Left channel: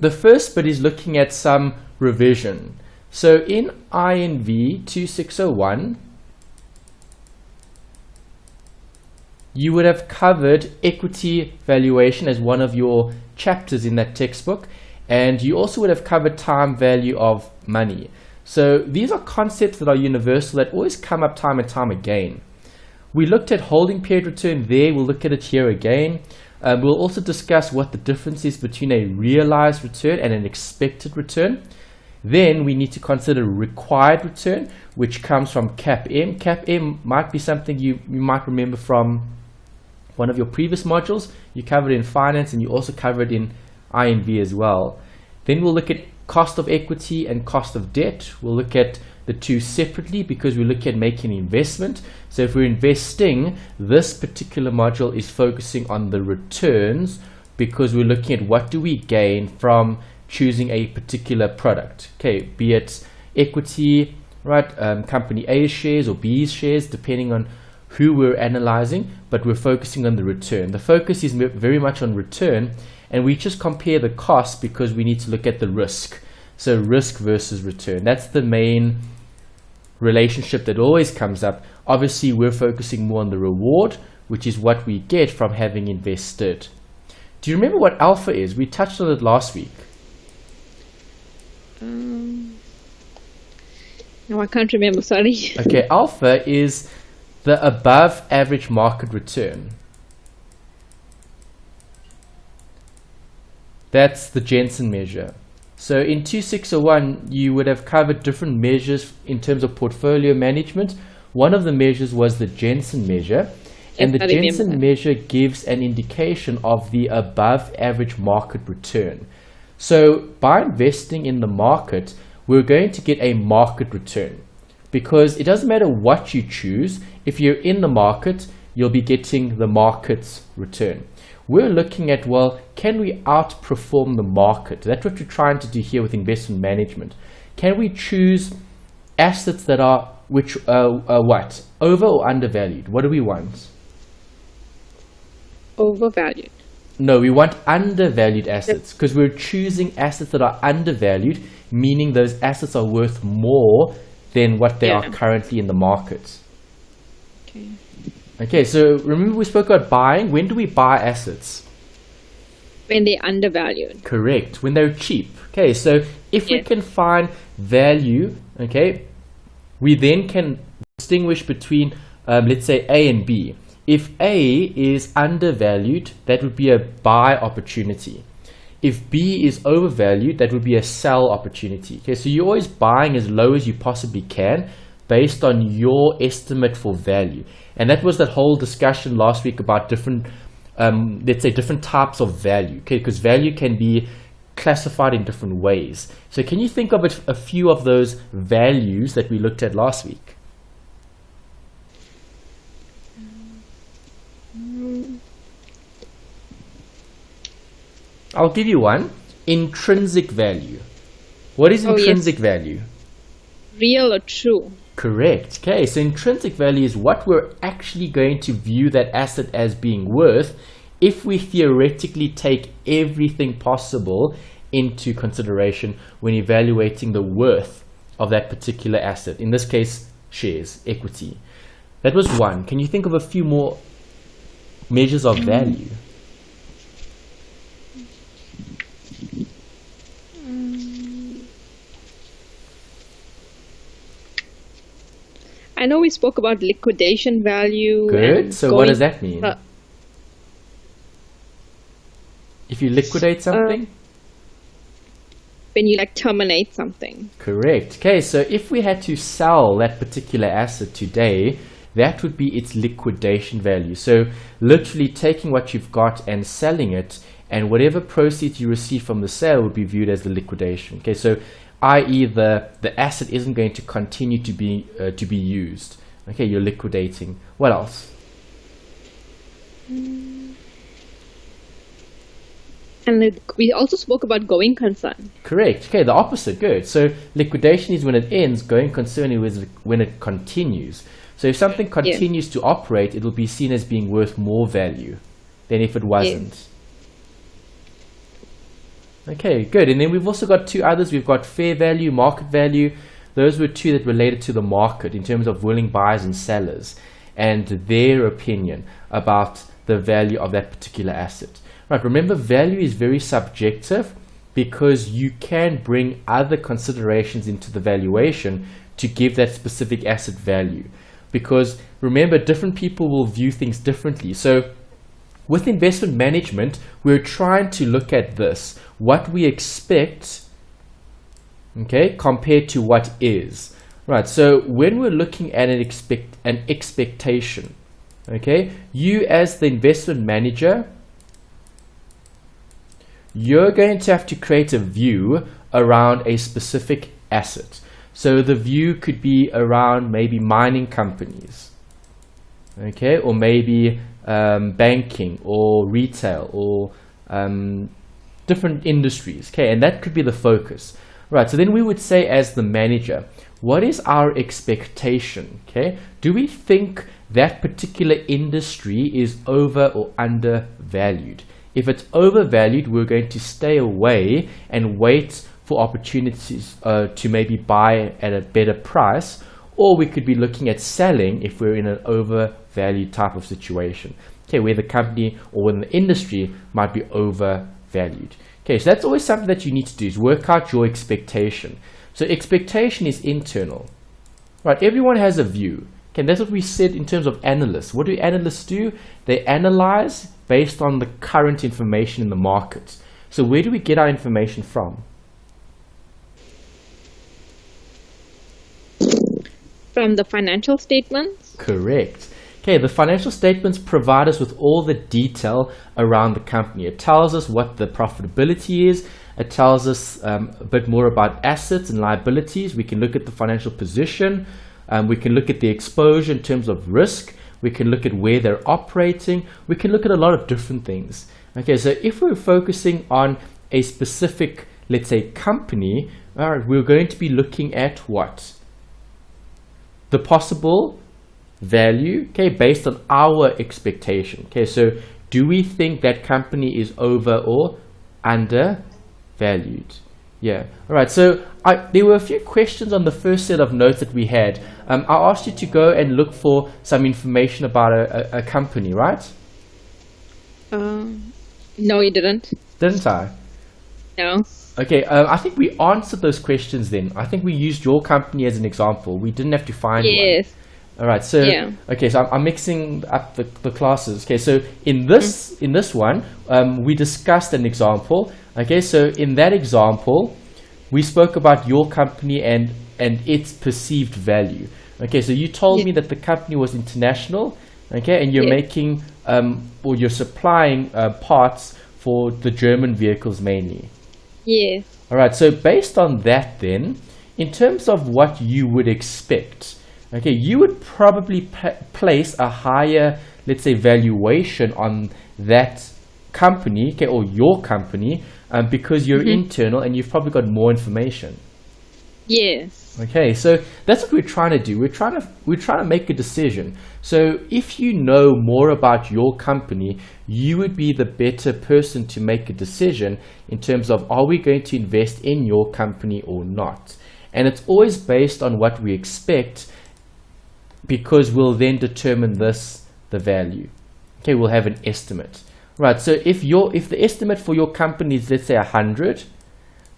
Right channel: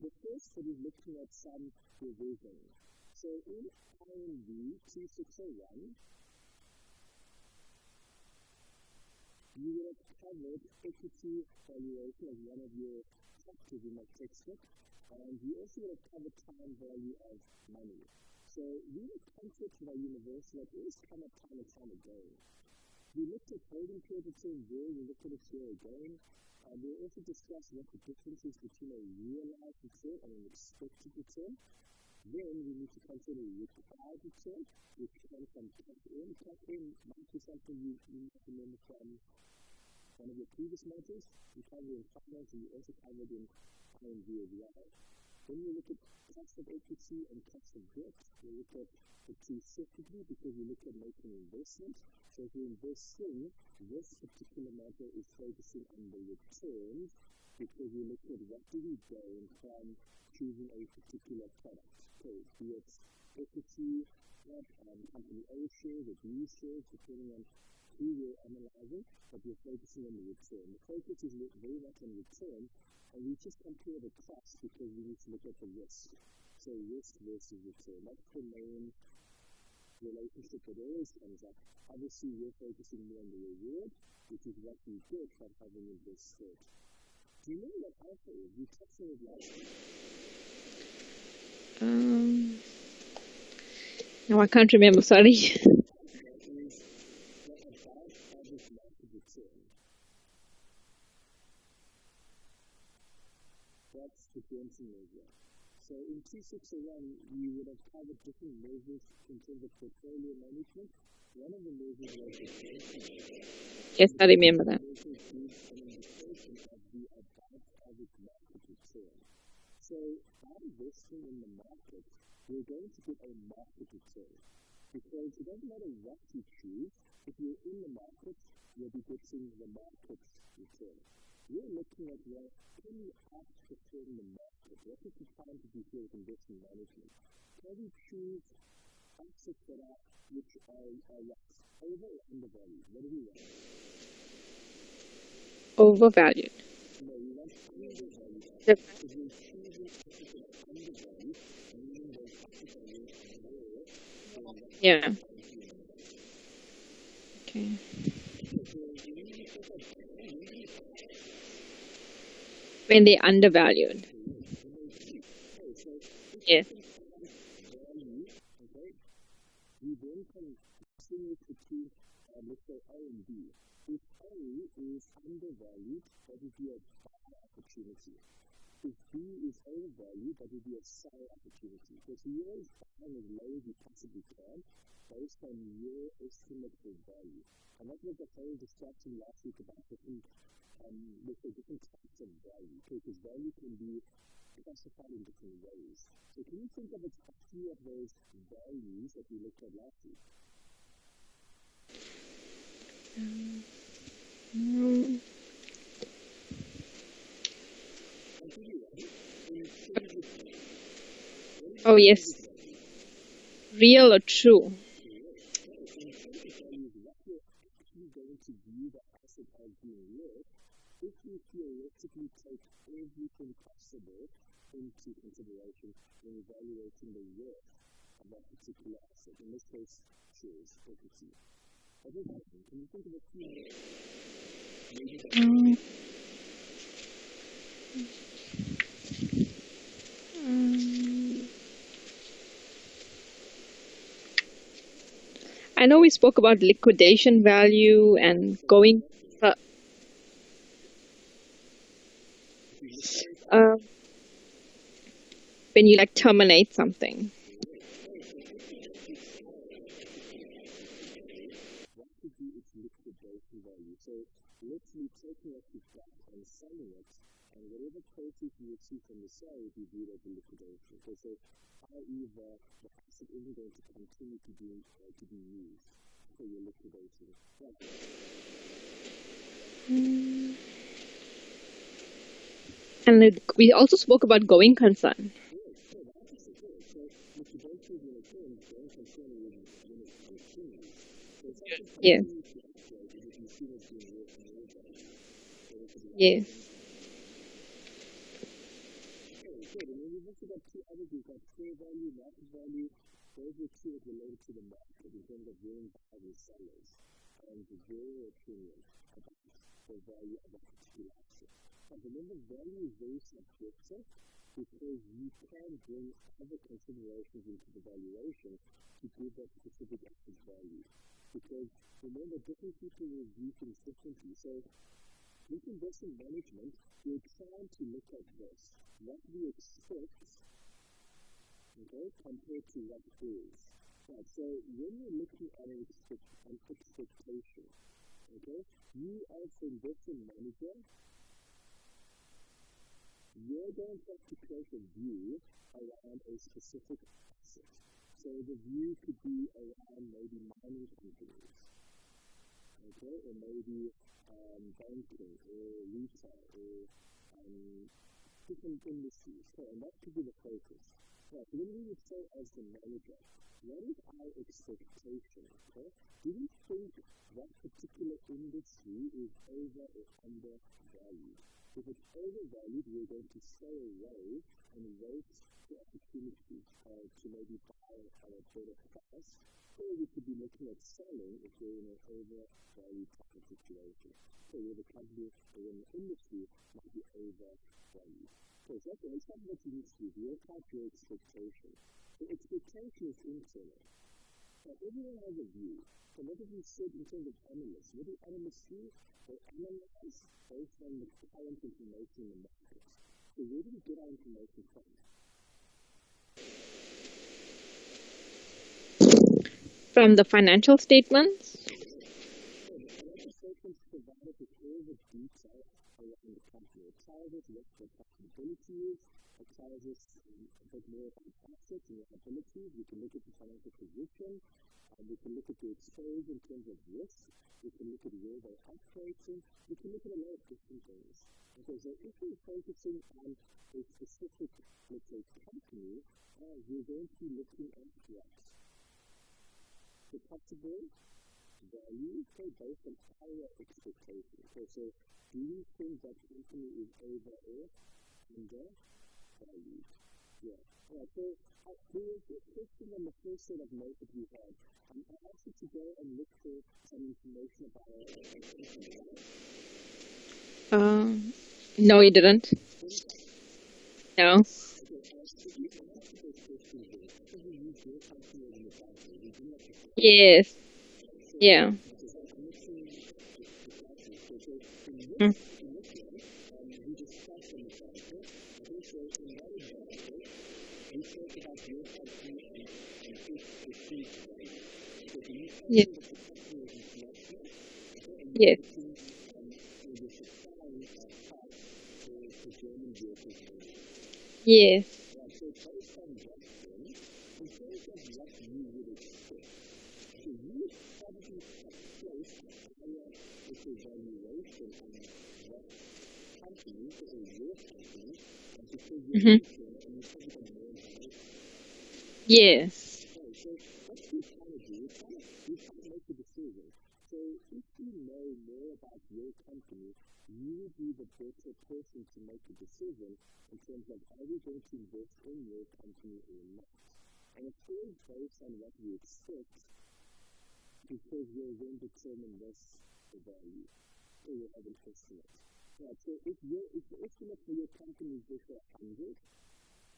The first bit is looking at some revision. So in INV 2601, you would have covered equity valuation as one of your chapters in that textbook, and you also would have covered time value of money. So these are concepts that are universal, that always come up time and time again. We looked at holding period return there. We'll look at it here again. We'll also discuss what the difference is between a realized return and an expected return. Then we need to consider required return, which comes from CAPM. CAPM might be something you might remember from one of your previous modules. You covered it in finance, and you also covered it in INV as well. Then we'll look at cost of equity and cost of debt. We'll look at the two separately because we look at making an investment. So if we're investing, this particular module is focusing on the returns because we're looking at what do we gain from choosing a particular product. Okay, be it equity, right, company A's shares or B's shares, depending on who we're analyzing, but we're focusing on the return. The focus is very much on return, and we just compare the cost because we need to look at the risk. So risk versus return. That's the main relationship that always comes up. Obviously, we're focusing more on the reward, which is what we get from having invested. Do you remember what alpha is? We touched on it last week. No, I can't remember, sorry. Okay, alpha is the above average market return. That's the Jensen measure. So in 2601, you would have covered different measures in terms of portfolio management. One of the measures was the Jensen measure. Yes, and the Jensen measure gives an indication of the above average market return. So by investing in the market, we're going to get a market return, because it doesn't matter what you choose. If you're in the market, you'll be getting the market's return. We're looking at, well, can we outperform the market? That's what we're trying to do here with investment management. Can we choose assets that are what? Over or undervalued? What do we want? Overvalued. No, we want undervalued assets, because we're choosing assets that are undervalued, meaning those assets are worth more than what they are currently in the market. Okay. Okay, so remember we spoke about buying. When do we buy assets? When they're undervalued. Correct, when they're cheap. Okay, so if we can find value, okay, we then can distinguish between, let's say, A and B. If A is undervalued, that would be a buy opportunity. If B is overvalued, that would be a sell opportunity. Okay, so you're always buying as low as you possibly can based on your estimate for value. And that was that whole discussion last week about different, let's say, different types of value. Okay, because value can be classified in different ways. So can you think of a few of those values that we looked at last week? I'll give you one. Intrinsic value. What is intrinsic value? Real or true? Correct. Okay, so intrinsic value is what we're actually going to view that asset as being worth if we theoretically take everything possible into consideration when evaluating the worth of that particular asset. In this case, shares, equity. That was one. Can you think of a few more measures of value? I know we spoke about liquidation value. Good. And so what does that mean? If you liquidate something? When you terminate something. Correct. Okay, so if we had to sell that particular asset today, that would be its liquidation value. So literally taking what you've got and selling it, and whatever proceeds you receive from the sale would be viewed as the liquidation. Okay, so i.e. the asset isn't going to continue to be used. Okay, you're liquidating. What else? And we also spoke about going concern. Correct. Okay, the opposite. Good. So liquidation is when it ends. Going concern is when it continues. So if something continues to operate, it'll be seen as being worth more value than if it wasn't. Okay, good. And then we've also got two others. We've got fair value, market value. Those were two that related to the market in terms of willing buyers and sellers and their opinion about the value of that particular asset. Right, remember, value is very subjective because you can bring other considerations into the valuation to give that specific asset value. Because remember, different people will view things differently. So with investment management, we're trying to look at this, what we expect, okay, compared to what is. Right, so when we're looking at an expectation, okay, you as the investment manager, you're going to have to create a view around a specific asset. So the view could be around maybe mining companies, okay, or maybe banking or retail or different industries, okay, and that could be the focus. Right, so then we would say, as the manager, what is our expectation? Okay, do we think that particular industry is over or undervalued? If it's overvalued, we're going to stay away and wait for opportunities to maybe buy at a better price, or we could be looking at selling if we're in an overvalued type of situation, okay, where the company or when the industry might be overvalued. Okay, so that's always something that you need to do, is work out your expectation. So expectation is internal, right? Everyone has a view. Okay, and that's what we said in terms of analysts. What do analysts do? They analyze based on the current information in the market. So where do we get our information from? From the financial statements? Correct. Okay, the financial statements provide us with all the detail around the company. It tells us what the profitability is. It tells us a bit more about assets and liabilities. We can look at the financial position. We can look at the exposure in terms of risk. We can look at where they're operating. We can look at a lot of different things. Okay, so if we're focusing on a specific, let's say, company, all right, we're going to be looking at what? The possible value, okay, based on our expectation. Okay, so do we think that company is over or undervalued? Yeah. All right, so there were a few questions on the first set of notes that we had. I asked you to go and look for some information about a company, right? No, you didn't. Didn't I? No. Okay, I think we answered those questions then. I think we used your company as an example. We didn't have to find one. Yes. All right, so Yeah. okay, so I'm mixing up the classes. Okay, so in this one, we discussed an example. Okay, so in that example, we spoke about your company and its perceived value. Okay, so you told me that the company was international. Okay, and you're making or you're supplying parts for the German vehicles mainly. Yes. All right, so based on that, then, in terms of what you would expect. Okay, you would probably place a higher, let's say, valuation on that company, okay, or your company, because you're internal and you've probably got more information. Yes. Okay, so that's what we're trying to do. We're trying to make a decision. So if you know more about your company, you would be the better person to make a decision in terms of, are we going to invest in your company or not? And it's always based on what we expect, because we'll then determine the value. Okay, we'll have an estimate. Right, so if the estimate for your company is, let's say, 100,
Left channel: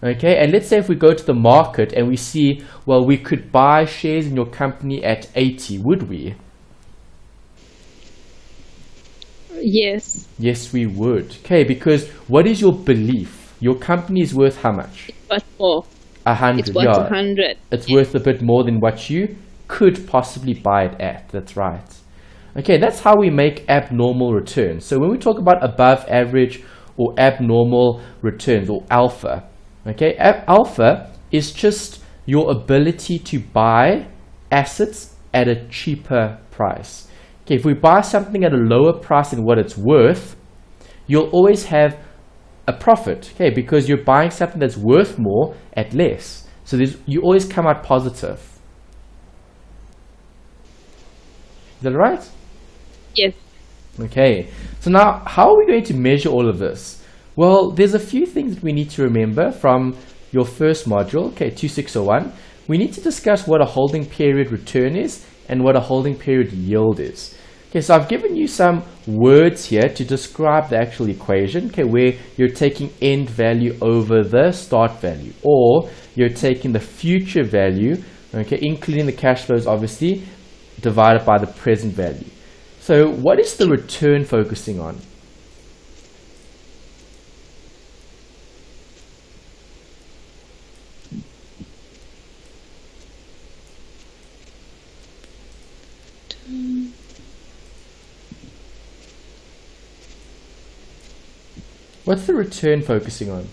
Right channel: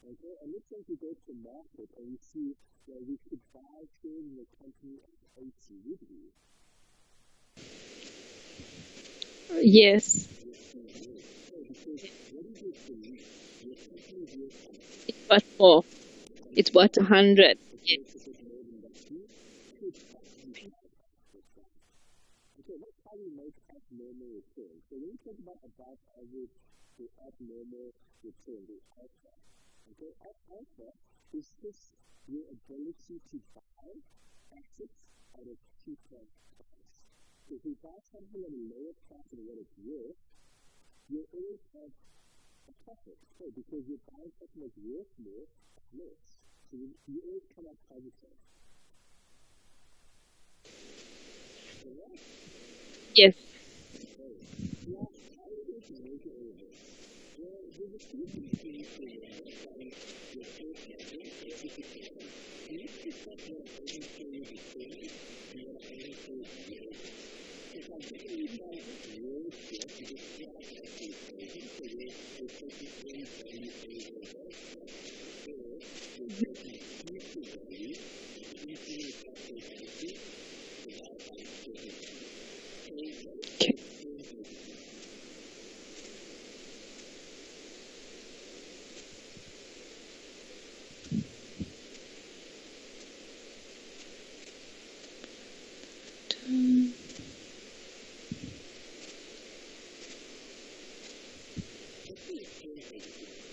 okay, and let's say if we go to the market and we see, well, we could buy shares in your company at 80, would we? Yes. Yes, we would. Okay, because what is your belief? Your company is worth how much? It's worth more. 100. It's worth 100. It's worth a bit more than what you could possibly buy it at. That's right. Okay, that's how we make abnormal returns. So when we talk about above average or abnormal returns, or alpha, okay, alpha is just your ability to buy assets at a cheaper price. Okay, if we buy something at a lower price than what it's worth, you'll always have a profit, okay, because you're buying something that's worth more at less. So you always come out positive. Is that right? Yes. Okay, so now how are we going to measure all of this? Well, there's a few things that we need to remember from your first module, okay, 2601. We need to discuss what a holding period return is and what a holding period yield is. Okay, so I've given you some words here to describe the actual equation, okay, where you're taking end value over the start value, or you're taking the future value, okay, including the cash flows obviously, divided by the present value. So what is the return focusing on? What's the return focusing on?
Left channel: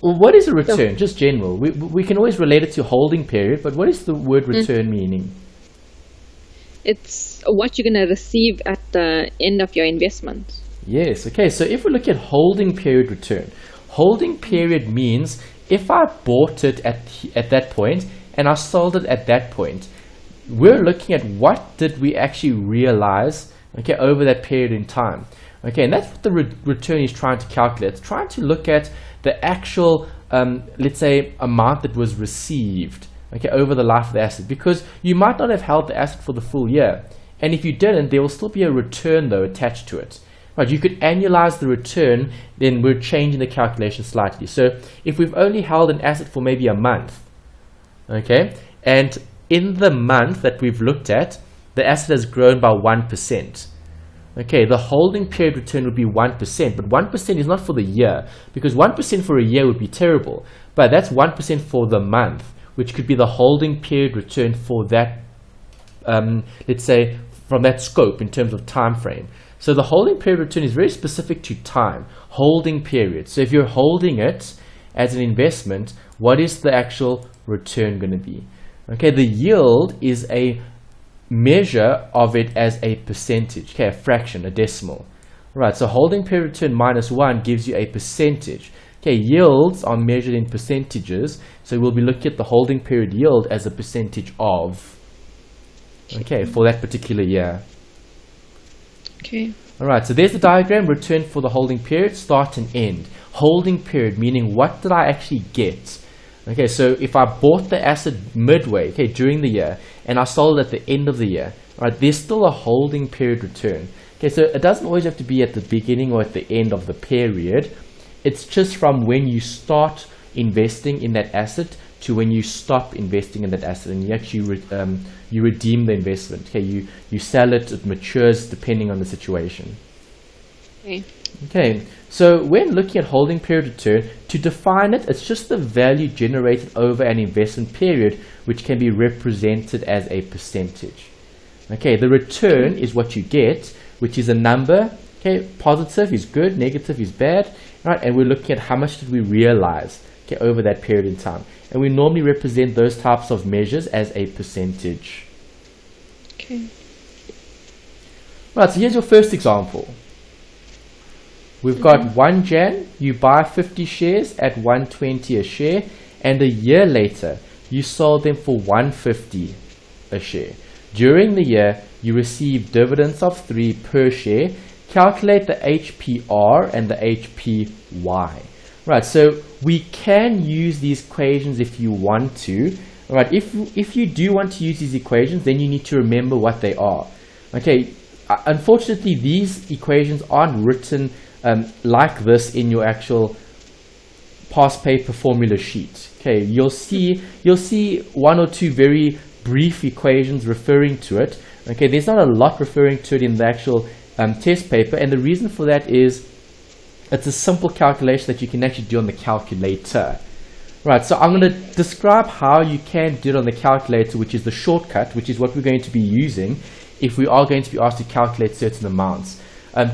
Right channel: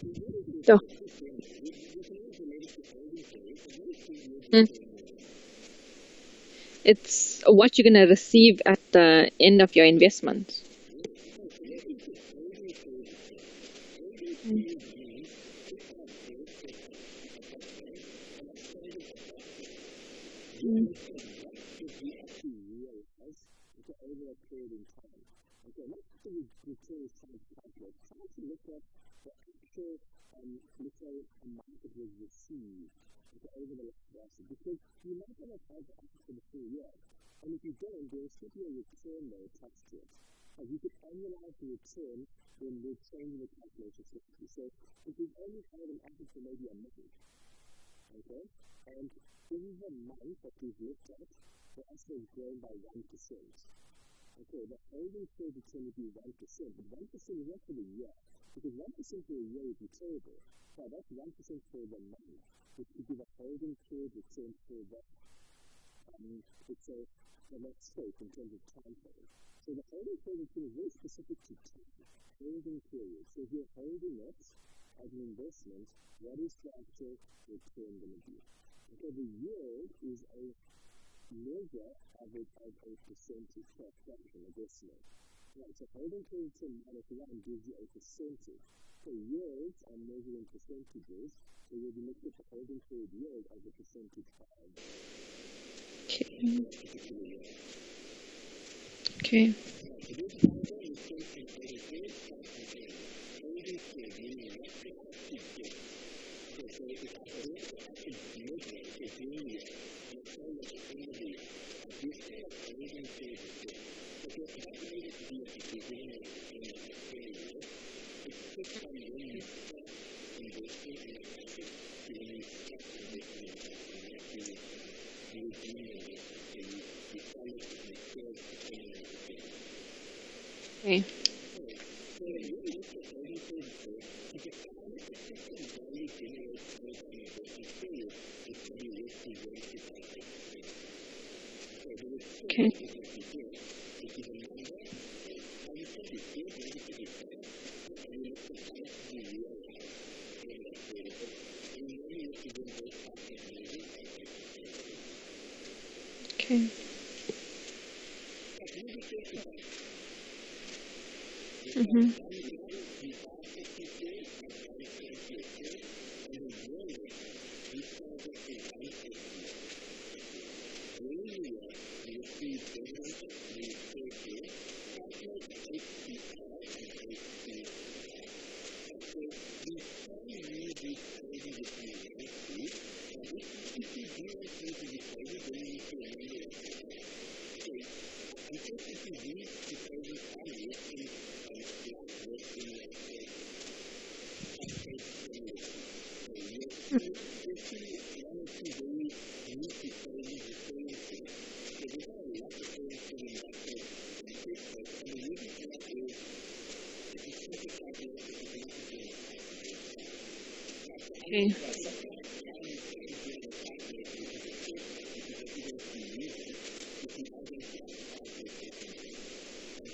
Well, what is a return? Just general. We can always relate it to holding period, but what is the word return meaning? It's what you're going to receive at the end of your investment. Yes. Okay. So if we look at holding period return, holding period means if I bought it at that point and I sold it at that point, we're looking at what did we actually realize, okay, over that period in time. Okay, and that's what the return is trying to calculate. It's trying to look at the actual, let's say, amount that was received, okay, over the life of the asset, because you might not have held the asset for the full year, and if you didn't, there will still be a return though attached to it. Right, you could annualize the return, then we're changing the calculation slightly. So if we've only held an asset for maybe a month, okay, and in the month that we've looked at, the asset has grown by 1%. Okay, the holding period return would be 1%, but 1% is not for the year, because 1% for a year would be terrible, but that's 1% for the month, which could be the holding period return for that, let's say, from that scope in terms of time frame. So the holding period return is very specific to time, holding period. So if you're holding it as an investment, what is the actual return going to be? Okay, the yield is a measure of it as a percentage, okay, a fraction, a decimal. Right, so holding period return minus 1 gives you a percentage. Okay, yields are measured in percentages, so we'll be looking at the holding period yield as a percentage of, okay, for that particular year. Okay. Alright, so there's the diagram, return for the holding period, start and end. Holding period, meaning what did I actually get? Okay, so if I bought the asset midway, okay, during the year, and I sold it at the end of the year, alright, there's still a holding period return. Okay, so it doesn't always have to be at the beginning or at the end of the period. It's just from when you start investing in that asset to when you stop investing in that asset, and you actually you redeem the investment. Okay, you sell it, it matures depending on the situation. Okay, so when looking at holding period return, to define it, it's just the value generated over an investment period, which can be represented as a percentage. Okay, the return is what you get, which is a number. Okay, positive is good, negative is bad, right? And we're looking at how much did we realize, okay, over that period in time. And we normally represent those types of measures as a percentage. Okay. Right, so here's your first example. We've got 1 Jan, you buy 50 shares at 120 a share, and a year later, you sold them for 150 a share. During the year, you receive dividends of 3 per share. Calculate the HPR and the HPY. Right, so we can use these equations if you want to. Right, if you do want to use these equations, then you need to remember what they are. Okay, unfortunately, these equations aren't written like this in your actual past paper formula sheet. Okay, you'll see 1 or 2 very brief equations referring to it. Okay, there's not a lot referring to it in the actual test paper, and the reason for that is it's a simple calculation that you can actually do on the calculator. Right, so I'm going to describe how you can do it on the calculator, which is the shortcut, which is what we're going to be using if we are going to be asked to calculate certain amounts.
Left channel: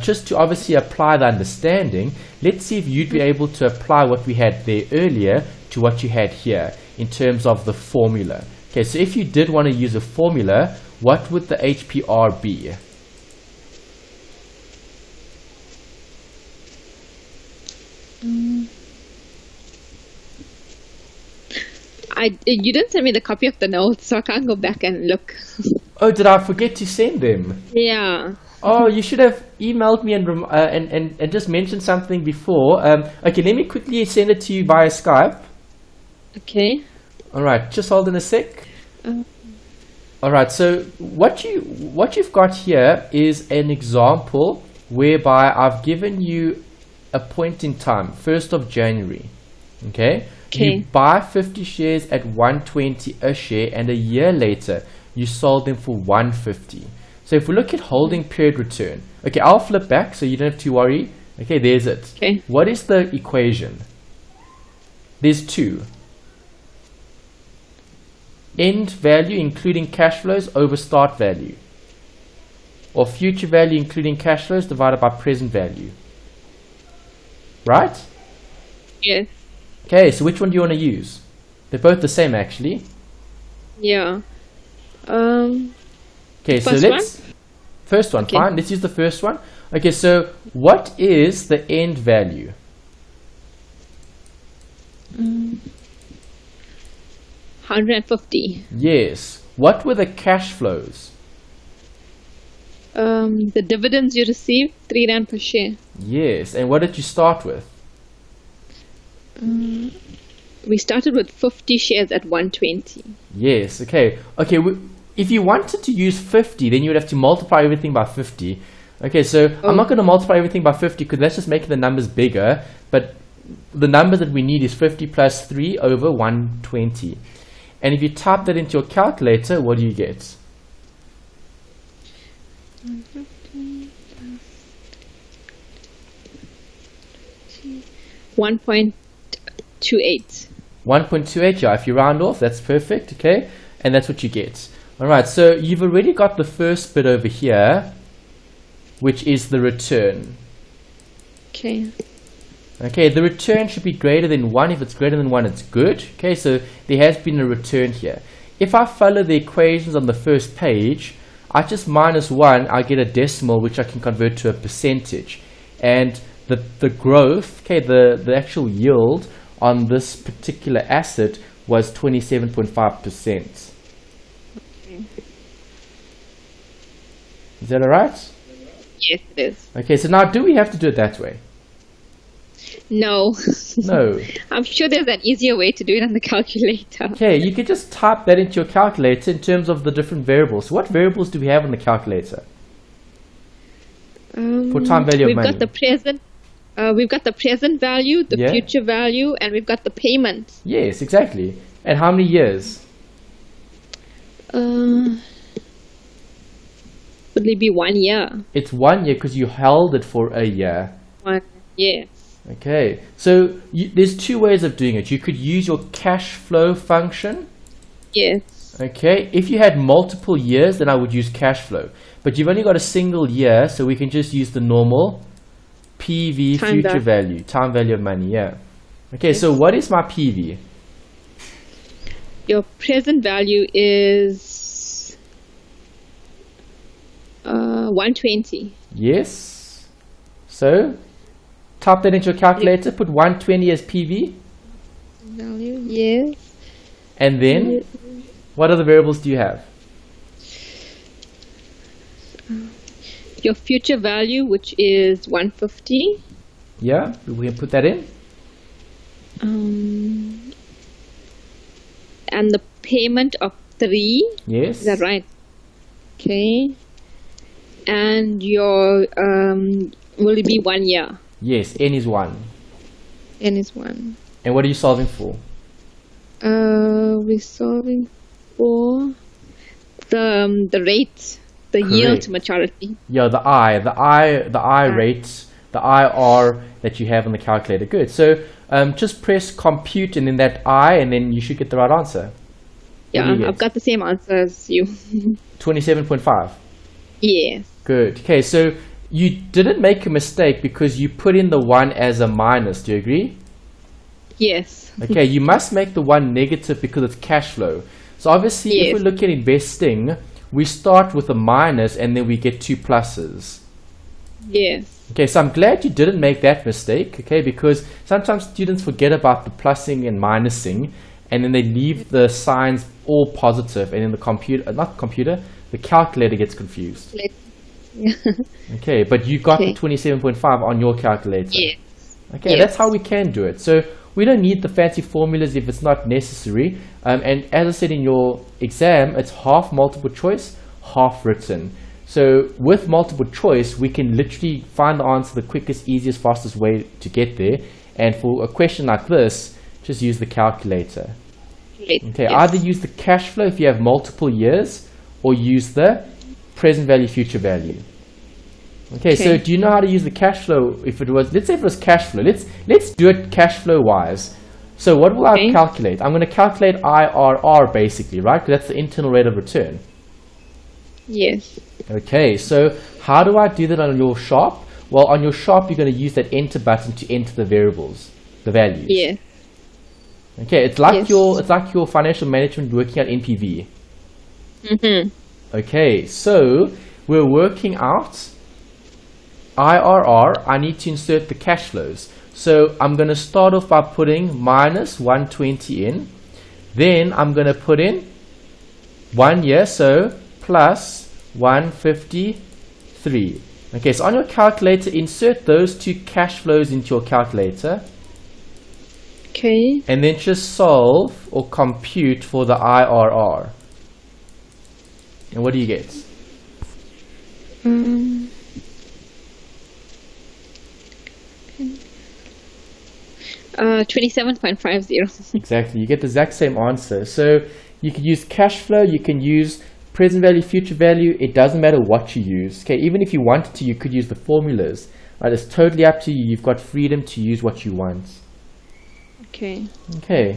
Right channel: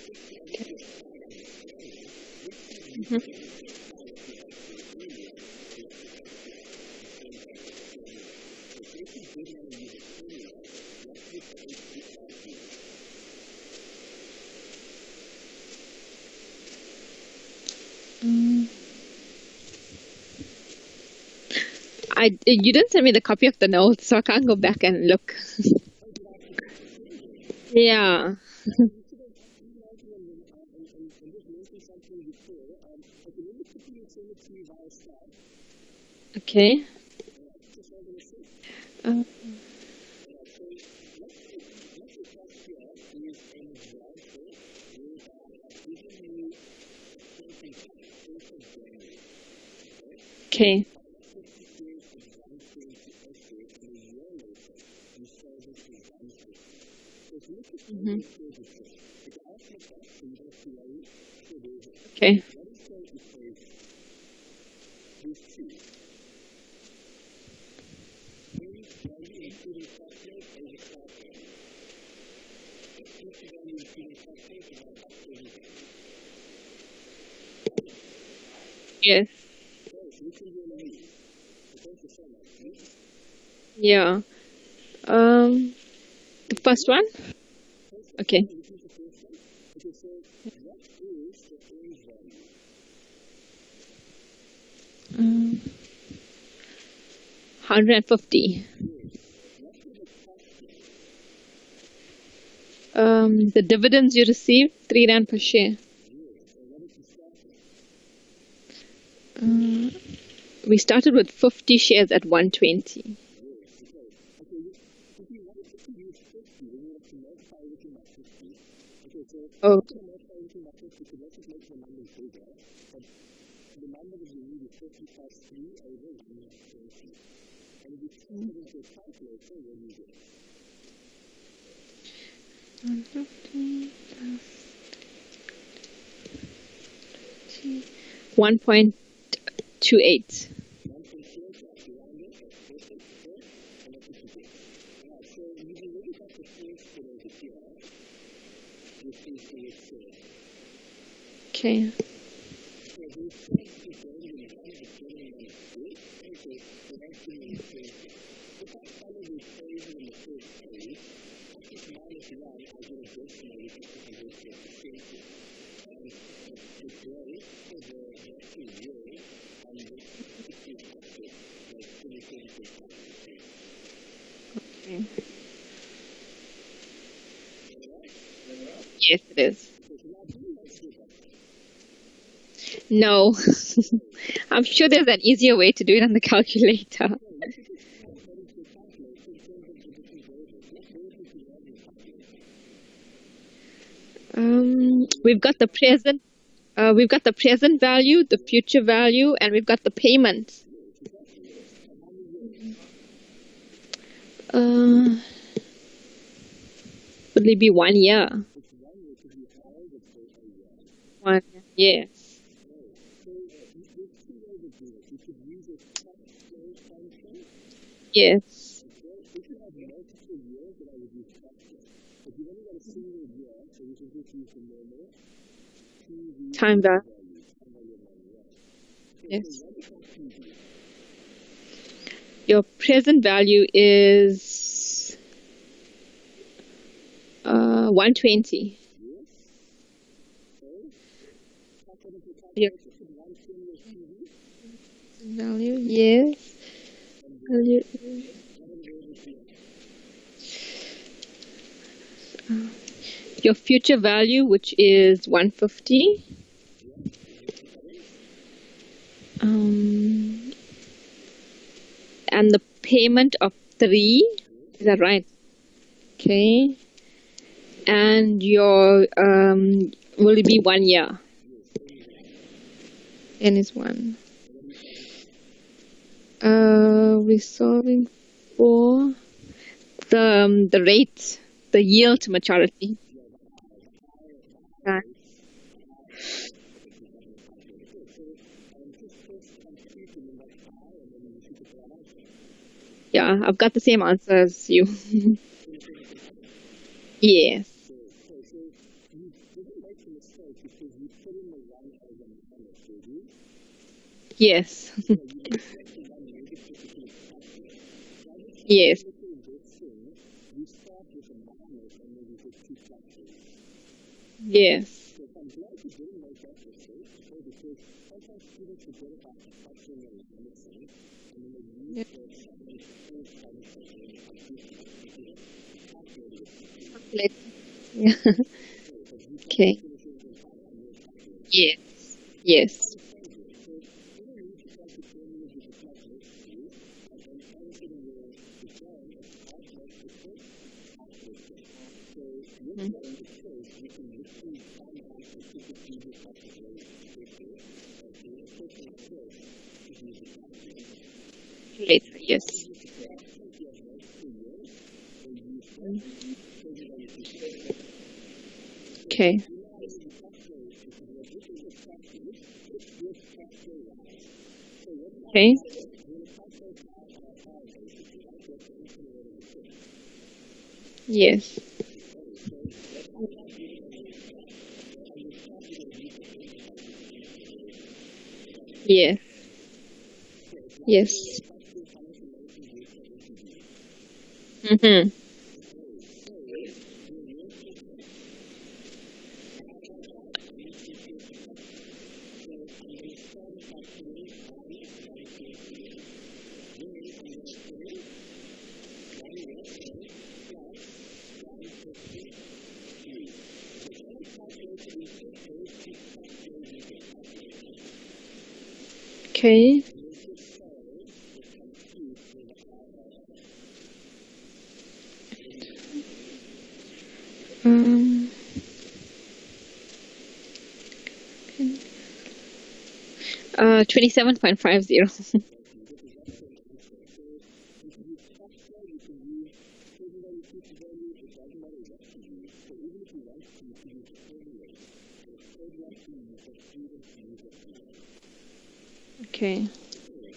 Just to obviously apply the understanding, let's see if you'd be able to apply what we had there earlier to what you had here in terms of the formula. Okay, so if you did want to use a formula, what would the HPR be? You didn't send me the copy of the notes, so I can't go back and look. Oh, did I forget to send them? Yeah. Oh, you should have emailed me and just mentioned something before. Okay, let me quickly send it to you via Skype. Okay. All right, just hold on a sec. Uh, All right, so what you've got here is an example whereby I've given you a point in time, 1st of January. Okay? You buy 50 shares at 120 a share, and a year later you sold them for 150. So if we look at holding period return, okay, I'll flip back so you don't have to worry. Okay, there's it. Okay. What is the equation? There's two. End value including cash flows over start value, or future value including cash flows divided by present value. Right? Yes. Okay, so which one do you want to use? They're both the same actually. Yeah. Okay, so let's first one, okay. fine. Let's use the first one. Okay, so what is the end value? 150. Yes. What were the cash flows? The dividends you received, 3 Rand per share. Yes. And what did you start with? We started with 50 shares at 120. Yes. Okay. Okay. If you wanted to use 50, then you would have to multiply everything by 50. Okay. So I'm not going to multiply everything by 50 because that's just making the numbers bigger. But the number that we need is 50 plus 3 over 120. And if you type that into your calculator, what do you get? 1.28. 1.28, yeah, if you round off, that's perfect, okay? And that's what you get. All right, so you've already got the first bit over here, which is the return. Okay. Okay, the return should be greater than 1. If it's greater than 1, it's good. Okay, so there has been a return here. If I follow the equations on the first page, I just minus 1, I get a decimal, which I can convert to a percentage. And the growth, okay, the actual yield on this particular asset was 27.5%. Okay. Is that alright? Yes, it is. Okay, so now do we have to do it that way? No. No. I'm sure there's an easier way to do it on the calculator. Okay, you could just type that into your calculator in terms of the different variables. So what variables do we have on the calculator? For time value of money. We've got the present value, the future value, and we've got the payment. Yes, exactly. And how many years? Would it be 1 year? It's 1 year because you held it for a year. 1 year. Okay, so there's two ways of doing it. You could use your cash flow function. Yes. Okay, if you had multiple years, then I would use cash flow. But you've only got a single year, so we can just use the normal PV, future value, time value of money, yeah. Okay, so what is my PV? Your present value is 120. Yes. So type that into your calculator, put 120 as PV. Value, yes. And then, what other variables do you have? Your future value, which is 150. Yeah, we can put that in. And the payment of 3. Yes. Is that right? Okay. And your, will it be 1 year? Yes, N is 1. N is 1. And what are you solving for? We're solving for the rate, the yield to maturity. Yeah, the I rate, the IR that you have on the calculator. Good. So just press compute and then that I, and then you should get the right answer. Yeah, I've got the same answer as you. 27.5. Yes. Good. Okay, so you didn't make a mistake because you put in the 1 as a minus. Do you agree? Yes. Okay, you must make the 1 negative because it's cash flow. So obviously, if we look at investing, we start with a minus and then we get 2 pluses. Yes. Okay, so I'm glad you didn't make that mistake, okay, because sometimes students forget about the plussing and minusing, and then they leave the signs all positive, and then the calculator gets confused. Yeah. Okay, but you got Okay. 27.5 on your calculator. Yes. Okay, Yes. that's how we can do it. So we don't need the fancy formulas if it's not necessary. And as I said in your exam, it's half multiple choice, half written. So with multiple choice, we can literally find the answer the quickest, easiest, fastest way to get there. And for a question like this, just use the calculator. Okay, Yes. either use the cash flow if you have multiple years, or use the present value, future value. Okay, so do you know how to use the cash flow? If it was, let's say if it was cash flow, let's do it cash flow wise. So what will I calculate? I'm going to calculate IRR basically, right? Because that's the internal rate of return. Yes. Okay, so how do I do that on your sharp? Well, on your sharp, you're going to use that enter button to enter the variables, the values. Yeah. Okay, it's like your financial management working out NPV. Okay, so we're working out IRR. I need to insert the cash flows. So I'm going to start off by putting minus 120 in. Then I'm going to put in 1 year, so plus 153. Okay, so on your calculator, insert those two cash flows into your calculator. Okay. And then just solve or compute for the IRR. And what do you get? 27.50. Exactly, you get the exact same answer. So you can use cash flow, you can use present value, future value. It doesn't matter what you use. Okay, even if you wanted to, you could use the formulas. Right, it's totally up to you. You've got freedom to use what you want. Okay. Okay.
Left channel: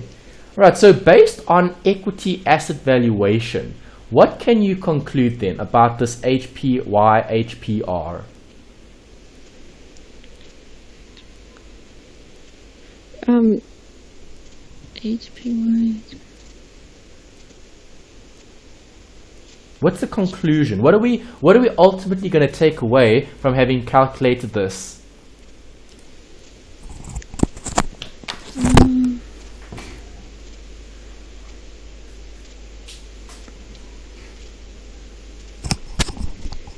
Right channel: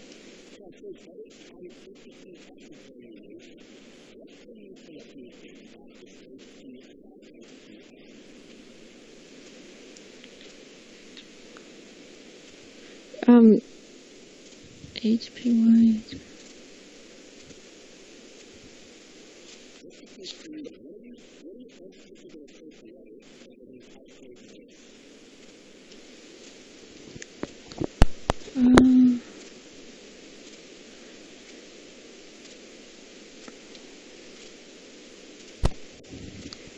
Right, so based on equity asset valuation, what can you conclude then about this HPY, HPR? HPY. What's the conclusion? What are we ultimately going to take away from having calculated this?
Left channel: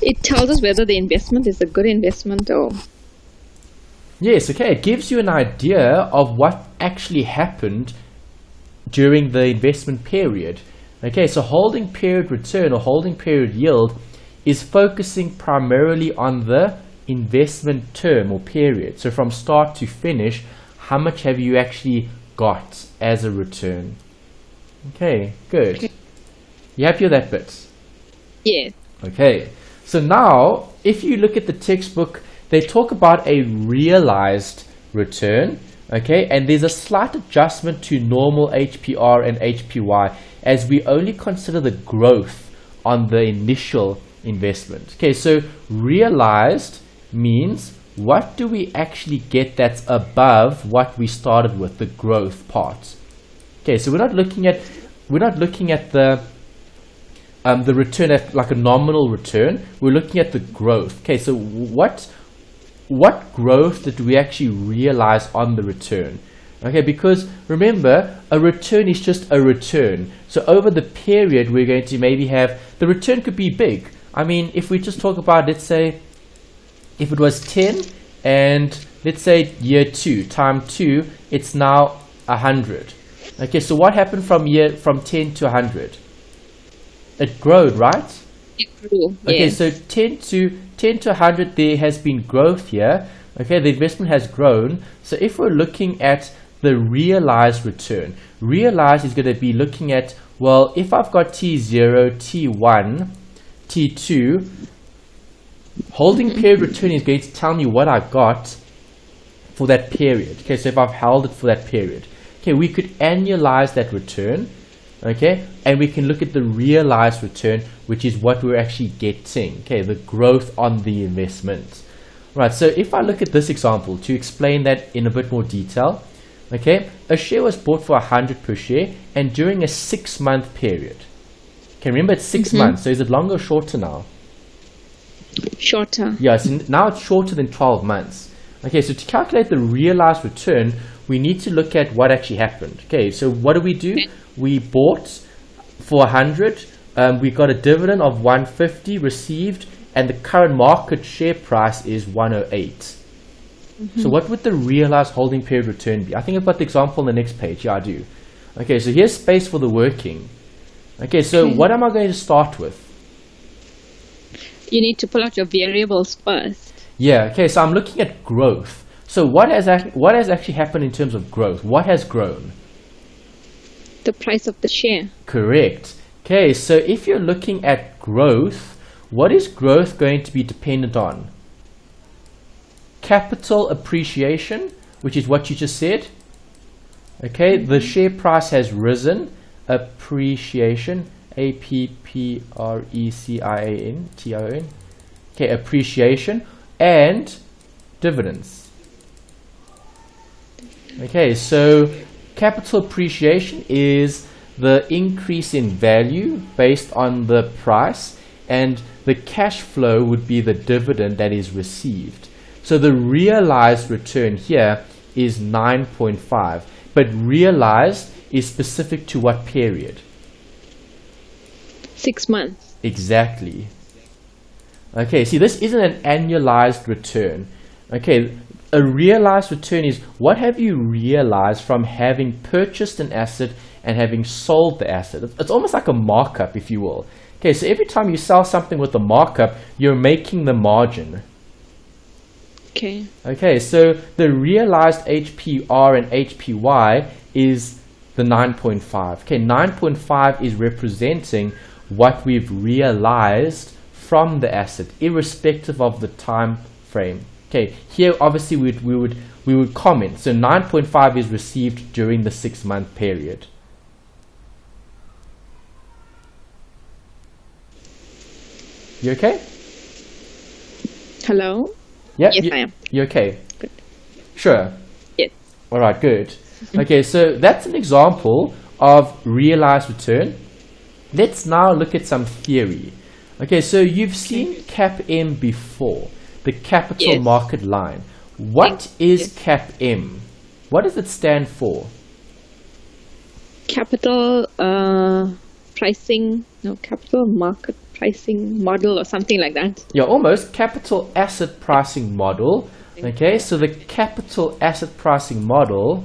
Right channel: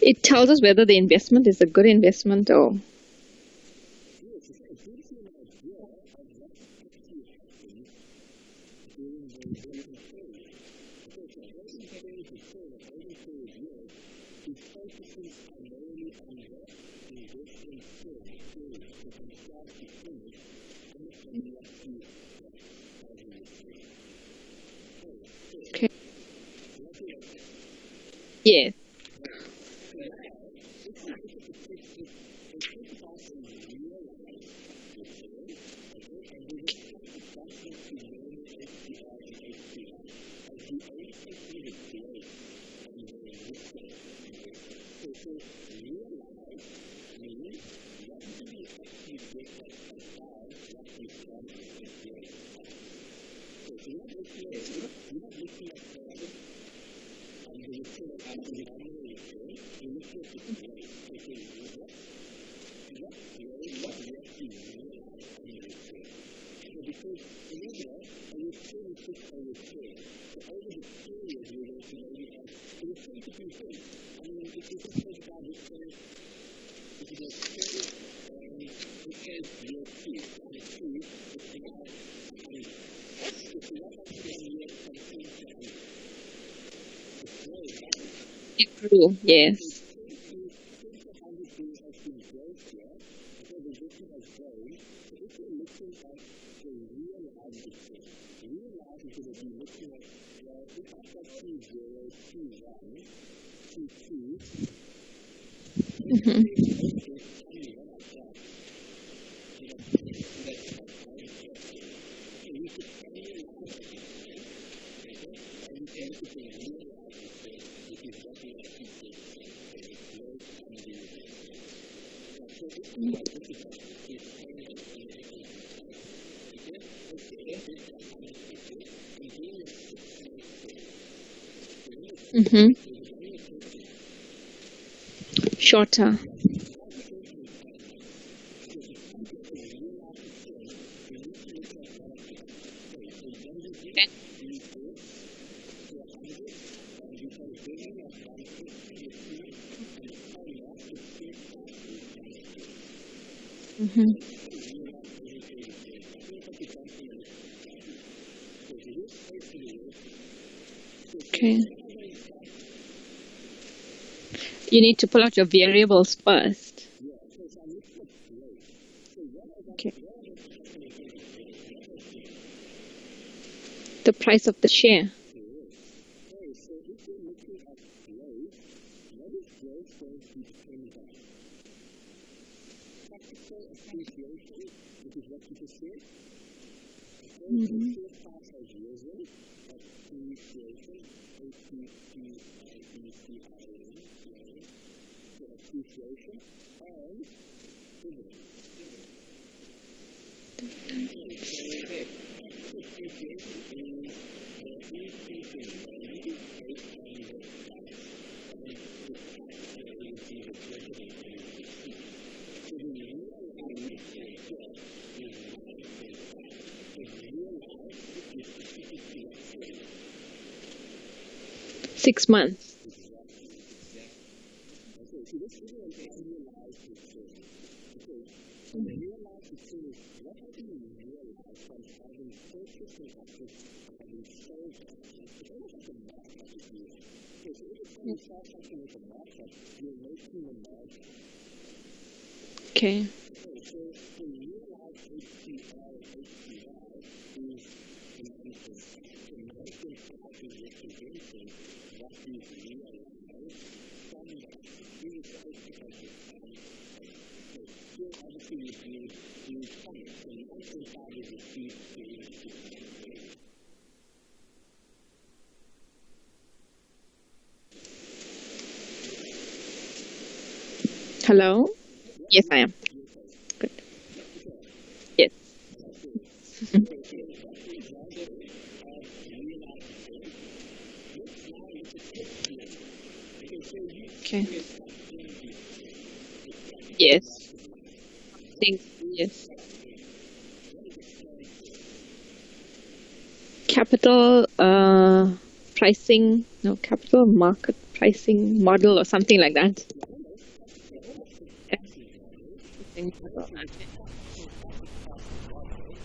It tells us whether the investment is a good investment or... Yes, okay. It gives you an idea of what actually happened during the investment period. Okay, so holding period return or holding period yield is focusing primarily on the investment term or period. So from start to finish, how much have you actually got as a return? Okay, good. Okay. You happy with that bit? Yeah. Okay, so now if you look at the textbook, they talk about a realized return, okay, and there's a slight adjustment to normal HPR and HPY as we only consider the growth on the initial investment. Okay, so realized means what do we actually get that's above what we started with, the growth part. Okay, so we're not looking at the return at like a nominal return. We're looking at the growth. Okay, so what growth did we actually realize on the return? Okay, because remember, a return is just a return. So over the period, we're going to maybe have, the return could be big. I mean, if we just talk about, let's say, if it was 10, and let's say year 2, time 2, it's now 100. Okay, so what happened from 10 to 100? It growed, right? It grew, Okay, yes. so 10 to 100, there has been growth here. Okay, the investment has grown. So if we're looking at the realized return, realized is going to be looking at, well, if I've got T0, T1, T2, holding period return is going to tell me what I got for that period. Okay, so if I've held it for that period. Okay, we could annualize that return. Okay, and we can look at the realized return, which is what we're actually getting. Okay, the growth on the investment. Right, so if I look at this example to explain that in a bit more detail, okay, a share was bought for 100 per share and during a 6-month period. Okay, remember it's 6 months, so is it longer or shorter now? Shorter. Yeah, so now it's shorter than 12 months. Okay, so to calculate the realized return, we need to look at what actually happened. Okay, so what do? Okay. We bought for 100, we got a dividend of 150 received, and the current market share price is 108. So what would the realized holding period return be? I think I've got the example on the next page. Yeah, I do. Okay, so here's space for the working. Okay, so what am I going to start with? You need to pull out your variables first. Yeah, okay, so I'm looking at growth. So what has actually happened in terms of growth? What has grown? The price of the share. Correct. Okay, so if you're looking at growth, what is growth going to be dependent on? Capital appreciation, which is what you just said. Okay, the share price has risen. Appreciation, A-P-P-R-E-C-I-A-N-T-I-O-N. Okay, appreciation and dividends. Okay, so capital appreciation is the increase in value based on the price, and the cash flow would be the dividend that is received. So the realized return here is 9.5, but realized is specific to what period? 6 months. Exactly. Okay, see, this isn't an annualized return. Okay, a realized return is what have you realized from having purchased an asset and having sold the asset. It's almost like a markup, if you will. Okay, so every time you sell something with a markup, you're making the margin. Okay. Okay, so the realized HPR and HPY is the 9.5. Okay, 9.5 is representing what we've realized from the asset, irrespective of the time frame. Okay, here obviously we would comment. So 9.5 is received during the 6-month period. You okay? Hello? Yeah, Yes, I am. You okay? Good. Sure. Yes. All right, good. Okay, so that's an example of realized return. Let's now look at some theory. Okay, so you've seen CAPM before, the capital market line. What is CAPM? What does it stand for? Capital capital market pricing model or something like that. Yeah, almost. Capital asset pricing model. Okay, so the capital asset pricing model,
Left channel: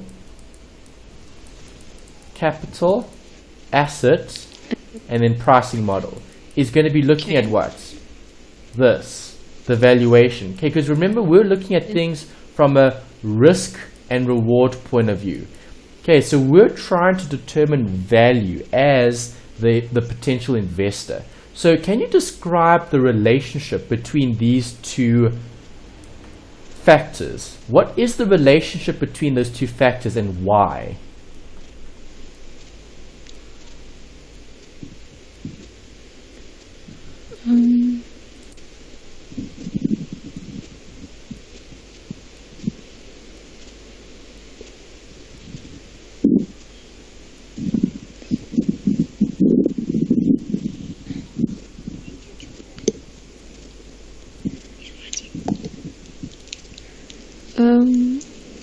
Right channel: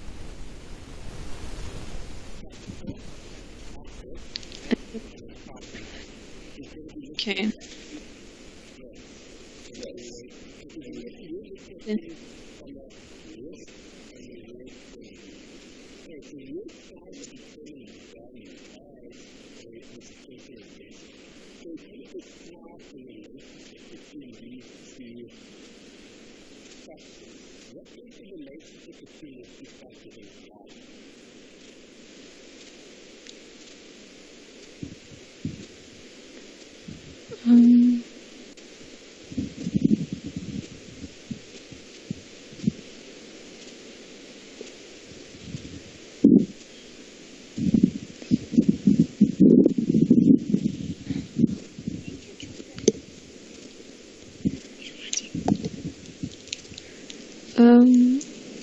capital asset and then pricing model, is going to be looking at what? This, the valuation. Okay, because remember, we're looking at things from a risk and reward point of view. Okay, so we're trying to determine value as the potential investor. So can you describe the relationship between these two factors? What is the relationship between those two factors and why?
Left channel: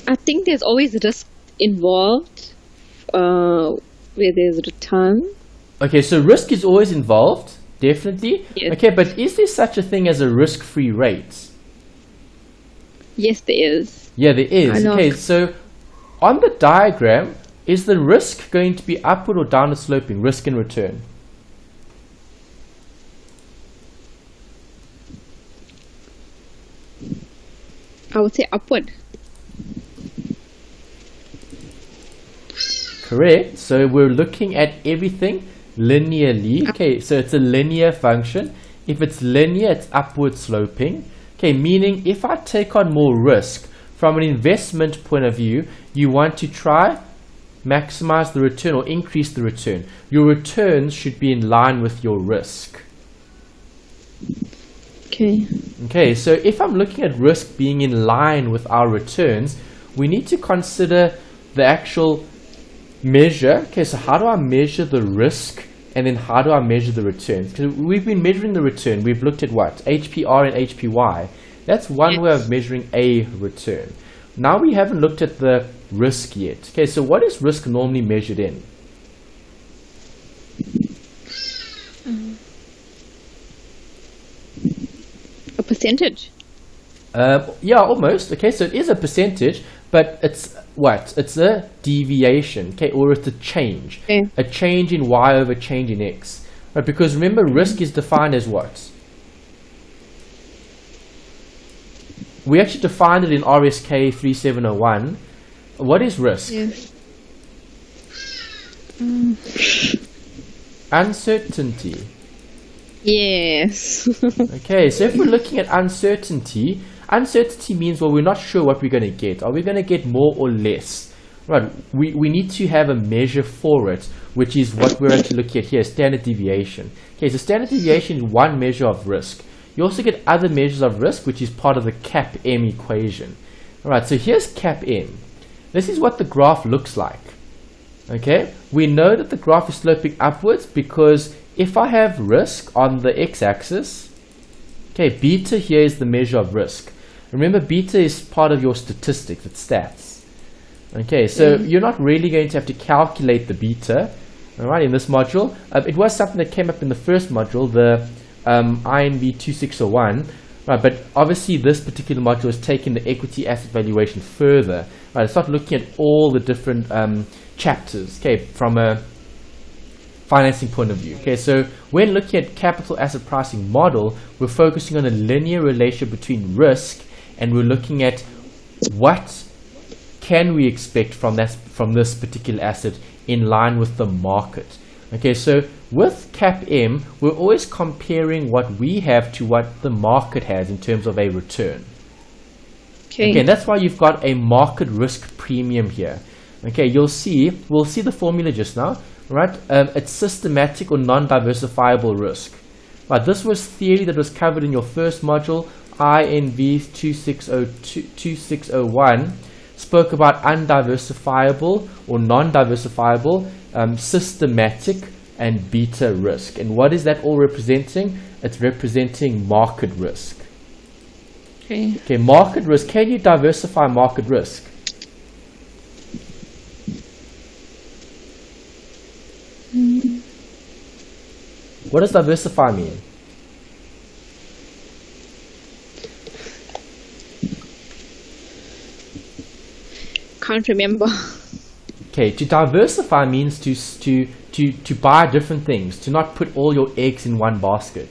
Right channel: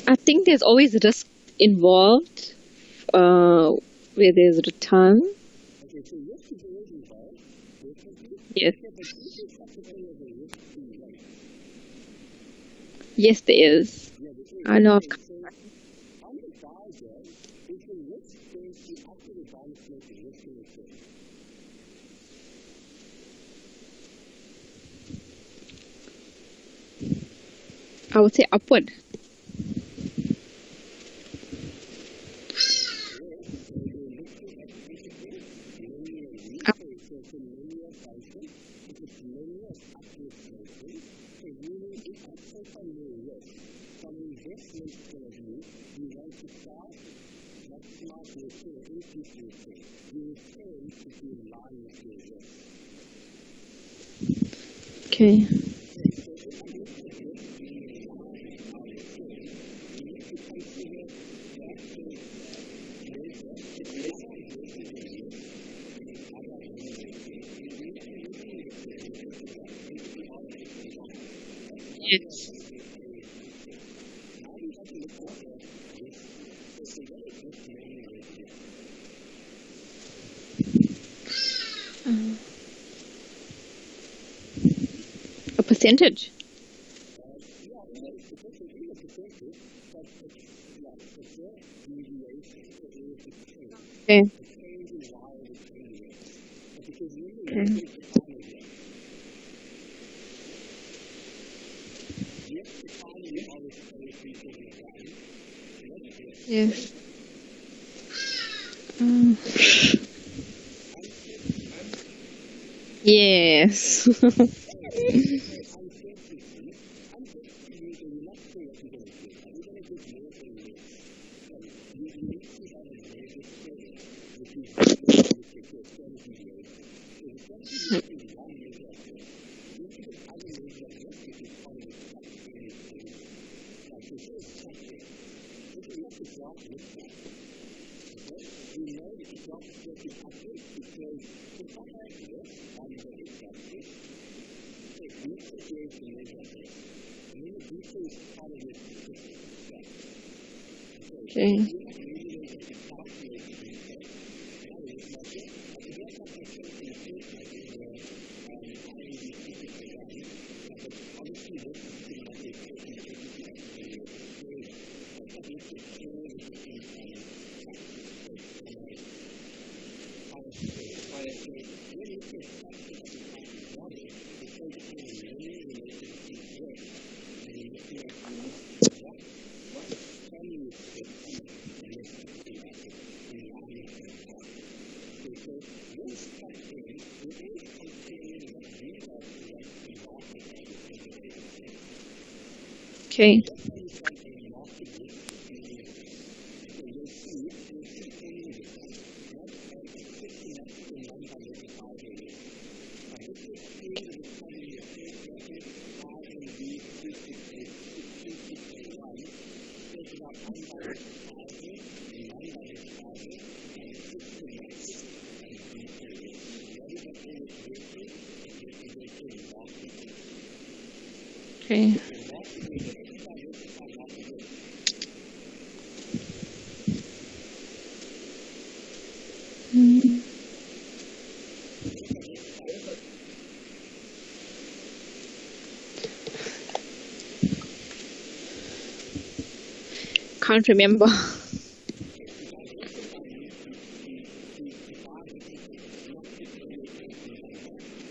I think there's always risk involved where there's return. Okay, so risk is always involved, definitely. Yes. Okay, but is there such a thing as a risk-free rate? Yes, there is. Yeah, there is. I know. Okay, so on the diagram, is the risk going to be upward or downward sloping, risk and return? I would say upward. Correct. So we're looking at everything linearly. Okay, so it's a linear function. If it's linear, it's upward sloping. Okay, meaning if I take on more risk from an investment point of view, you want to try maximize the return or increase the return. Your returns should be in line with your risk. Okay, so if I'm looking at risk being in line with our returns, we need to consider the actual measure. Okay, so how do I measure the risk, and then how do I measure the return? Because we've been measuring the return. We've looked at what? HPR and HPY. That's one way of measuring a return. Now we haven't looked at the risk yet. Okay, so what is risk normally measured in? A percentage. Yeah, almost. Okay, so it is a percentage, but it's what? It's a deviation, okay, or it's a change. Okay. A change in y over change in x. Right, because remember, risk is defined as what? We actually defined it in RSK 3701. What is risk? Yes. Uncertainty. Yes. Okay, so if we're looking at uncertainty, uncertainty means, well, we're not sure what we're going to get. Are we going to get more or less? Right, we need to have a measure for it, which is what we're actually looking at here, standard deviation. Okay, so standard deviation is one measure of risk. You also get other measures of risk, which is part of the CAPM equation. Alright, so here's CAPM. This is what the graph looks like. Okay, we know that the graph is sloping upwards because if I have risk on the x-axis, okay, beta here is the measure of risk. Remember, beta is part of your statistics, it's stats. Okay, so you're not really going to have to calculate the beta, alright, in this module. It was something that came up in the first module, the INV 2601, right, but obviously this particular module is taking the equity asset valuation further. Right, it's not looking at all the different chapters, okay, from a financing point of view. Okay, so when looking at capital asset pricing model, we're focusing on a linear relationship between risk, and we're looking at what can we expect from this particular asset in line with the market. Okay, so with CAPM, we're always comparing what we have to what the market has in terms of a return. Okay, and that's why you've got a market risk premium here. Okay, we'll see the formula just now, right? It's systematic or non-diversifiable risk. Right, this was theory that was covered in your first module, INV 2601, spoke about undiversifiable or non-diversifiable, systematic, and beta risk. And what is that all representing? It's representing market risk. Okay, market risk. Can you diversify market risk? What does diversify mean? Can't remember. Okay, to diversify means to buy different things, to not put all your eggs in one basket.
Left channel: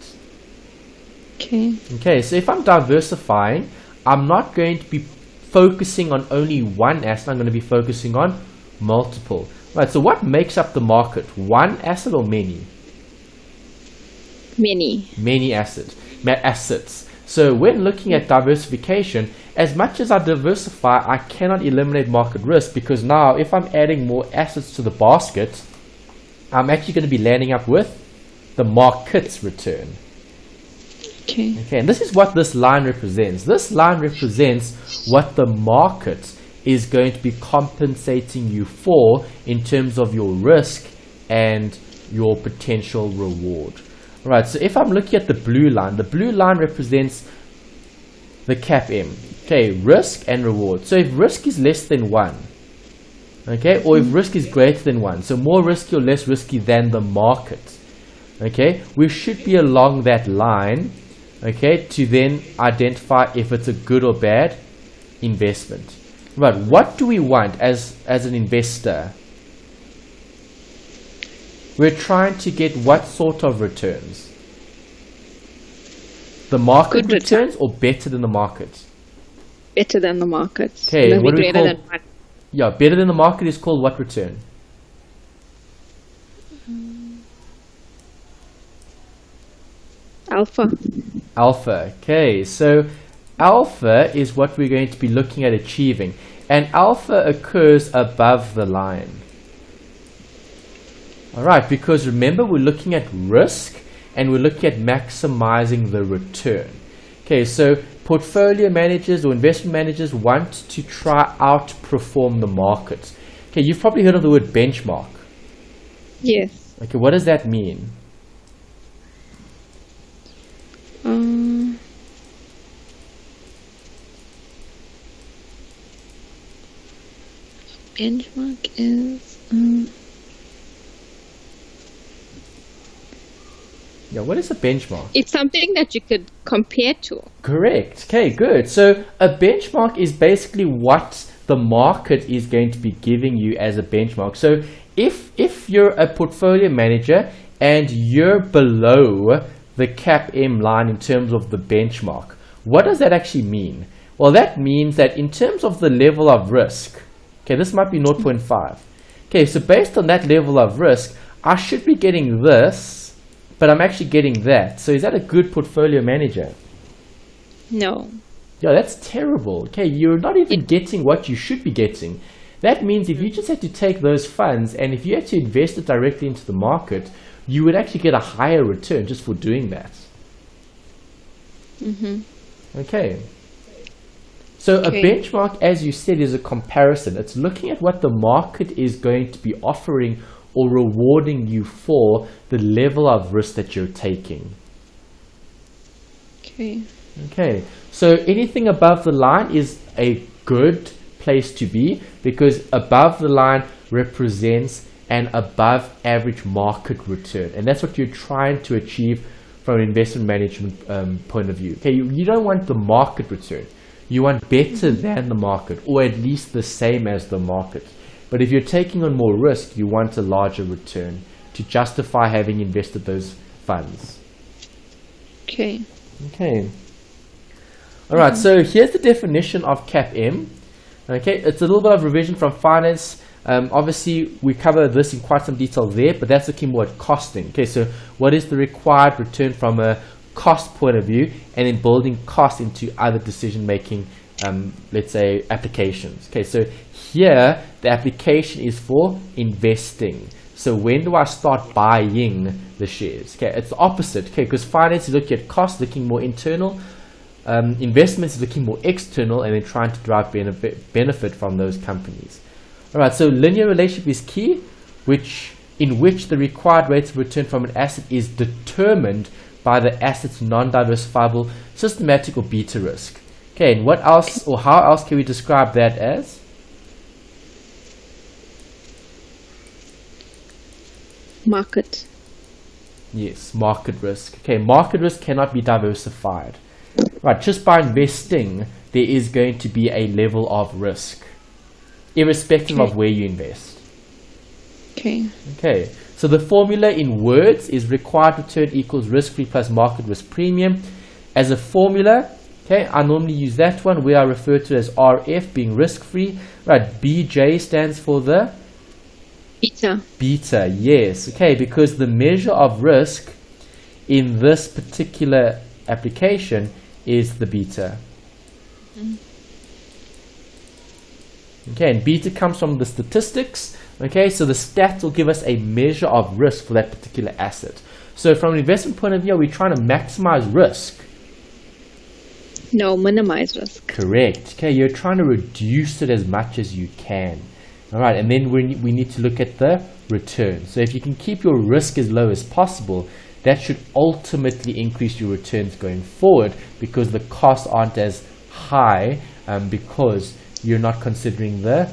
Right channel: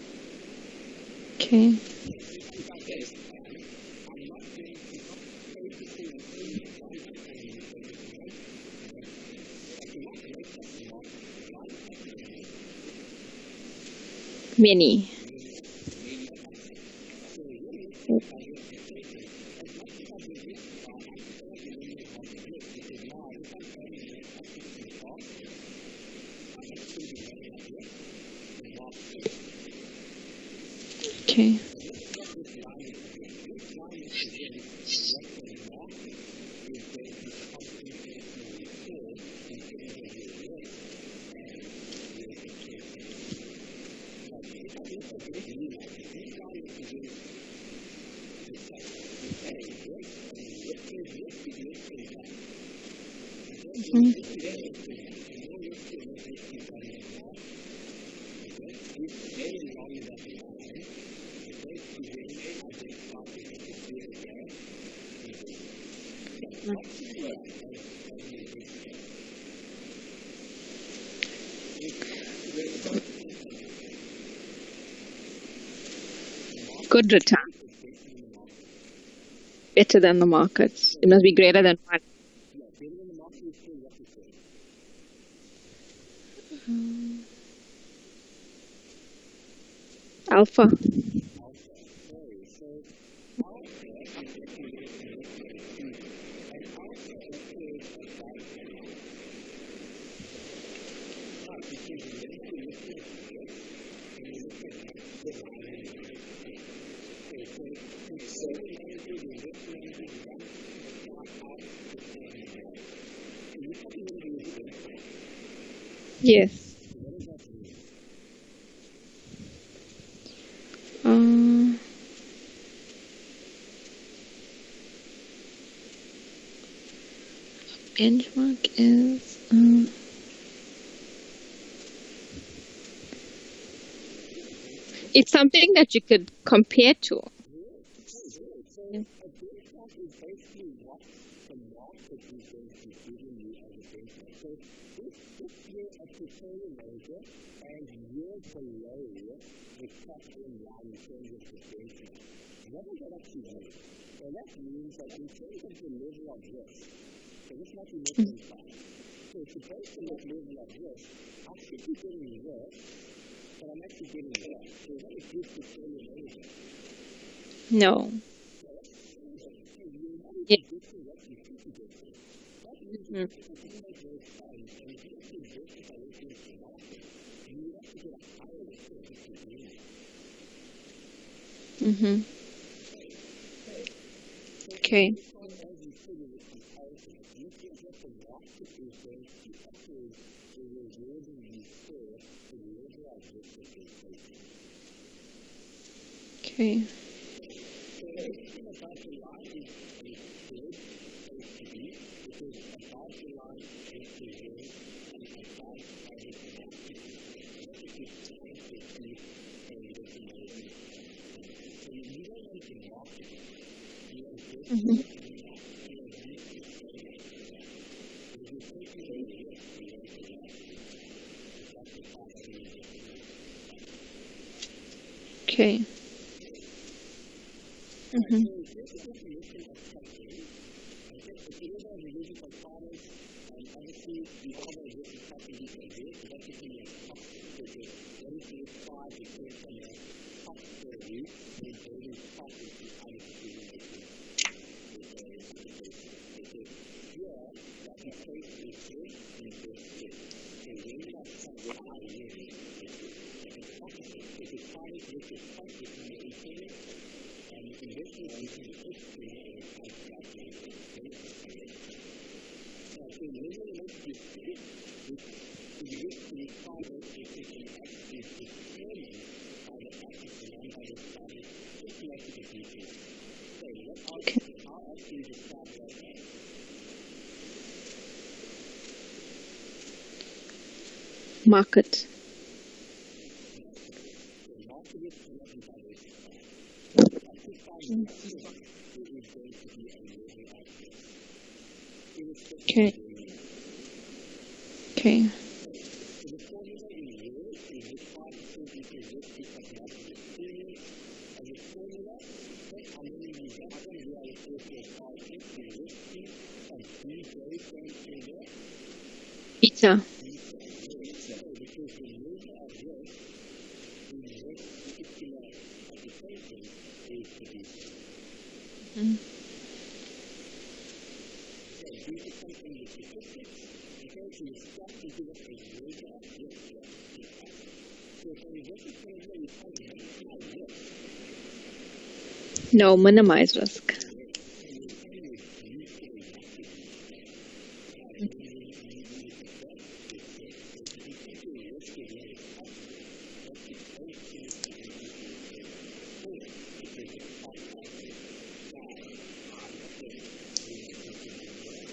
Okay, so if I'm diversifying, I'm not going to be focusing on only one asset, I'm going to be focusing on multiple. Right, so what makes up the market? One asset or many? Many assets. So when looking at diversification, as much as I diversify, I cannot eliminate market risk, because now if I'm adding more assets to the basket, I'm actually going to be landing up with the market's return. Okay, and this is what this line represents. This line represents what the market is going to be compensating you for in terms of your risk and your potential reward. Right, so if I'm looking at the blue line represents the CAPM. Okay, risk and reward. So if risk is less than 1, okay, or if risk is greater than 1, so more risky or less risky than the market, okay, we should be along that line, okay, to then identify if it's a good or bad investment. Right, what do we want as an investor? We're trying to get what sort of returns? The market Good return. returns or better than the market? Better than the market. Okay, Must be what do we greater call- than 1. Yeah, better than the market is called what return? Alpha. Alpha. Okay, so alpha is what we're going to be looking at achieving, and alpha occurs above the line. Alright, because remember, we're looking at risk and we're looking at maximizing the return. Okay, so portfolio managers or investment managers want to try outperform the market. Okay, you've probably heard of the word benchmark. Yes. Okay, what does that mean? Benchmark is... Yeah, what is a benchmark? It's something that you could compare to. Correct. Okay, good. So a benchmark is basically what the market is going to be giving you as a benchmark. So if you're a portfolio manager and you're below the CAPM line in terms of the benchmark, what does that actually mean? Well, that means that in terms of the level of risk, okay, this might be 0.5. Okay, so based on that level of risk, I should be getting this, but I'm actually getting that. So is that a good portfolio manager? No. Yeah, that's terrible. Okay, you're not even getting what you should be getting. That means if you just had to take those funds and if you had to invest it directly into the market, you would actually get a higher return just for doing that. Okay. So a benchmark, as you said, is a comparison. It's looking at what the market is going to be offering or rewarding you for the level of risk that you're taking. Okay, so anything above the line is a good place to be because above the line represents an above average market return, and that's what you're trying to achieve from an investment management point of view. Okay, you don't want the market return. You want better than the market, or at least the same as the market. But if you're taking on more risk, you want a larger return to justify having invested those funds. Okay. All right, so here's the definition of CAPM. Okay, it's a little bit of revision from finance. Obviously, we cover this in quite some detail there, but that's looking more at costing. Okay, so what is the required return from a cost point of view, and then building cost into other decision-making, let's say, applications. Okay, so here, the application is for investing. So when do I start buying the shares? Okay, it's the opposite. Okay, because finance is looking at cost, looking more internal. Investments is looking more external, and then trying to drive benefit from those companies. All right, so linear relationship is key, in which the required rates of return from an asset is determined by the asset's non-diversifiable systematic or beta risk. Okay, and what else, or how else can we describe that as? Market. Yes, market risk. Okay, market risk cannot be diversified. Right, just by investing, there is going to be a level of risk, irrespective of where you invest. Okay, so the formula in words is required return equals risk-free plus market risk premium. As a formula, okay, I normally use that one where I refer to as RF being risk-free. Right, BJ stands for the? Beta, yes. Okay, because the measure of risk in this particular application is the beta. Okay, and beta comes from the statistics. Okay, so the stats will give us a measure of risk for that particular asset. So from an investment point of view, we're trying to maximize risk. No, minimize risk. Correct. Okay, you're trying to reduce it as much as you can. All right, and then we need to look at the return. So if you can keep your risk as low as possible, that should ultimately increase your returns going forward because the costs aren't as high because you're not considering the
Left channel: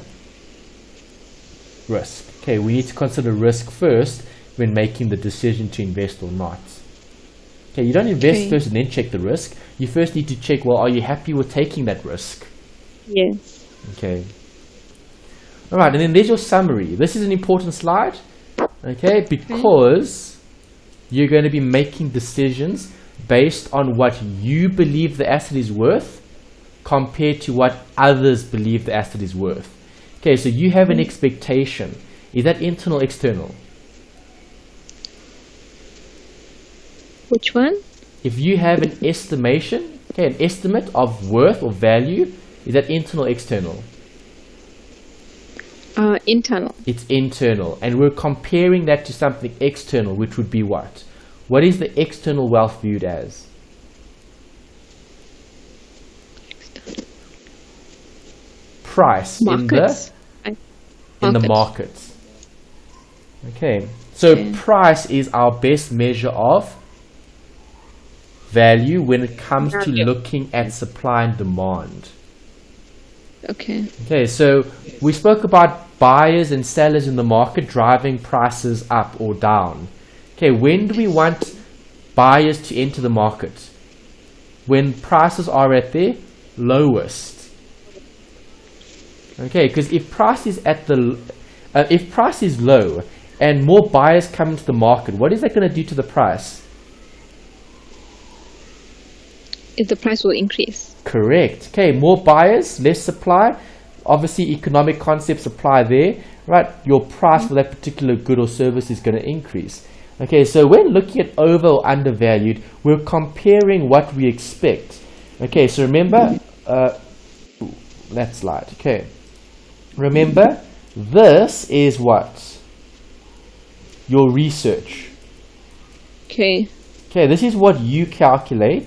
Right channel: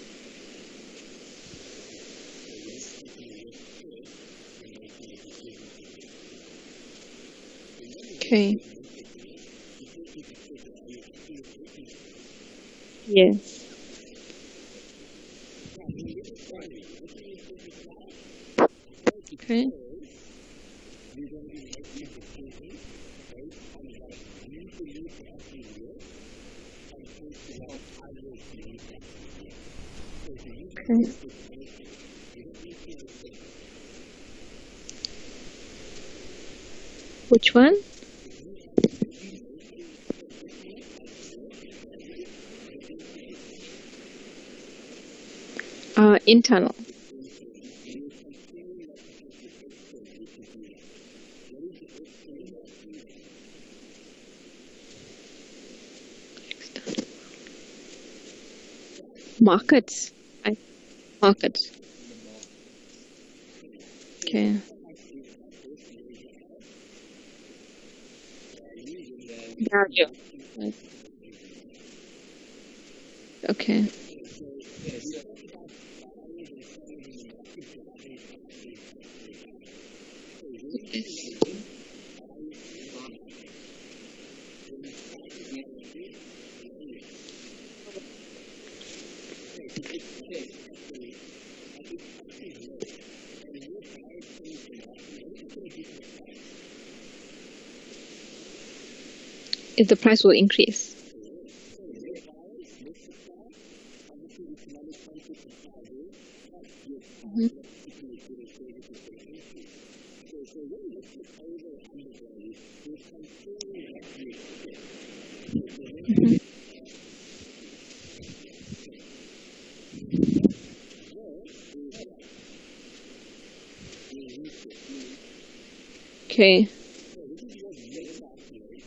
risk. Okay, we need to consider risk first when making the decision to invest or not. Okay, you don't invest first and then check the risk. You first need to check, well, are you happy with taking that risk? Yes. Okay. All right, and then there's your summary. This is an important slide, okay, because you're going to be making decisions based on what you believe the asset is worth compared to what others believe the asset is worth. Okay, so you have an expectation. Is that internal or external? Which one? If you have an estimation, okay, an estimate of worth or value, is that internal or external? Internal. It's internal. And we're comparing that to something external, which would be what? What is the external wealth viewed as? Price. Markets. In the markets. Okay. So price is our best measure of value when it comes to looking at supply and demand. Okay. Okay, so we spoke about buyers and sellers in the market driving prices up or down. Okay, when do we want buyers to enter the market? When prices are at their lowest. Okay, because if price is at the if price is low and more buyers come into the market, what is that going to do to the price? The price will increase. Correct. Okay, more buyers, less supply. Obviously, economic concepts apply there, right? Your price for that particular good or service is going to increase. Okay, so when looking at over or undervalued, we're comparing what we expect. Okay, so remember, that slide. Okay, remember, this is what? Your research. Okay. Okay, this is what you calculate.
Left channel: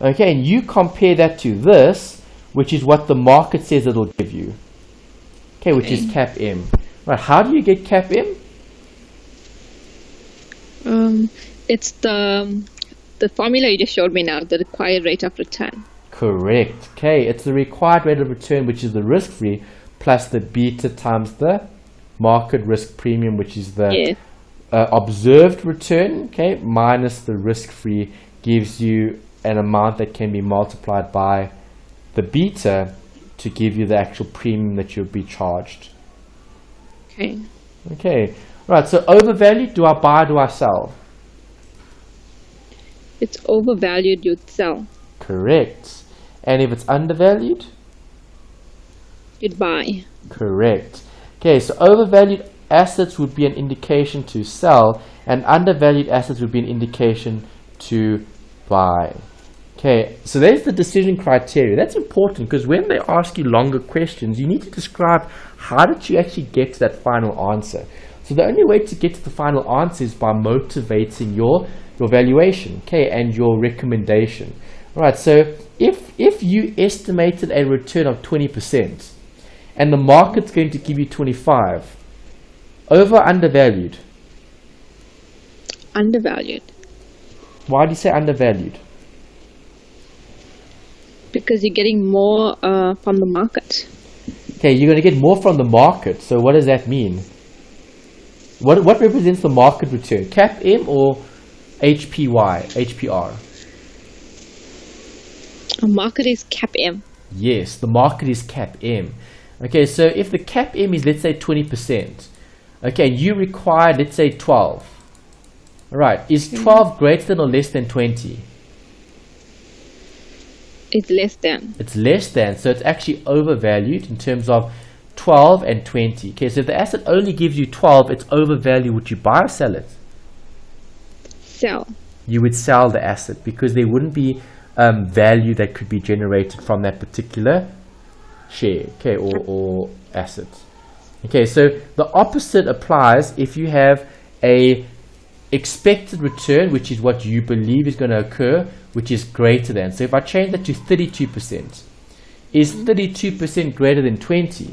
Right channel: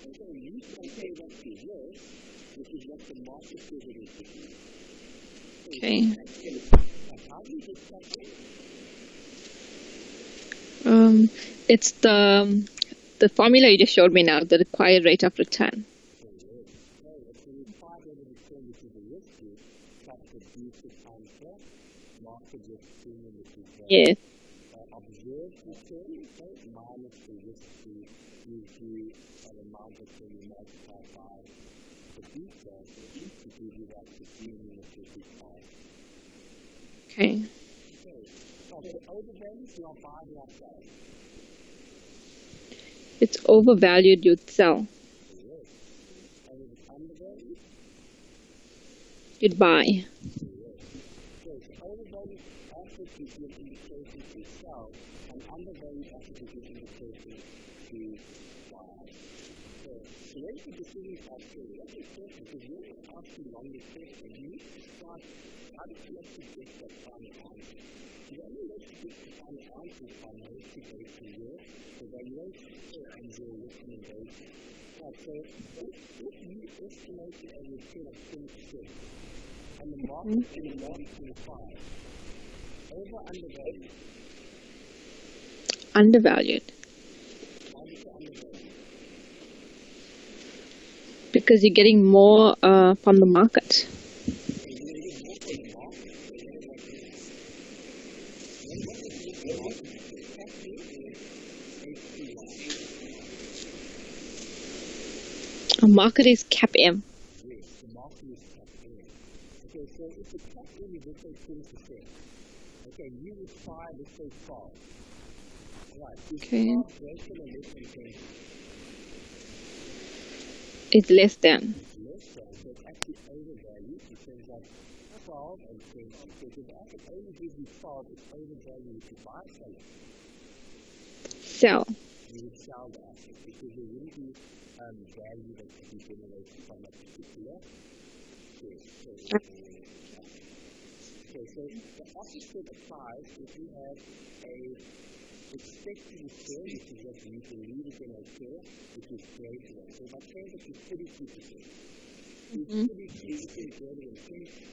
Okay, and you compare that to this, which is what the market says it'll give you. Okay, which is CAPM. Right, how do you get CAPM? It's the formula you just showed me now, the required rate of return. Correct. Okay, it's the required rate of return, which is the risk-free, plus the beta times the market risk premium, which is the observed return, okay, minus the risk-free, gives you an amount that can be multiplied by the beta to give you the actual premium that you'll be charged. Okay. Okay. Right, so overvalued, do I buy, do I sell? It's overvalued, you'd sell. Correct. And if it's undervalued? You'd buy. Correct. Okay, so overvalued assets would be an indication to sell, and undervalued assets would be an indication to buy. Okay, so there's the decision criteria. That's important because when they ask you longer questions, you need to describe how did you actually get to that final answer. So the only way to get to the final answer is by motivating your valuation, okay, and your recommendation. All right, so if you estimated a return of 20% and the market's going to give you 25, over or undervalued? Undervalued. Why do you say undervalued? Because you're getting more from the market. Okay, you're going to get more from the market. So what does that mean? What represents the market return? CAPM or HPR? A market is CAPM. Yes, the market is CAPM. Okay, so if the CAPM is, let's say, 20%, okay, you require, let's say, 12. All right, is 12 greater than or less than 20? It's less than. It's less than, so it's actually overvalued in terms of 12 and 20. Okay, so if the asset only gives you 12, it's overvalued. Would you buy or sell it? Sell. You would sell the asset because there wouldn't be value that could be generated from that particular share, okay, or asset. Okay, so the opposite applies if you have a expected return, which is what you believe is going to occur, which is greater than. So if I change that to 32%, is 32% greater than 20?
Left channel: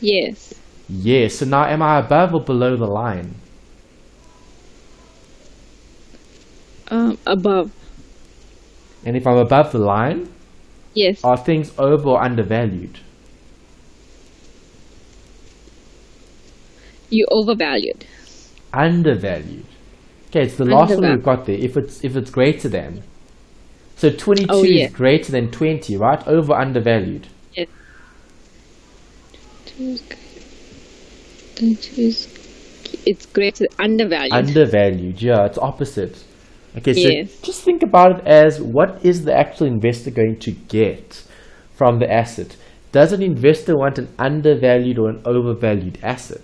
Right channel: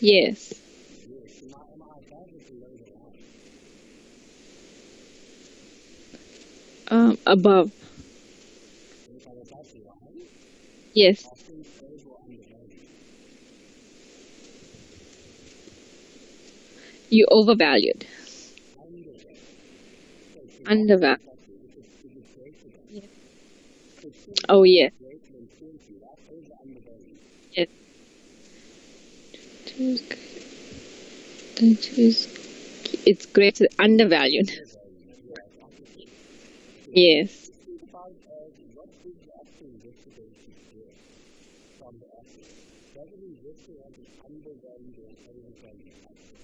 Yes. Yes. So now am I above or below the line? Above. And if I'm above the line, yes, are things over or undervalued? You overvalued. Undervalued. Okay, it's the last one we've got there. If it's greater than. So 22 is greater than 20, right? Over undervalued. Yes. 22 it's greater undervalued. Undervalued, yeah, it's opposite. Okay, so just think about it as what is the actual investor going to get from the asset? Does an investor want an undervalued or an overvalued asset?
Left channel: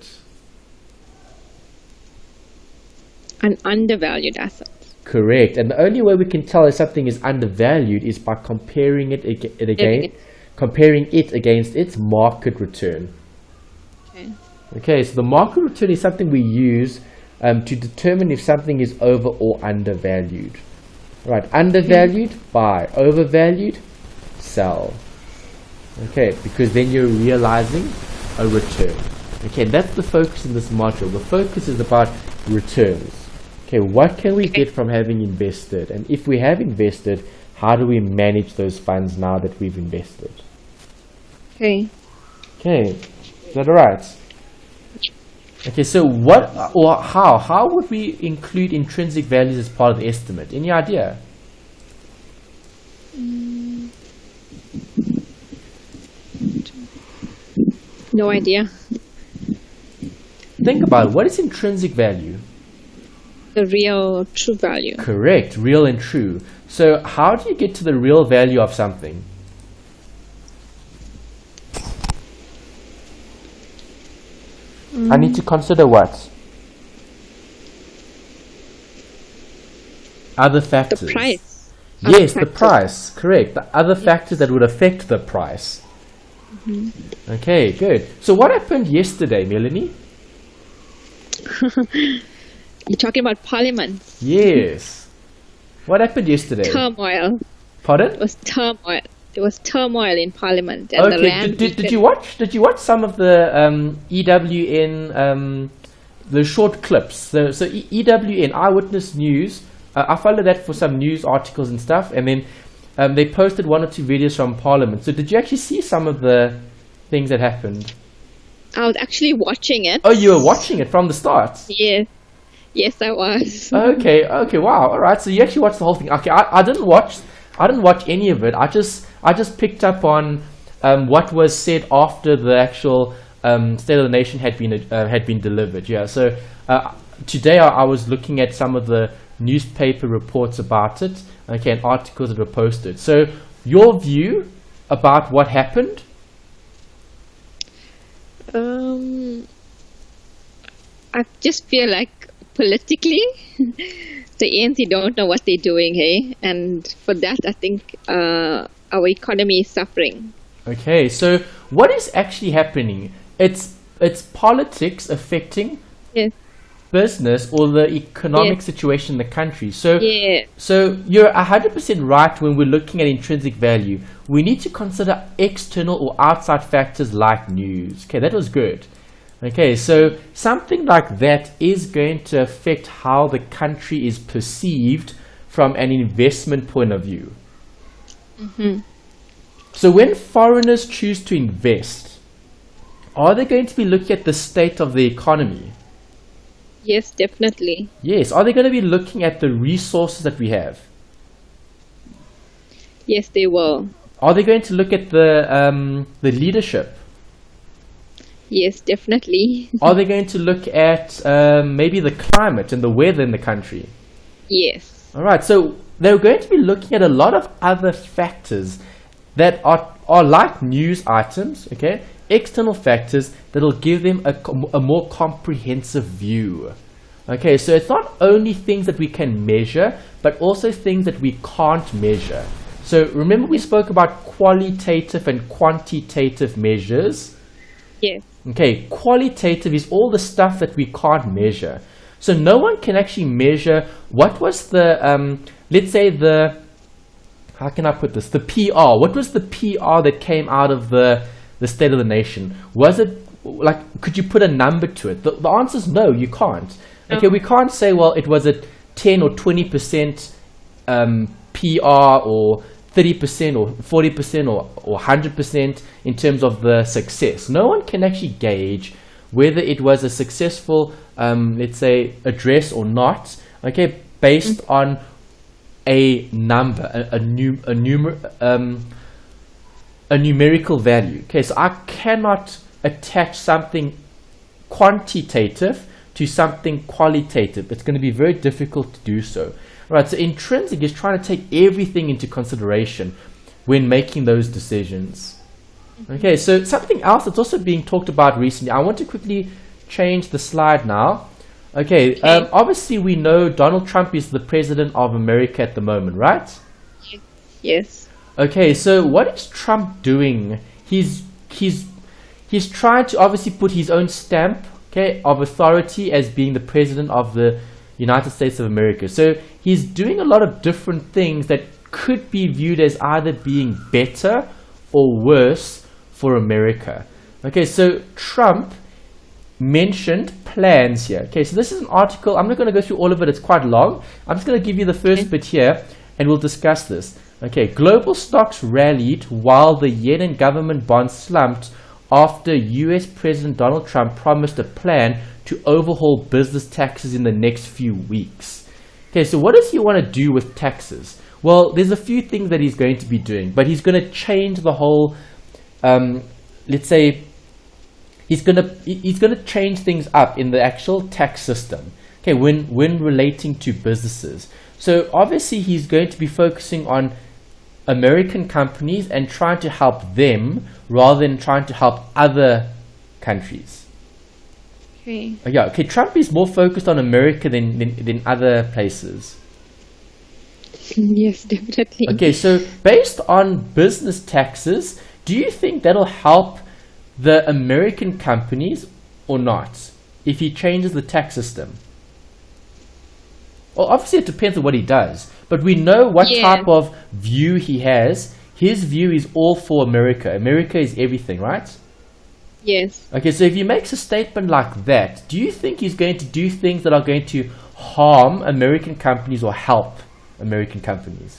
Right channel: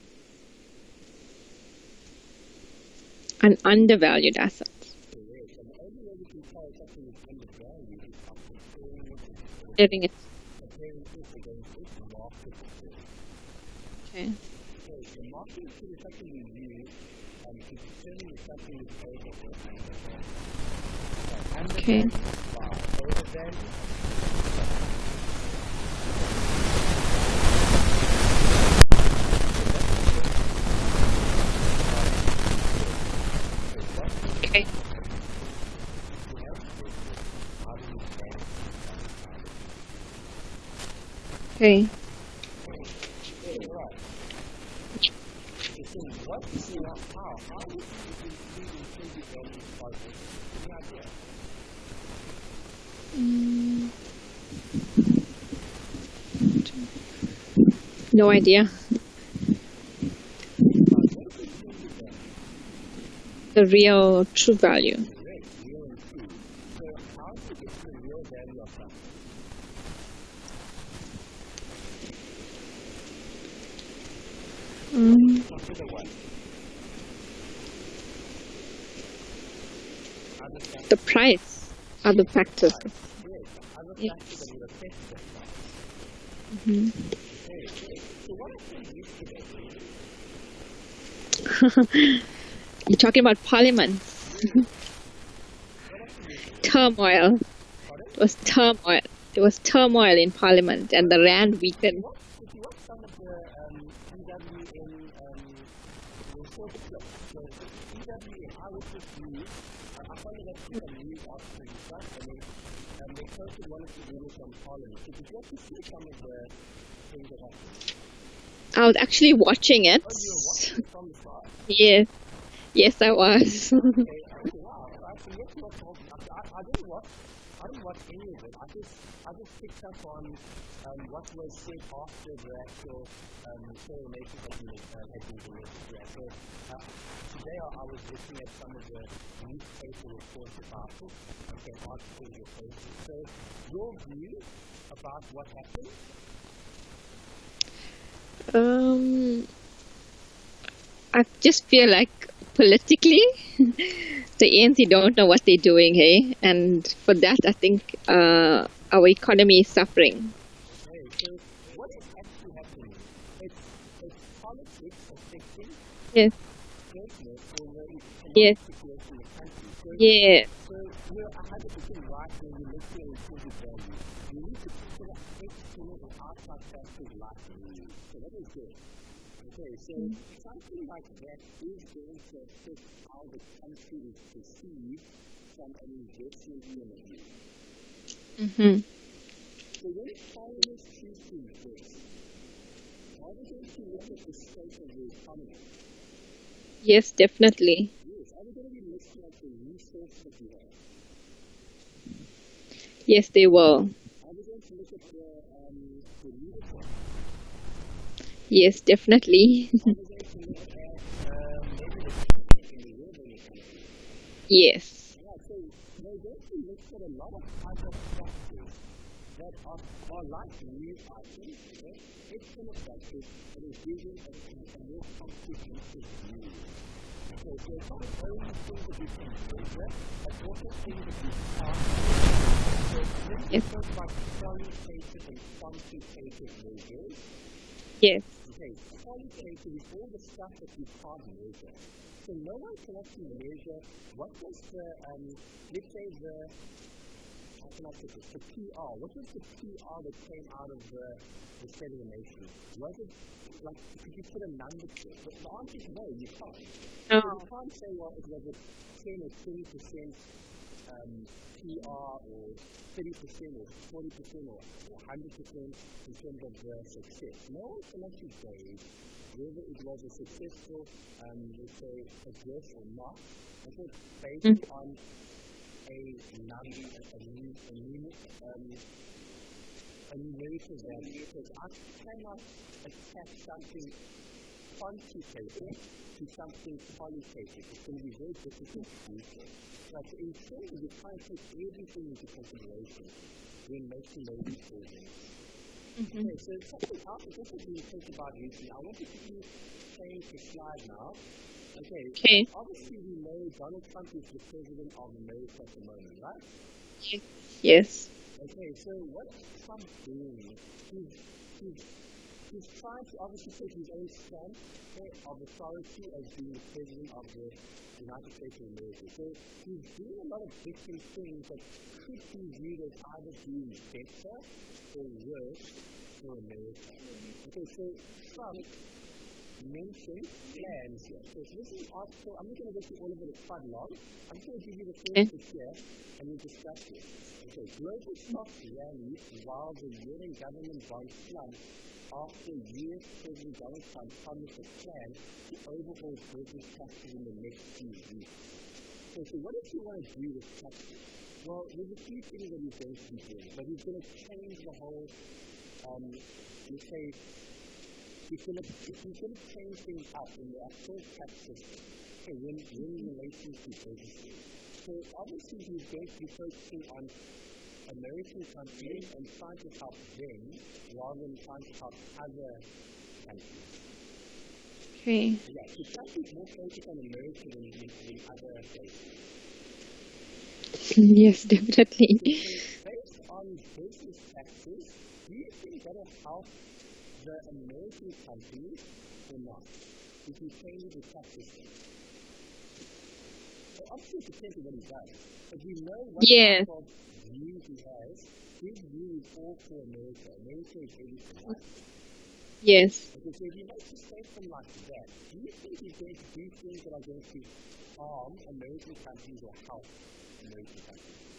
An undervalued asset. Correct. And the only way we can tell if something is undervalued is by comparing it against its market return. Okay. Okay, so the market return is something we use to determine if something is over or undervalued. Right, undervalued, buy. Overvalued, sell. Okay, because then you're realizing a return. Okay, that's the focus in this module. The focus is about returns. Okay, what can we get from having invested? And if we have invested, how do we manage those funds now that we've invested? Okay. Okay, is that all right? Okay, so what or how would we include intrinsic values as part of the estimate? Any idea? No idea. Think about it. What is intrinsic value? The real true value. Correct, real and true. So how do you get to the real value of something? I need to consider what? Other factors. The price. Yes, the price. Correct. The other factors that would affect the price. Okay, good. So what happened yesterday, Melanie? You're talking about Parliament. Yes. What happened yesterday? Turmoil. Pardon? It was turmoil. There was turmoil in Parliament, and the rand. Did you watch? Did you watch some of the EWN the short clips? So EWN Eyewitness News. I followed that for some news articles and stuff, and then they posted 1 or 2 videos from Parliament. So did you actually see some of the things that happened? I was actually watching it. Oh, you were watching it from the start? Yes. Yes, I was. Okay, wow. All right. So you actually watched the whole thing. Okay, I didn't watch any of it. I just picked up on what was said after the actual State of the Nation had been delivered. Yeah. So today I was looking at some of the newspaper reports about it. Okay, and articles that were posted. So your view about what happened? I just feel like politically, the ANC don't know what they're doing, hey? And for that, I think our economy is suffering. Okay, so what is actually happening? It's politics affecting business or the economic situation in the country. So you're 100% right when we're looking at intrinsic value. We need to consider external or outside factors like news. Okay, that was good. Okay, so something like that is going to affect how the country is perceived from an investment point of view. So when foreigners choose to invest, are they going to be looking at the state of the economy? Yes, definitely. Yes. Are they going to be looking at the resources that we have? Yes, they will. Are they going to look at the leadership? Yes, definitely. Are they going to look at maybe the climate and the weather in the country? Yes. All right. So they're going to be looking at a lot of other factors that are like news items, okay? External factors that will give them a more comprehensive view. Okay, so it's not only things that we can measure, but also things that we can't measure. So remember we spoke about qualitative and quantitative measures? Yes. Okay, qualitative is all the stuff that we can't measure. So no one can actually measure what was the, let's say how can I put this? The PR. What was the PR that came out of the State of the Nation? Was it, like, could you put a number to it? The answer is no, you can't. Okay, we can't say, well, it was a 10 or 20% PR or 30% or 40% or 100% in terms of the success. No one can actually gauge whether it was a successful, let's say, address or not, okay, based on a number, a numerical value. Okay, so I cannot attach something quantitative to something qualitative. It's going to be very difficult to do so. Right, so intrinsic is trying to take everything into consideration when making those decisions. Okay, so something else that's also being talked about recently, I want to quickly change the slide now. Okay, obviously we know Donald Trump is the president of America at the moment, right? Yes. Okay, so what is Trump doing? He's trying to obviously put his own stamp, okay, of authority as being the president of the United States of America. So he's doing a lot of different things that could be viewed as either being better or worse for America. Okay, so Trump mentioned plans here. Okay, so this is an article. I'm not going to go through all of it. It's quite long. I'm just going to give you the first bit here and we'll discuss this. Okay, global stocks rallied while the yen and government bonds slumped after US President Donald Trump promised a plan to overhaul business taxes in the next few weeks. Okay, so what does he want to do with taxes? Well, there's a few things that he's going to be doing, but he's going to change the whole, let's say, he's going to change things up in the actual tax system. Okay, when relating to businesses. So obviously he's going to be focusing on American companies and trying to help them rather than trying to help other countries. Okay. Yeah, okay, Trump is more focused on America than other places. Yes, definitely. Okay, so based on business taxes, do you think that'll help the American companies or not if he changes the tax system? Well, obviously it depends on what he does, but we know what type of view he has. His view is all for America. America is everything, right? Yes. Okay, so if he makes a statement like that, do you think he's going to do things that are going to harm American companies or help American companies?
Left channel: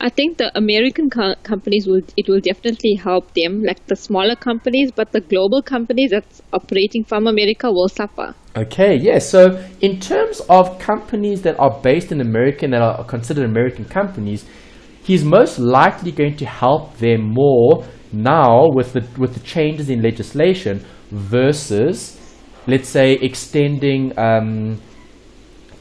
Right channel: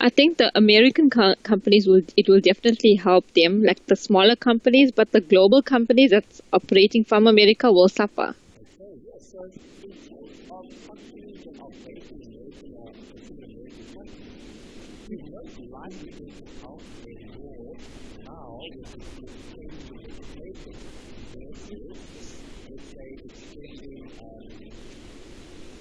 I think the American companies will definitely help them, like the smaller companies, but the global companies that's operating from America will suffer. Okay, yeah. So in terms of companies that are based in America and that are considered American companies, he's most likely going to help them more now with the changes in legislation versus, let's say, extending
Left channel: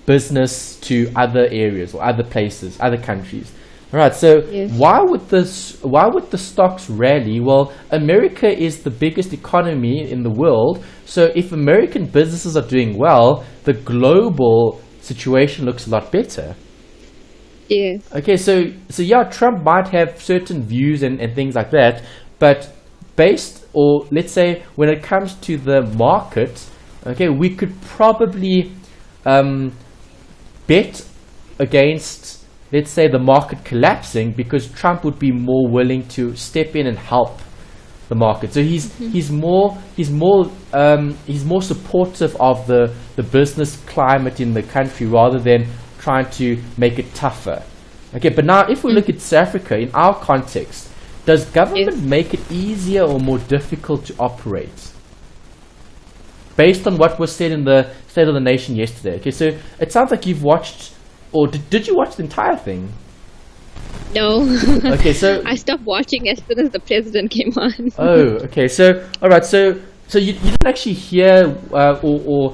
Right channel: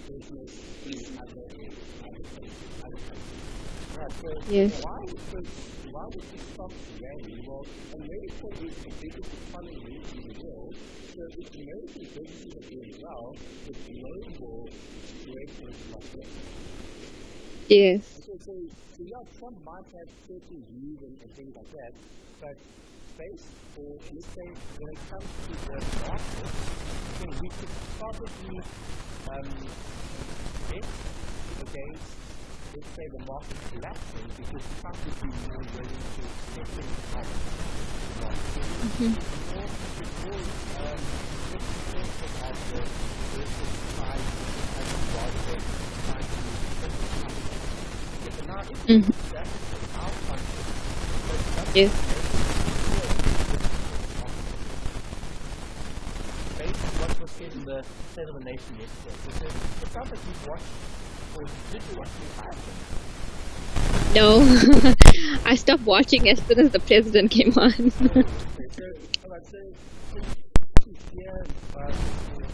business to other areas or other places, other countries. All right. So why would the stocks rally? Well, America is the biggest economy in the world. So if American businesses are doing well, the global situation looks a lot better. Yes. Okay, so yeah, Trump might have certain views and things like that, but based, or let's say when it comes to the market, okay, we could probably bet against, let's say, the market collapsing because Trump would be more willing to step in and help the market. So he's more supportive of the business climate in the country rather than trying to make it tougher. Okay, but now if we look at South Africa in our context, does government make it easier or more difficult to operate? Based on what was said in the State of the Nation yesterday. Okay, so it sounds like you've watched, or did you watch the entire thing? No. Okay, so I stopped watching as soon as the president came on. Oh, okay. So all right. So you didn't actually hear or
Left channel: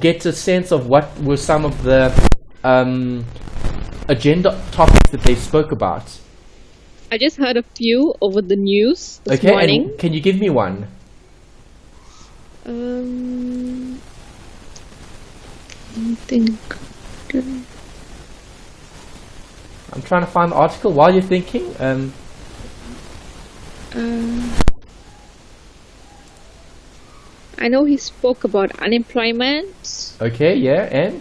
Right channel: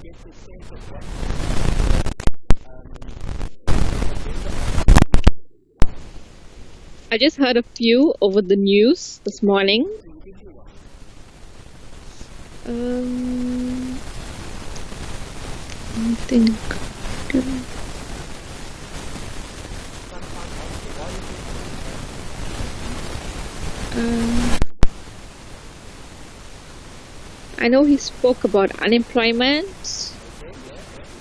get a sense of what were some of the agenda topics that they spoke about. I just heard a few over the news this morning. And can you give me one? I think. I'm trying to find the article while you're thinking. I know he spoke about unemployment. Okay, yeah, and?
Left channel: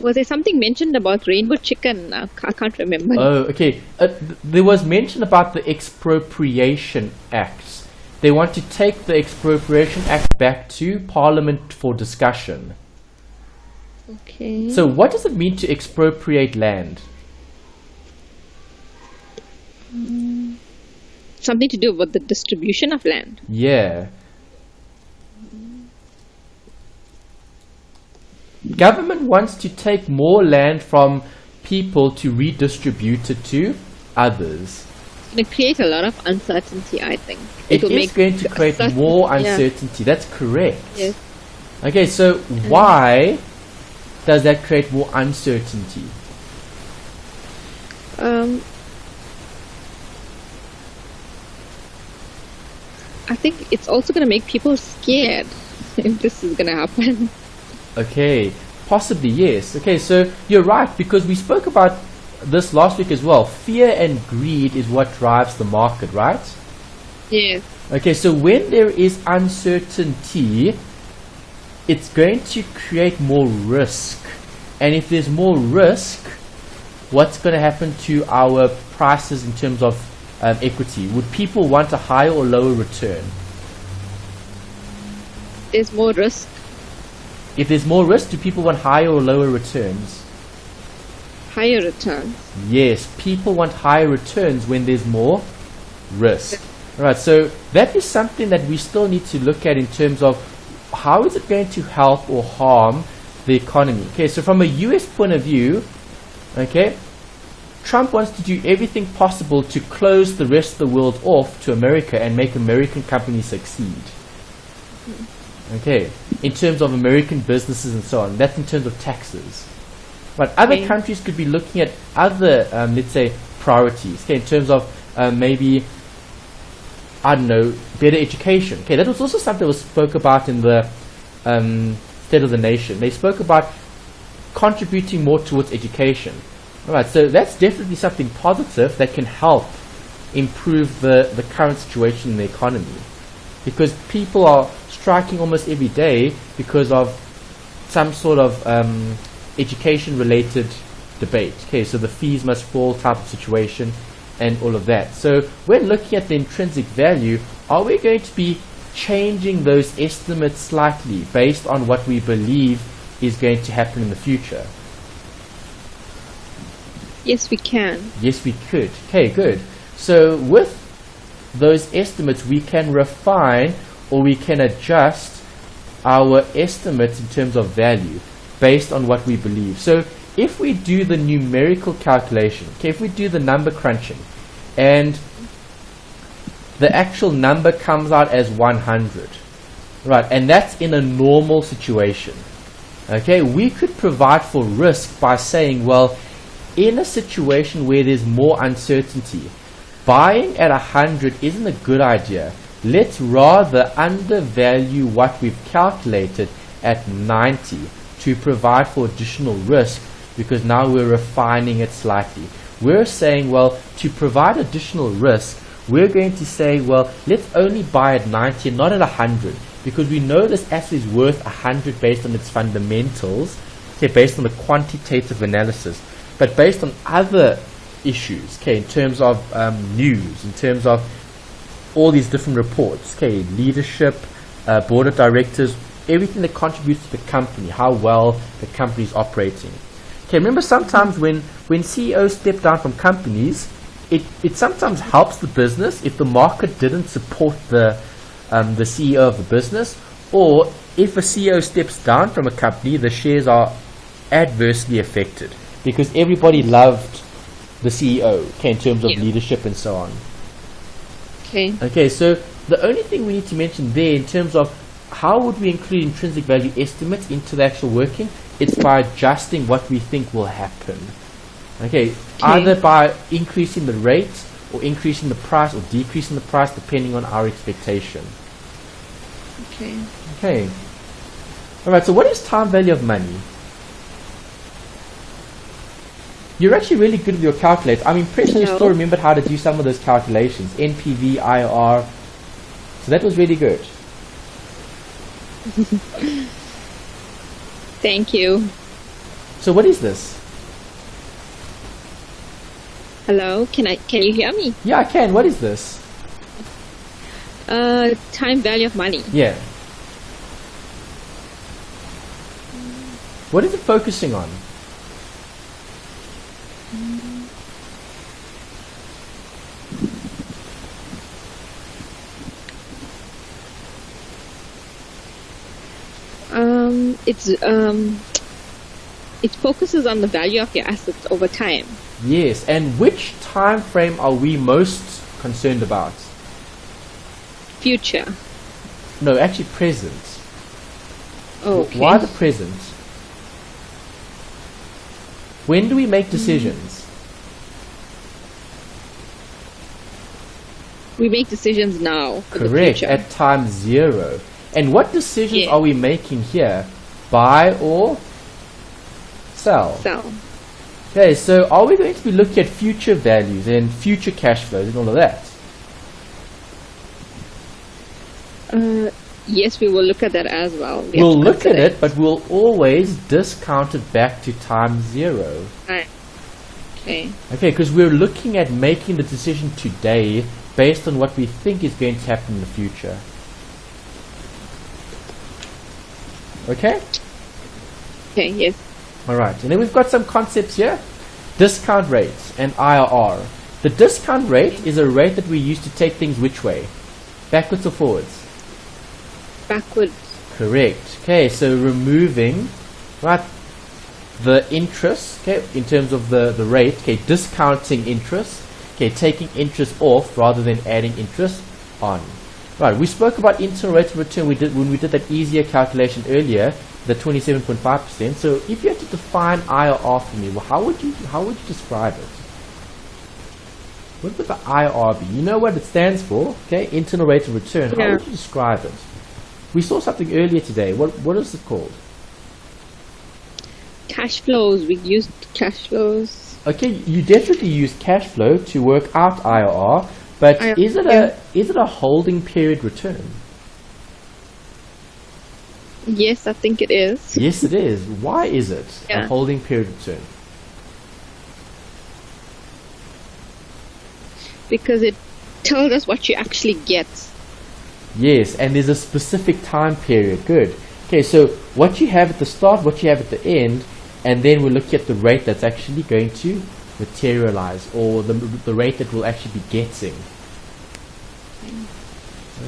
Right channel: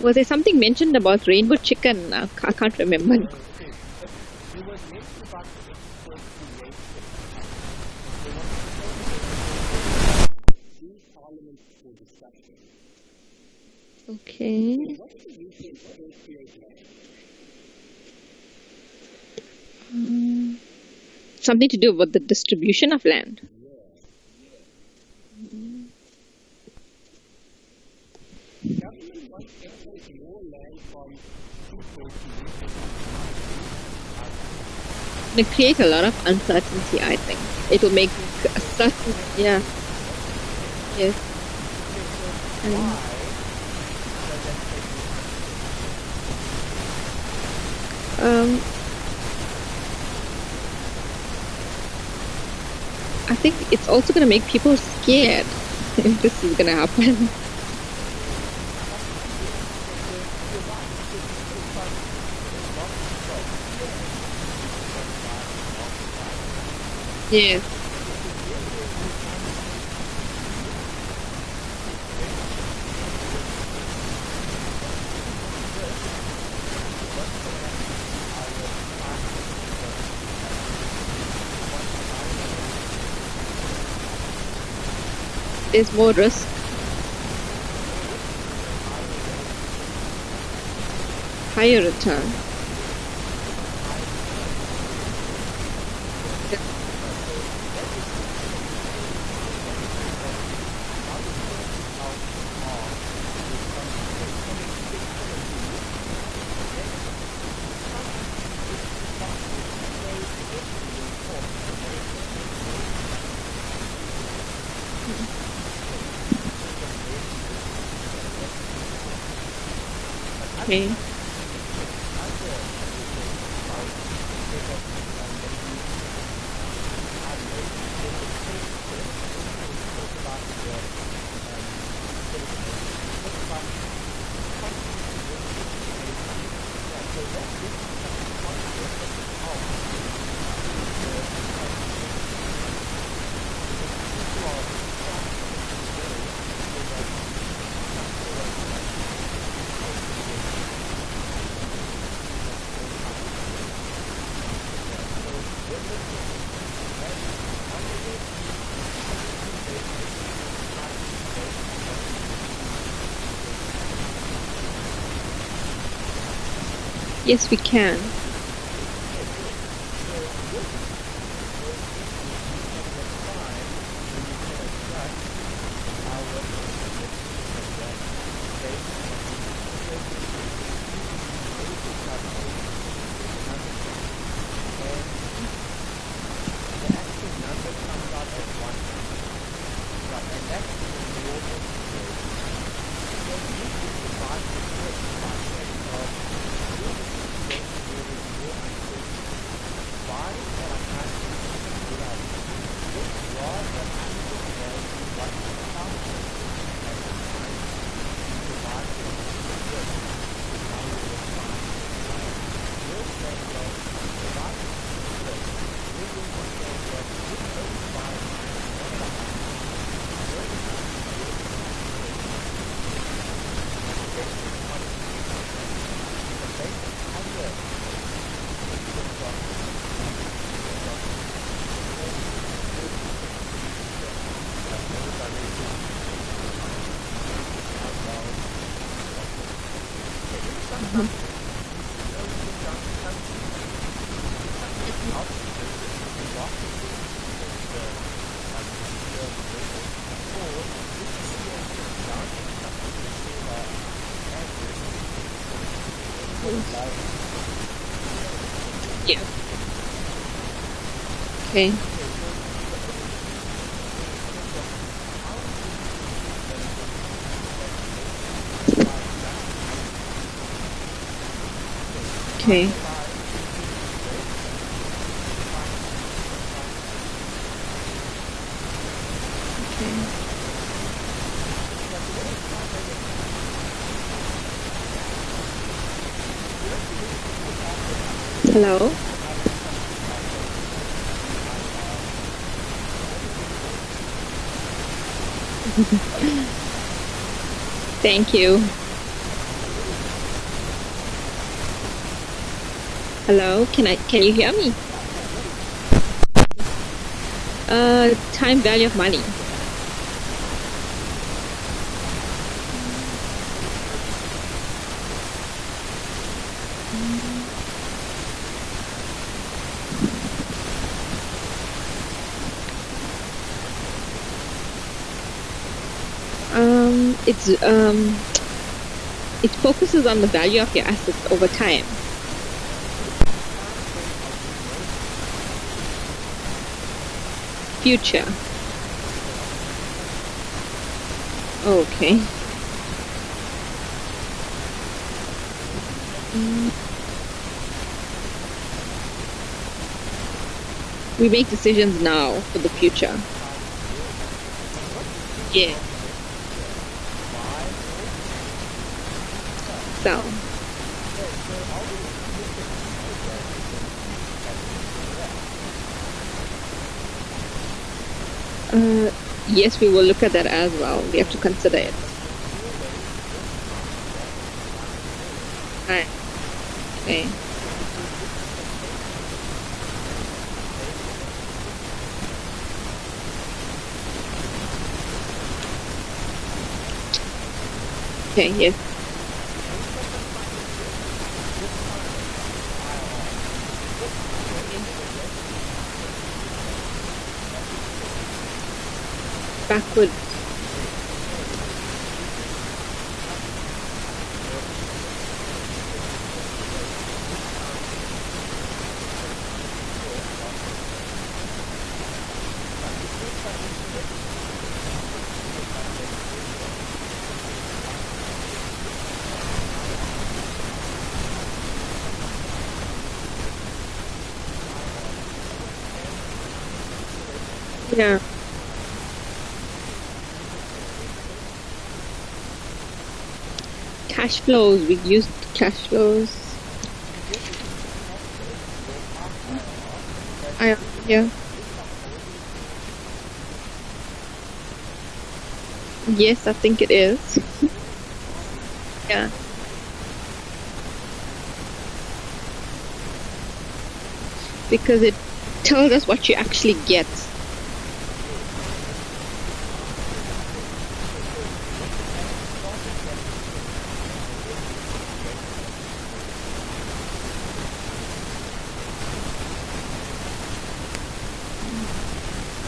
Was there something mentioned about rainbow chicken? I can't remember. Oh, okay. There was mention about the Expropriation Act. They want to take the Expropriation Act back to Parliament for discussion. Okay. So what does it mean to expropriate land? Something to do with the distribution of land. Yeah. Government wants to take more land from people to redistribute it to others. It creates a lot of uncertainty, I think. It will make going to create more uncertainty. Yeah. That's correct. Yes. Okay, so why does that create more uncertainty? I think it's also going to make people scared if this is going to happen. Okay, possibly yes. Okay, so you're right, because we spoke about this last week as well. Fear and greed is what drives the market, right? Yes. Okay, so when there is uncertainty, it's going to create more risk. And if there's more risk, what's going to happen to our prices in terms of equity? Would people want a higher or lower return? There's more risk. If there's more risk, do people want higher or lower returns? higher return. Yes, people want higher returns when there's more risk. Alright, so that is something that we still need to look at in terms of how is it going to help or harm the economy. Okay, so from a US point of view, okay, Trump wants to do everything possible to close the rest of the world off to America and make American companies succeed. Okay, in terms of American businesses and so on. That's in terms of taxes. But other countries could be looking at other, let's say, priorities. Okay, in terms of maybe, I don't know, better education. Okay, that was also something that was spoke about in the State of the Nation. They spoke about contributing more towards education. Alright, so that's definitely something positive that can help improve the current situation in the economy. Because people are striking almost every day because of some sort of education related debate. Okay, so the fees must fall type of situation and all of that. So when looking at the intrinsic value, are we going to be changing those estimates slightly based on what we believe is going to happen in the future? Yes, we can. Yes, we could. Okay, good. So with those estimates, we can refine or we can adjust our estimates in terms of value based on what we believe. So if we do the numerical calculation, okay, if we do the number crunching, and the actual number comes out as 100, right, and that's in a normal situation, okay, we could provide for risk by saying, well, in a situation where there's more uncertainty, buying at 100 isn't a good idea. Let's rather undervalue what we've calculated at 90 to provide for additional risk, because now we're refining it slightly. We're saying, well, to provide additional risk, we're going to say, well, let's only buy at 90 and not at 100, because we know this asset is worth 100 based on its fundamentals, okay, based on the quantitative analysis. But based on other issues, okay, in terms of news, in terms of all these different reports, okay, leadership, board of directors, everything that contributes to the company, how well the company is operating. Okay, remember sometimes when CEOs step down from companies, it sometimes helps the business if the market didn't support the CEO of the business, or if a CEO steps down from a company, the shares are adversely affected because everybody loved the CEO, okay, in terms of leadership and so on. Okay, so the only thing we need to mention there in terms of how would we include intrinsic value estimates into the actual working, it's by adjusting what we think will happen. Okay, either by increasing the rate or increasing the price or decreasing the price depending on our expectation. Okay. Alright, so what is time value of money? You're actually really good with your calculator. I'm impressed you still remembered how to do some of those calculations. NPV, IR. That was really good. Thank you. So what is this? Hello, can you hear me? Yeah, I can. What is this? Time value of money. Yeah. What is it focusing on? It focuses on the value of your assets over time. Yes, and which time frame are we most concerned about? Future. No, actually present. Okay. Why the present? When do we make decisions? We make decisions now for the future. At time zero. And what decisions are we making here? Buy or sell? Sell. Okay, so are we going to be looking at future value, then future cash flows and all of that? Yes, we will look at that as well. We'll look at it, but we'll always discount it back to time zero. Right. Okay. Okay, because we're looking at making the decision today based on what we think is going to happen in the future. Okay? Okay, yes. Alright, and then we've got some concepts here. discount rate and IRR. The discount rate is a rate that we use to take things which way? Backwards or forwards? Backwards. Correct. Okay, so removing, right, the interest, okay, in terms of the rate, okay, discounting interest, okay, taking interest off rather than adding interest on. Right, we spoke about internal rate of return when we did that easier calculation earlier, the 27.5%. So if you have to define IRR for me, how would you describe it? What would the IRR be? You know what it stands for, okay? Internal rate of return. Yeah. How would you describe it? We saw something earlier today. What is it called? Cash flows. We used cash flows. Okay, you definitely use cash flow to work out IRR, but is it a holding period return? Yes, I think it is. Yes, it is. Why is it a holding period return? Because it tells us what you actually get. Yes, and there's a specific time period. Good. Okay, so what you have at the start, what you have at the end, and then we'll look at the rate that's actually going to materialize, or the rate that we'll actually be getting.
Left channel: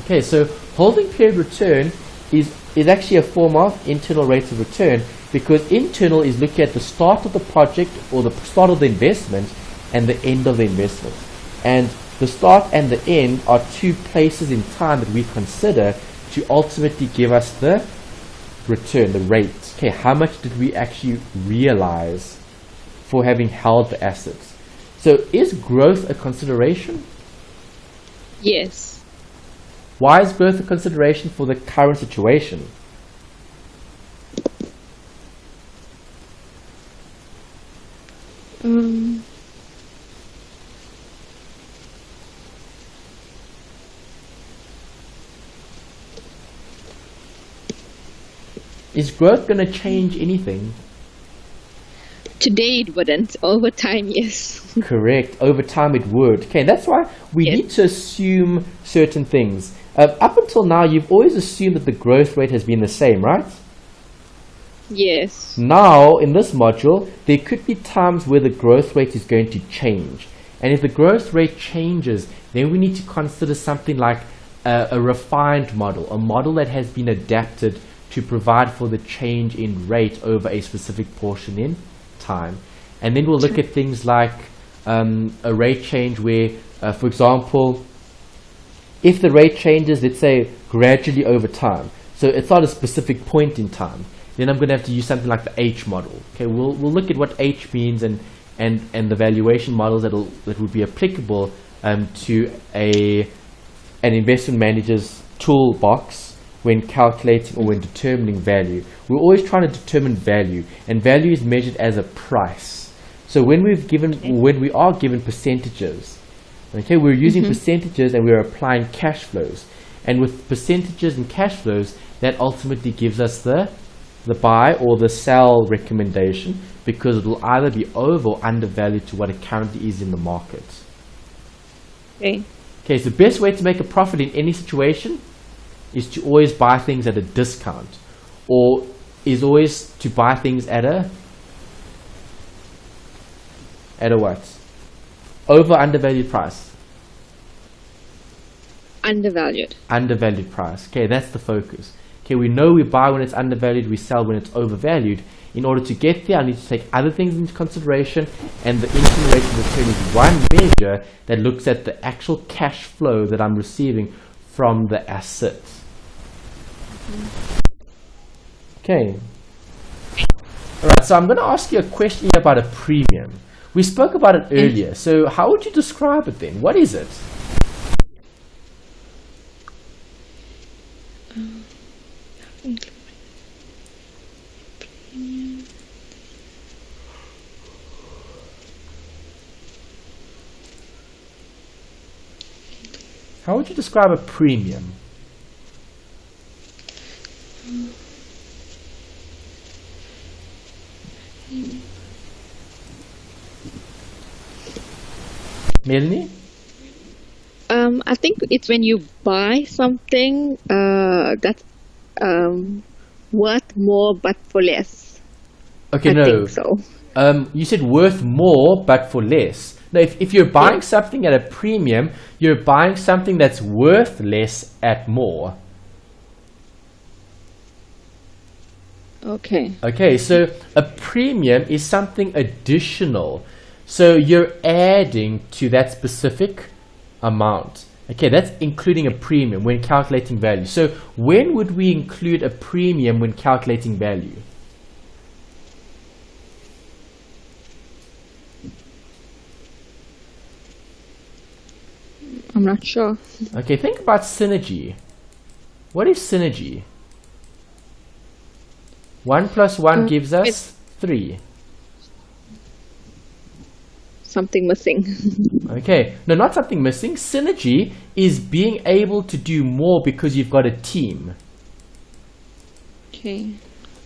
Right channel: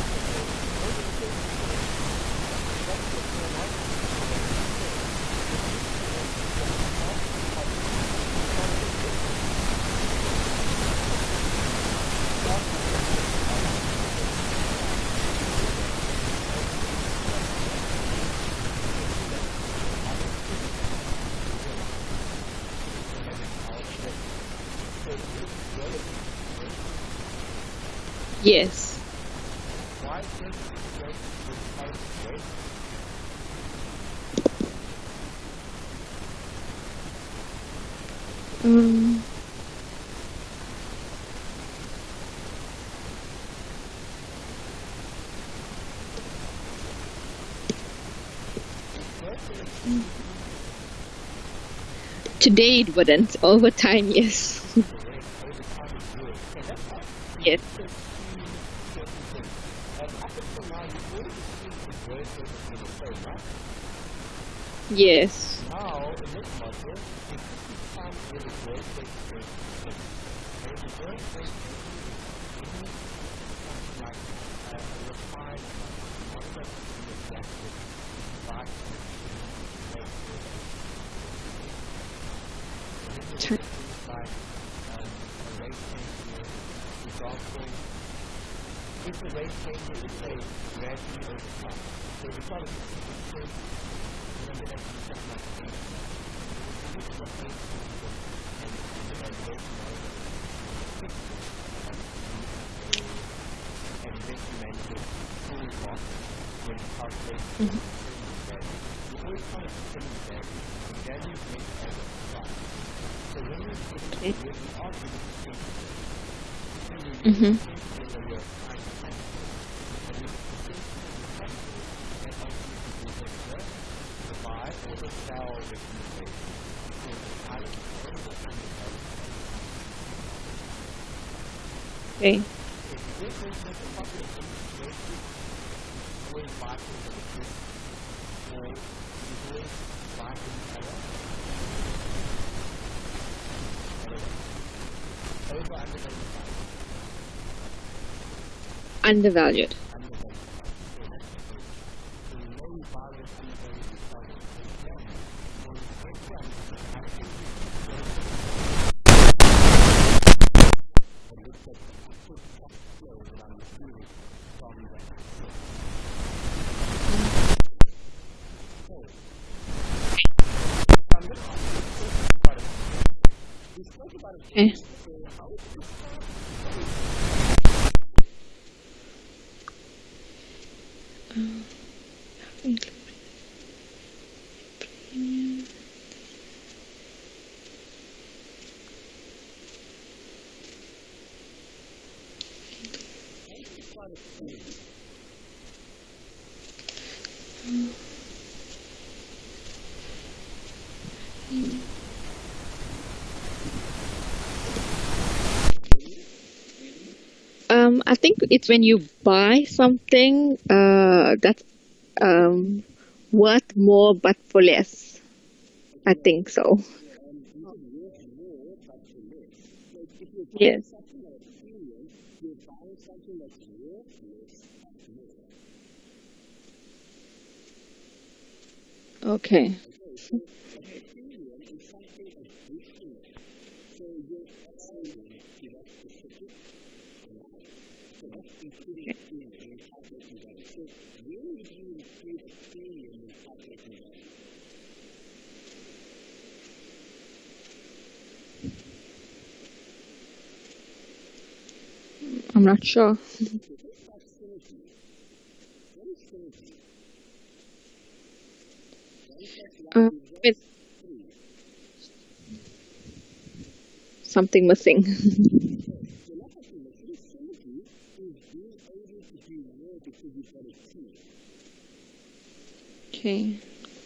Okay, so holding period return is actually a form of internal rate of return, because internal is looking at the start of the project or the start of the investment and the end of the investment. And the start and the end are two places in time that we consider to ultimately give us the return, the rate. Okay, how much did we actually realize for having held the assets? So is growth a consideration? Yes. Why is growth a consideration for the current situation? Is growth going to change anything? Today it wouldn't. Over time, yes. Correct. Over time it would. Okay, that's why we need to assume certain things. Up until now, you've always assumed that the growth rate has been the same, right? Yes. Now, in this module, there could be times where the growth rate is going to change. And if the growth rate changes, then we need to consider something like a refined model, a model that has been adapted to provide for the change in rate over a specific portion in time. And then we'll look at things like a rate change where, for example, if the rate changes, let's say, gradually over time, so it's not a specific point in time, then I'm going to have to use something like the H model. Okay, we'll look at what H means and the valuation models that will be applicable to an investment manager's toolbox when calculating or when determining value. We're always trying to determine value, and value is measured as a price. So when we are given percentages, okay, we're using percentages and we're applying cash flows, and with percentages and cash flows, that ultimately gives us the buy or the sell recommendation, because it will either be over or undervalued to what it currently is in the market. Okay. Okay, so the best way to make a profit in any situation is to always buy things at a discount, or is always to buy things at a what? Over undervalued price. Undervalued. Undervalued price. Okay, that's the focus. Okay, we know we buy when it's undervalued, we sell when it's overvalued. In order to get there, I need to take other things into consideration, and the integration is one measure that looks at the actual cash flow that I'm receiving from the asset. Okay. Alright, so I'm going to ask you a question about a premium. We spoke about it earlier, so how would you describe it then? What is it? How would you describe a premium? Melanie? I think it's when you buy something that's worth more but for less. Okay, I think so. You said worth more, but for less. Now, if you're buying something at a premium, you're buying something that's worth less at more. Okay, so a premium is something additional. So you're adding to that specific amount. Okay, that's including a premium when calculating value. So when would we include a premium when calculating value? I'm not sure. Okay, think about synergy. What is synergy? 1 plus 1 gives us 3. Something missing. Okay, no, not something missing. Synergy is being able to do more because you've got a team.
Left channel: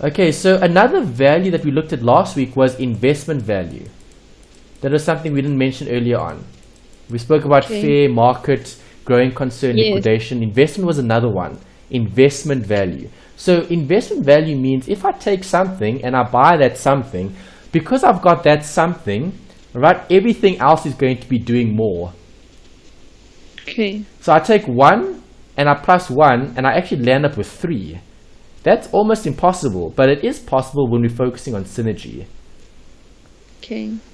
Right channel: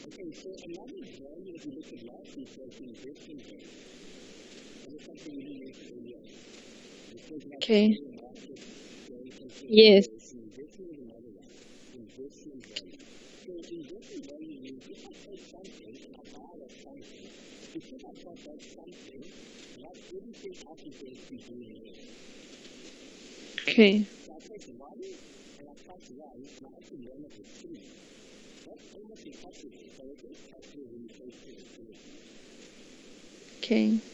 Okay, so another value that we looked at last week was investment value. That is something we didn't mention earlier on. We spoke about fair market, growing concern, liquidation. Investment was another one. Investment value. So investment value means if I take something and I buy that something, because I've got that something, right, everything else is going to be doing more. So I take 1 and I plus 1 and I actually land up with 3. That's almost impossible, but it is possible when we're focusing on synergy.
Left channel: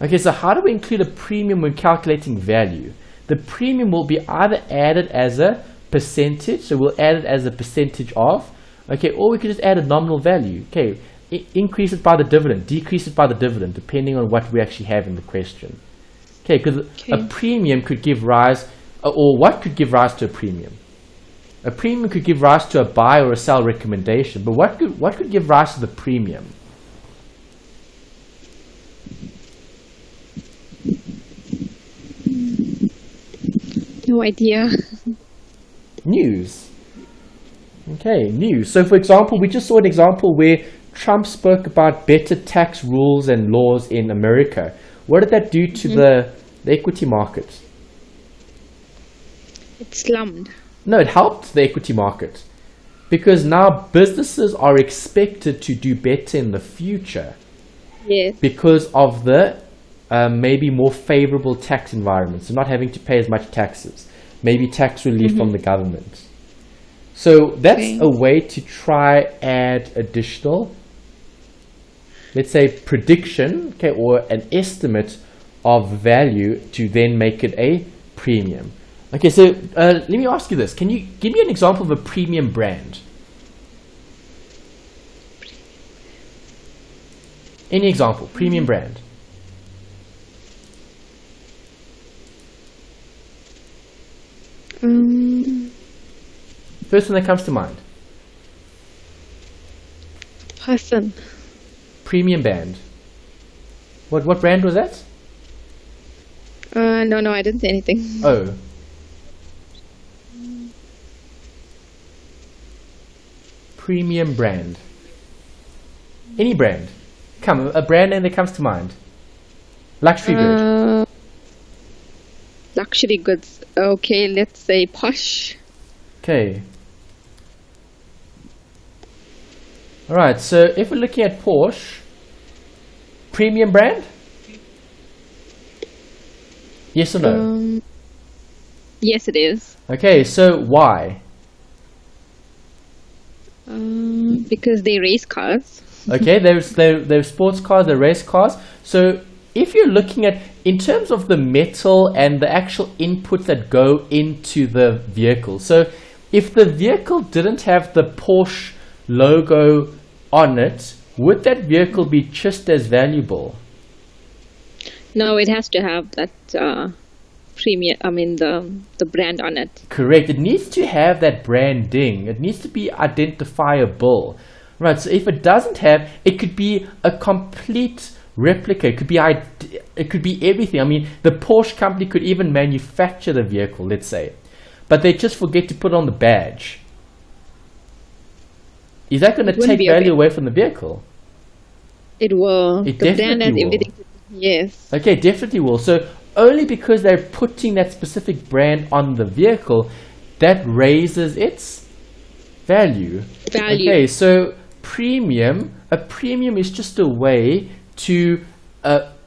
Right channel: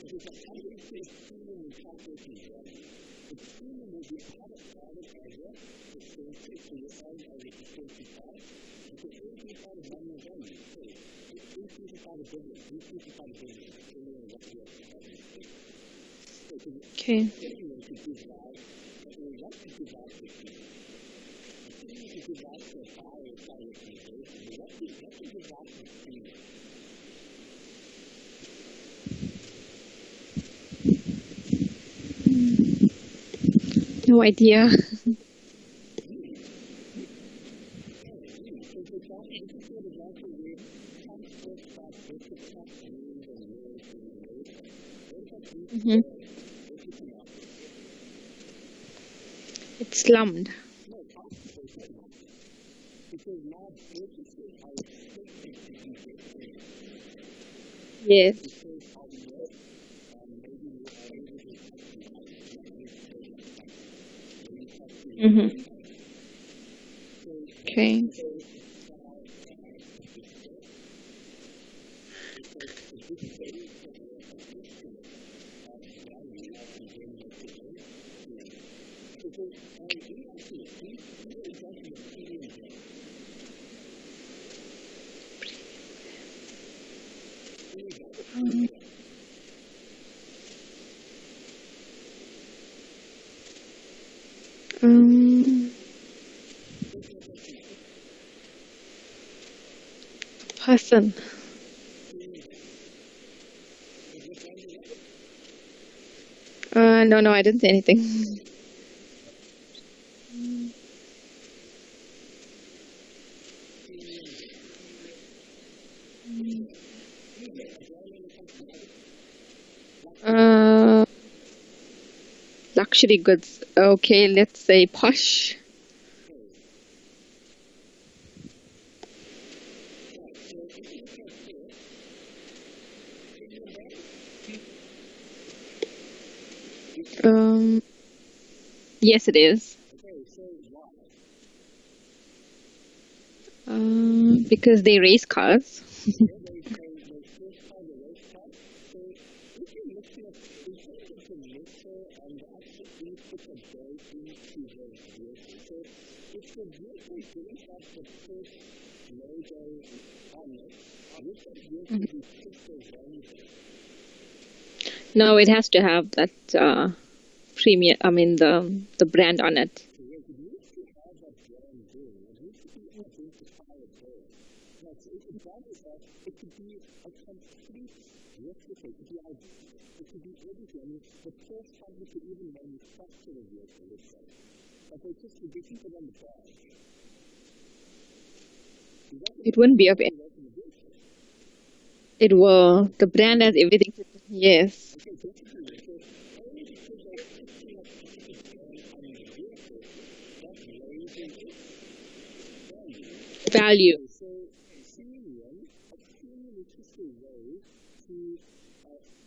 Okay, so how do we include a premium when calculating value? The premium will be either added as a percentage, so we'll add it as a percentage of, okay, or we could just add a nominal value. Okay, increase it by the dividend, decrease it by the dividend, depending on what we actually have in the question. Okay, because a premium could give rise, or what could give rise to a premium? A premium could give rise to a buy or a sell recommendation, but what could give rise to the premium? No idea. News. Okay, news. So for example, we just saw an example where Trump spoke about better tax rules and laws in America. What did that do to the equity market? It slumped. No, it helped the equity market because now businesses are expected to do better in the future. Because of the maybe more favorable tax environment, so not having to pay as much taxes, maybe tax relief from the government. So that's a way to try add additional, let's say, prediction, okay, or an estimate of value to then make it a premium. Okay, so let me ask you this. Can you give me an example of a premium brand? Any example, premium brand. First one that comes to mind. Person. Premium band. What brand was that? No, I didn't say anything. Oh. Premium brand. Any brand. Come, a brand name that comes to mind. Luxury good. Luxury goods. Okay, let's say Posh. Okay. Alright, so if we're looking at Porsche, premium brand? Yes or no? Yes, it is. Okay, so why? Because they race cars. Okay, they're sports cars, they're race cars. So if you're looking at, in terms of the metal and the actual inputs that go into the vehicle, so if the vehicle didn't have the Porsche logo on it, would that vehicle be just as valuable? No, it has to have that premium, the brand on it. Correct. It needs to have that branding. It needs to be identifiable. Right, so if it doesn't have, it could be a complete replica. It could be everything. I mean, the Porsche company could even manufacture the vehicle, let's say, but they just forget to put on the badge. Is that going to take value away from the vehicle? It will. The brand has everything. Yes. Okay, definitely will. So only because they're putting that specific brand on the vehicle, that raises its value. Okay, so a premium is just a way to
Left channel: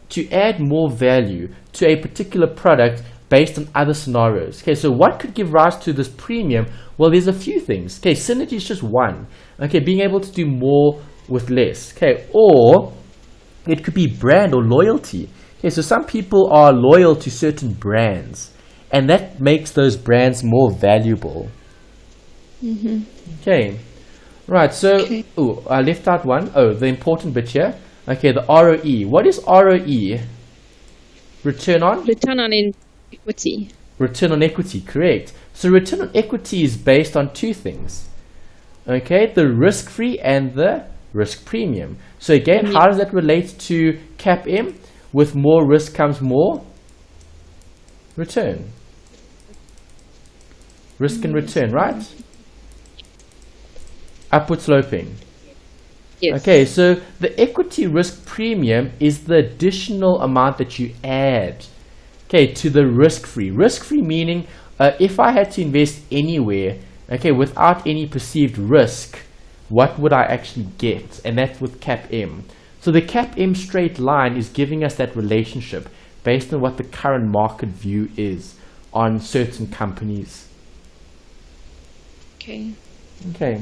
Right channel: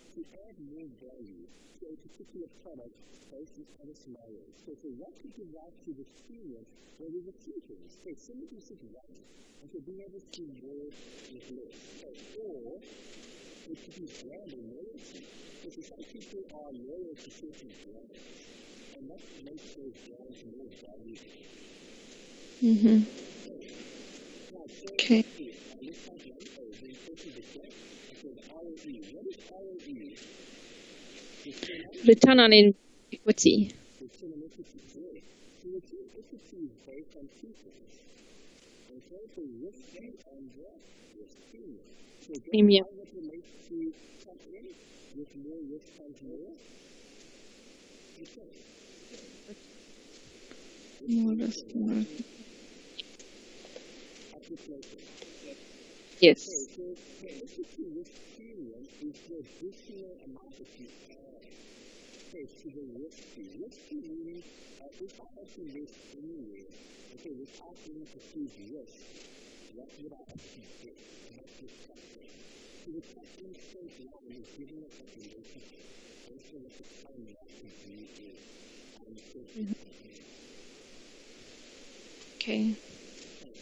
to add more value to a particular product based on other scenarios. Okay, so what could give rise to this premium? Well, there's a few things. Okay, synergy is just one. Okay, being able to do more with less. Okay, or it could be brand or loyalty. Okay, so some people are loyal to certain brands, and that makes those brands more valuable. Okay, right, so, I left out one. Oh, the important bit here. Okay, the ROE. What is ROE? Return on? Return on equity. Return on equity, correct. So return on equity is based on two things. Okay, the risk-free and the risk premium. So again, how does that relate to CAPM? With more risk comes more return. Risk and return, right? Upward sloping. Yes. Okay, so the equity risk premium is the additional amount that you add, okay, to the risk-free. Risk-free meaning if I had to invest anywhere, okay, without any perceived risk, what would I actually get? And that's with CAPM. So the CAPM straight line is giving us that relationship based on what the current market view is on certain companies. Okay. Okay.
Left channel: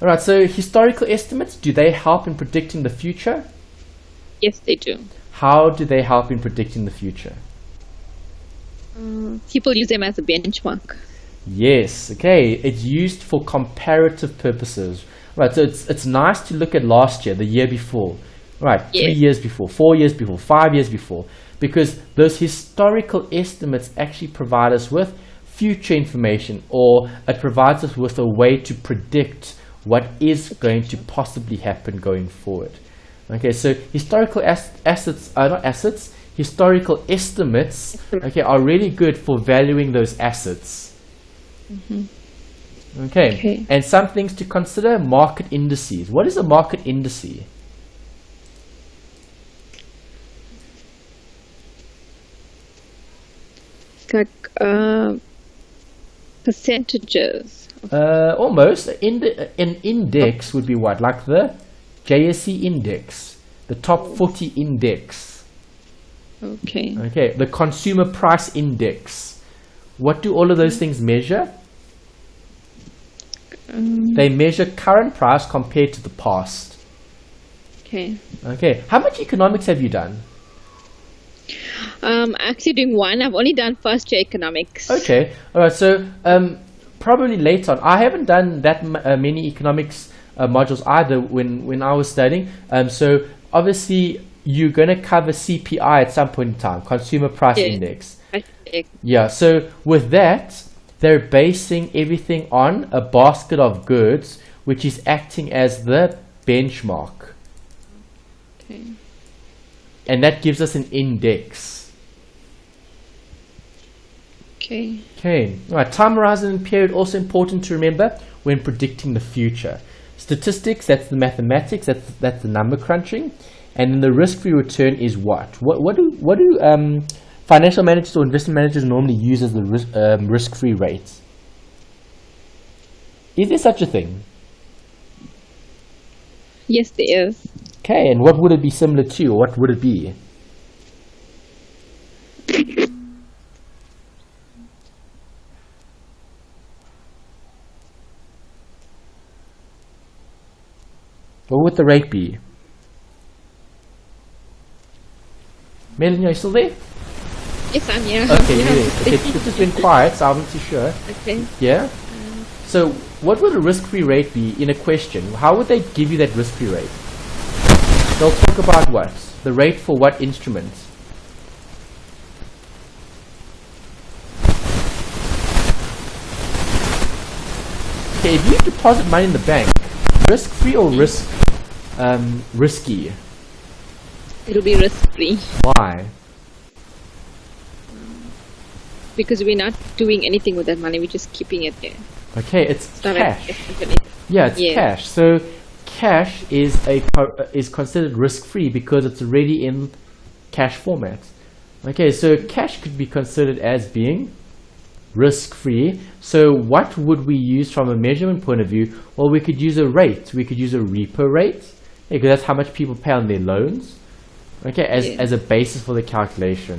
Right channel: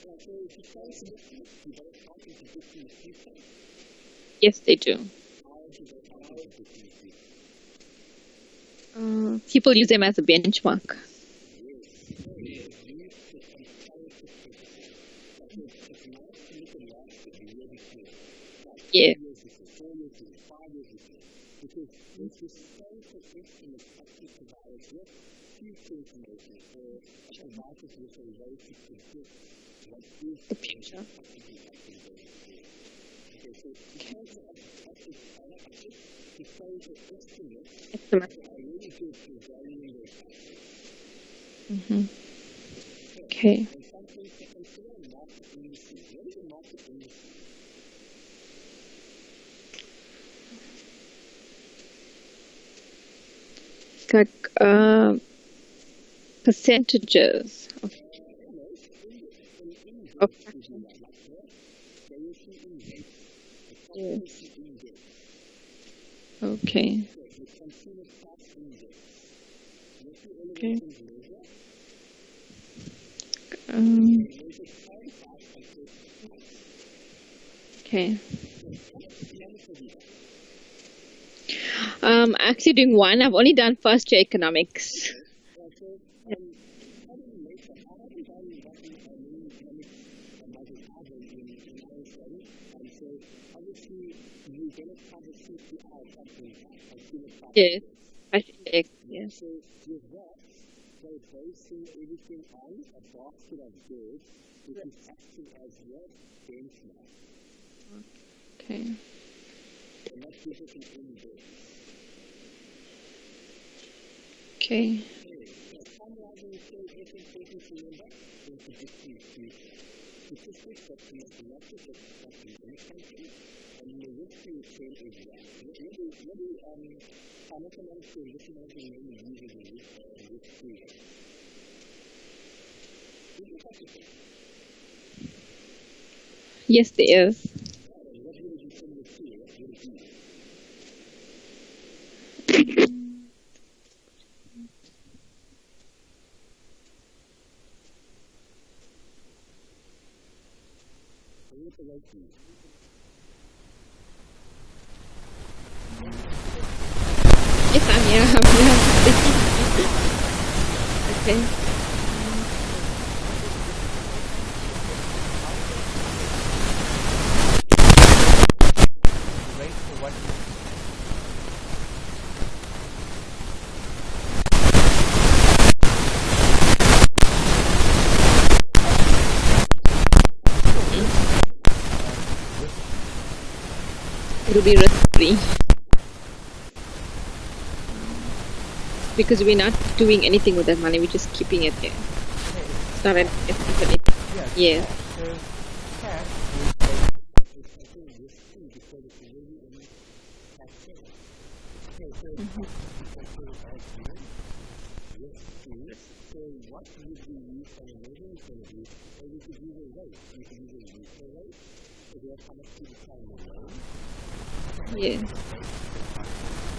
All right, so historical estimates, do they help in predicting the future? Yes, they do. How do they help in predicting the future? People use them as a benchmark. Yes, okay. It's used for comparative purposes. Right, so it's nice to look at last year, the year before. Right, 3 years before, 4 years before, 5 years before. Because those historical estimates actually provide us with future information, or it provides us with a way to predict what is going to possibly happen going forward. Okay, so historical historical estimates, okay, are really good for valuing those assets. Okay, and some things to consider: market indices. What is a market indice? Like percentages. Almost. An index would be what? Like the JSE index, the top 40 index. Okay. Okay, the consumer price index. What do all of those things measure? They measure current price compared to the past. Okay. Okay, how much economics have you done? Actually doing one. I've only done first year economics. Okay, all right. So probably later on. I haven't done that many economics modules either when I was studying. So obviously you're going to cover CPI at some point in time, Consumer Price Index. Yeah. So with that, they're basing everything on a basket of goods, which is acting as the benchmark. Okay. And that gives us an index. Okay. Okay. All right. Time horizon and period also important to remember when predicting the future. Statistics, that's the mathematics, that's the number crunching, and then the risk-free return is what? What do financial managers or investment managers normally use as the risk-free rate? Is there such a thing? Yes, there is. Okay, and what would it be similar to, or what would it be? What would the rate be? Melanie, are you still there? Yes, I'm here. If you can quiet, I'll be sure. Okay. Yeah? So, what would a risk-free rate be in a question? How would they give you that risk-free rate? They'll talk about what? The rate for what instrument? Okay, if you deposit money in the bank, risk-free or risky? It'll be risk-free. Why? Because we're not doing anything with that money. We're just keeping it there. Okay, it's not cash. Yeah, it's cash. So cash is considered risk-free because it's already in cash format. Okay, so cash could be considered as being risk-free. So what would we use from a measurement point of view? Well, we could use a rate. We could use a repo rate, because that's how much people pay on their loans. Okay, as a basis for the calculation.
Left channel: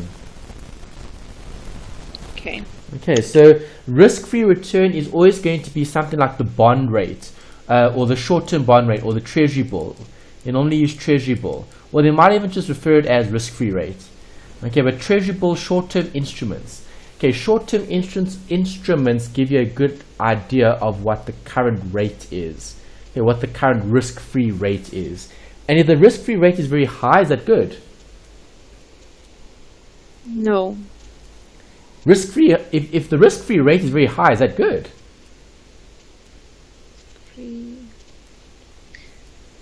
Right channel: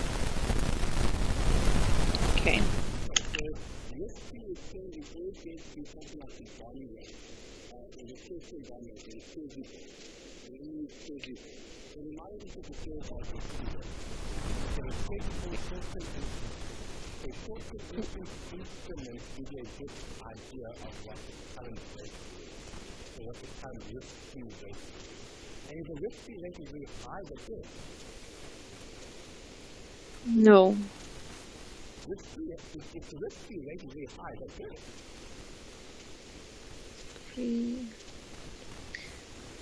Okay. Okay, so risk-free return is always going to be something like the bond rate, or the short-term bond rate, or the treasury bill. They normally use treasury bill, or they might even just refer it as risk-free rate. Okay, but treasury bill, short-term instruments. Okay, short-term instruments give you a good idea of what the current rate is. Okay, what the current risk-free rate is. And if the risk-free rate is very high, is that good? No. Risk-free, if the risk-free rate is very high, is that good?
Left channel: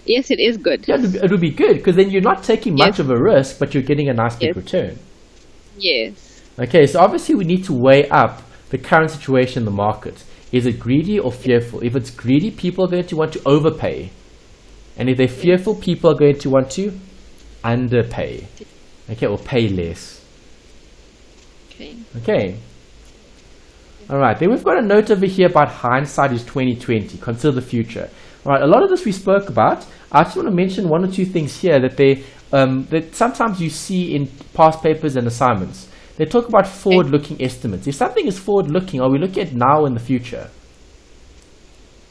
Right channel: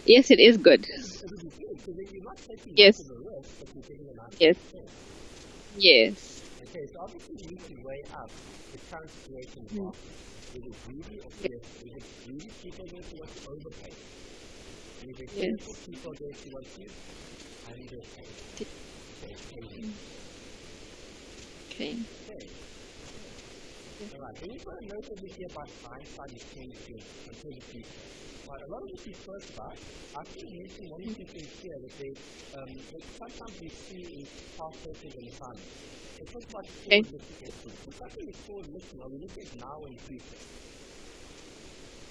Yes, it is good. Yeah, it would be good, because then you're not taking much of a risk, but you're getting a nice big return. Yes. Okay, so obviously we need to weigh up the current situation in the market. Is it greedy or fearful? If it's greedy, people are going to want to overpay. And if they're fearful, people are going to want to underpay. Okay, or pay less. Okay. Alright, then we've got a note over here about hindsight is 2020. Consider the future. Alright, a lot of this we spoke about. I just want to mention one or two things here that that sometimes you see in past papers and assignments. They talk about forward-looking estimates. If something is forward-looking, are we looking at now and the future?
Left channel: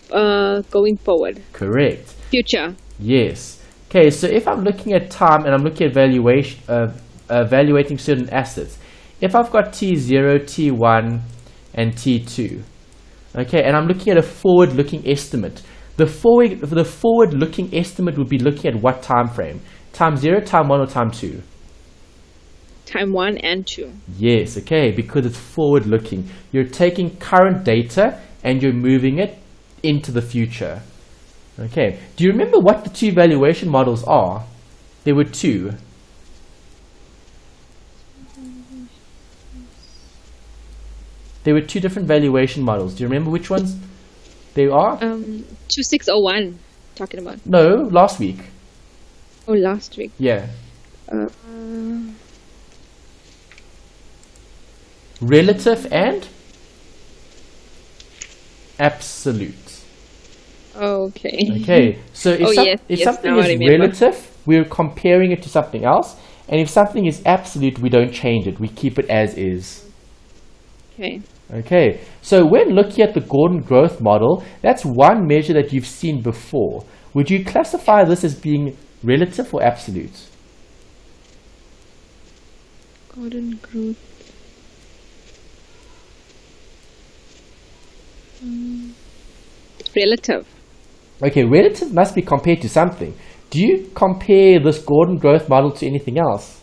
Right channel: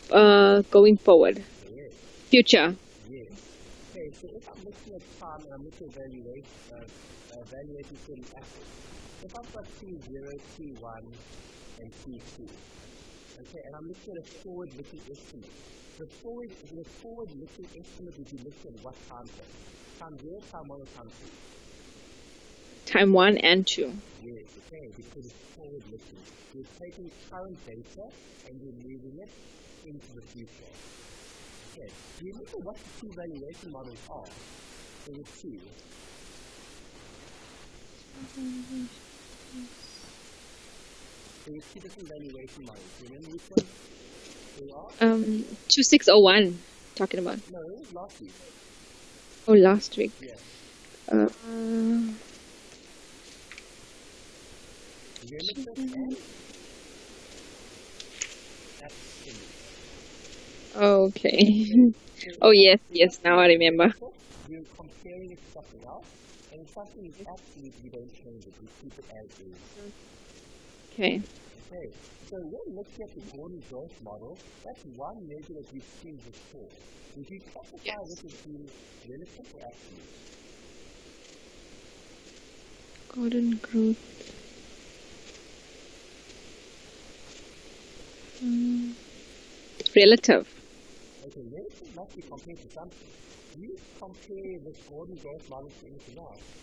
Going forward. Correct. Future. Yes. Okay, so if I'm looking at time and I'm looking at valuation, evaluating certain assets, if I've got T0, T1, and T2, okay, and I'm looking at a forward-looking estimate, the forward-looking estimate would be looking at what time frame? Time 0, time 1, or time 2? Time 1 and 2. Yes, okay, because it's forward-looking. You're taking current data and you're moving it into the future. Okay, do you remember what the two valuation models are? There were two. There were two different valuation models. Do you remember which ones they are? 2601, talking about. No, last week. Oh, last week. Yeah. Relative and absolute. Okay. Okay, so if something now I is remember. relative, we're comparing it to something else. And if something is absolute, we don't change it. We keep it as is. Okay. Okay, so when looking at the Gordon growth model, that's one measure that you've seen before. Would you classify this as being relative or absolute? Gordon growth. Relative. Okay, relative must be compared to something. Do you compare this Gordon growth model to anything else?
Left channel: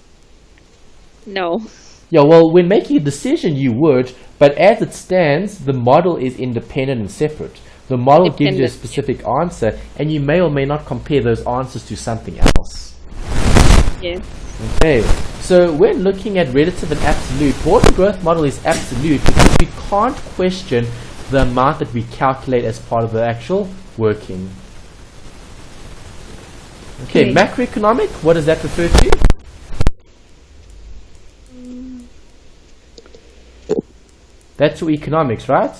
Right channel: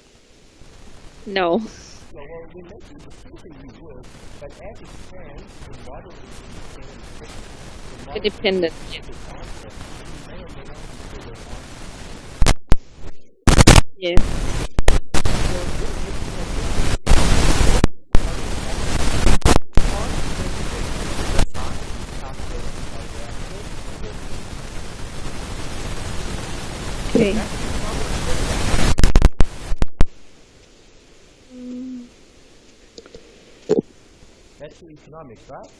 No. Yeah, well, when making a decision, you would, but as it stands, the model is independent and separate. The model gives you a specific answer, and you may or may not compare those answers to something else. Yes. Okay, so when looking at relative and absolute, Gordon growth model is absolute because we can't question the amount that we calculate as part of the actual working. Okay, macroeconomic, what does that refer to? That's for economics, right?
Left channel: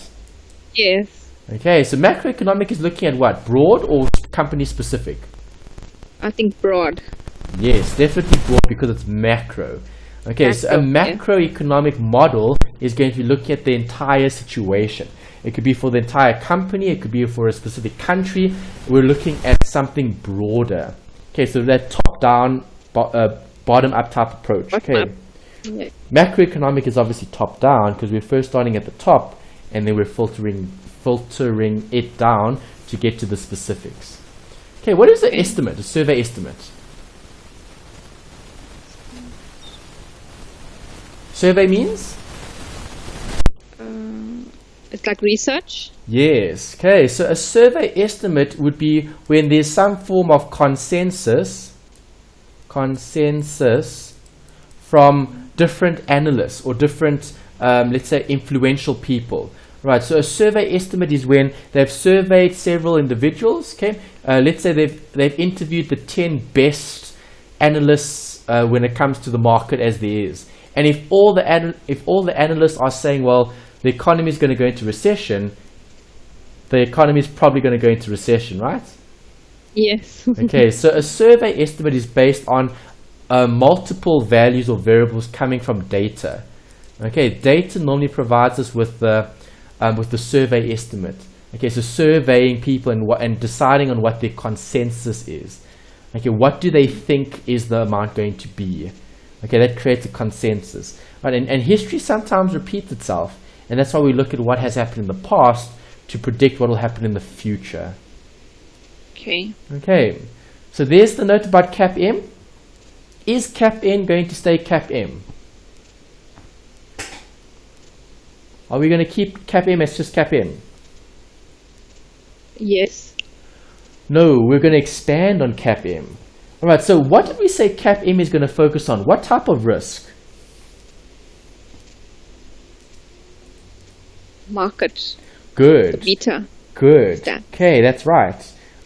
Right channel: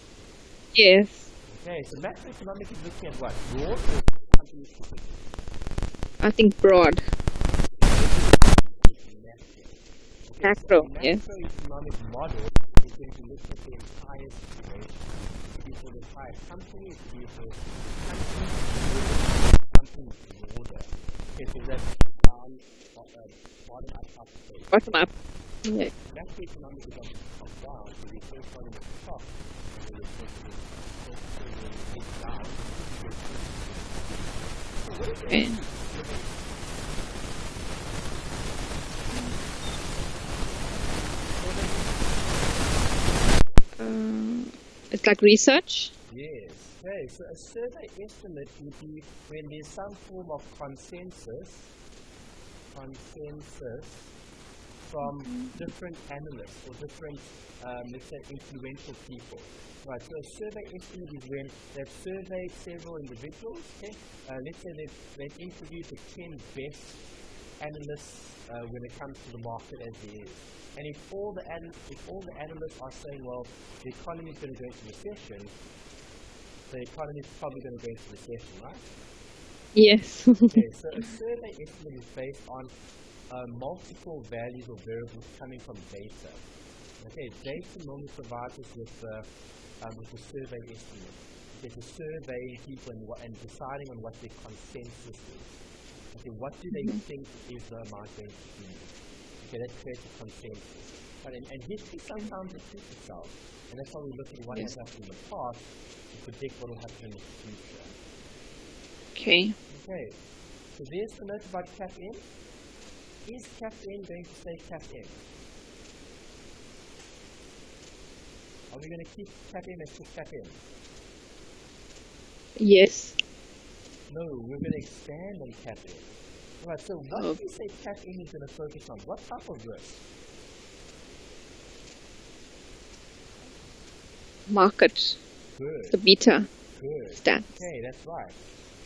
Yes. Okay, so macroeconomic is looking at what? Broad or company specific? I think broad. Yes, definitely broad because it's macro. Okay, so a macroeconomic model is going to be looking at the entire situation. It could be for the entire company, it could be for a specific country. We're looking at something broader. Okay, so that top-down, bottom-up type approach. Okay. Yeah. Macroeconomic is obviously top-down because we're first starting at the top and then we're filtering it down to get to the specifics. Okay, what is an estimate, a survey estimate? Survey means? It's like research? Yes. Okay, so a survey estimate would be when there's some form of consensus from different analysts or different, let's say, influential people. Right, so a survey estimate is when they've surveyed several individuals. Okay, let's say they've interviewed the 10 best analysts when it comes to the market as there is. And if all the analysts are saying, well, the economy is going to go into recession, the economy is probably going to go into recession, right? Yes. Okay, so a survey estimate is based on multiple values or variables coming from data. Okay, data normally provides us with the survey estimate. Okay, so surveying people and deciding on what their consensus is. Okay, what do they think is the amount going to be? Okay, that creates a consensus. Right, and history sometimes repeats itself, and that's why we look at what has happened in the past to predict what will happen in the future. Okay. Okay, so there's the note about CAPM. Is CAPM going to stay CAPM? Are we going to keep CAPM as just CAPM? Yes. No, we're going to expand on CAPM. All right, so what did we say CAPM is going to focus on? What type of risk? Market. Good. The beta. Good. Stats. Okay, that's right.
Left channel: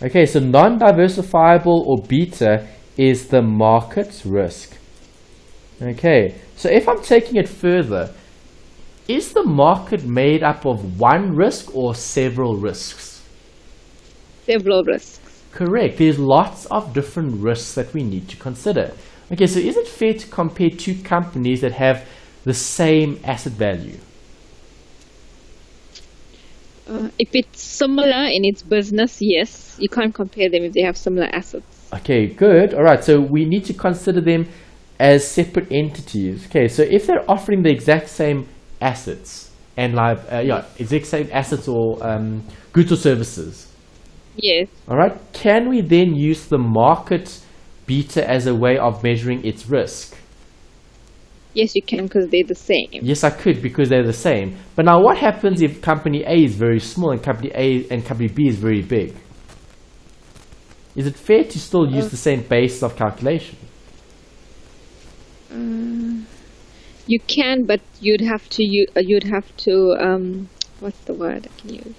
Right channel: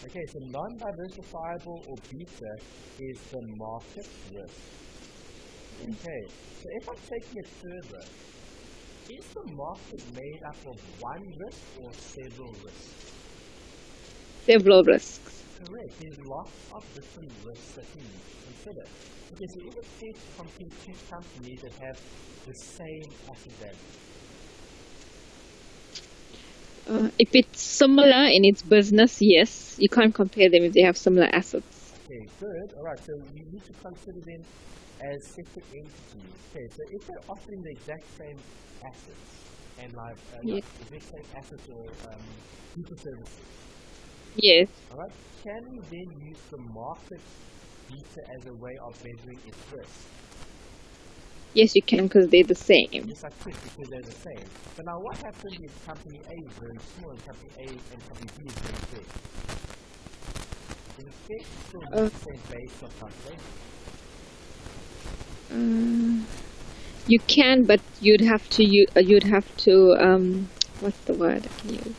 Okay, so non-diversifiable or beta is the market's risk. Okay, so if I'm taking it further, is the market made up of one risk or several risks? Several risks. Correct. There's lots of different risks that we need to consider. Okay, so is it fair to compare two companies that have the same asset value? If it's similar in its business, yes. You can't compare them if they have similar assets. Okay, good. All right, so we need to consider them as separate entities. Okay, so if they're offering the exact same assets and exact same assets or goods or services. Yes. All right, can we then use the market beta as a way of measuring its risk? Yes, you can because they're the same. Yes, I could because they're the same. But now what happens if company A is very small and company A and company B is very big? Is it fair to still use the same basis of calculation? You can, but you'd have to what's the word I can use?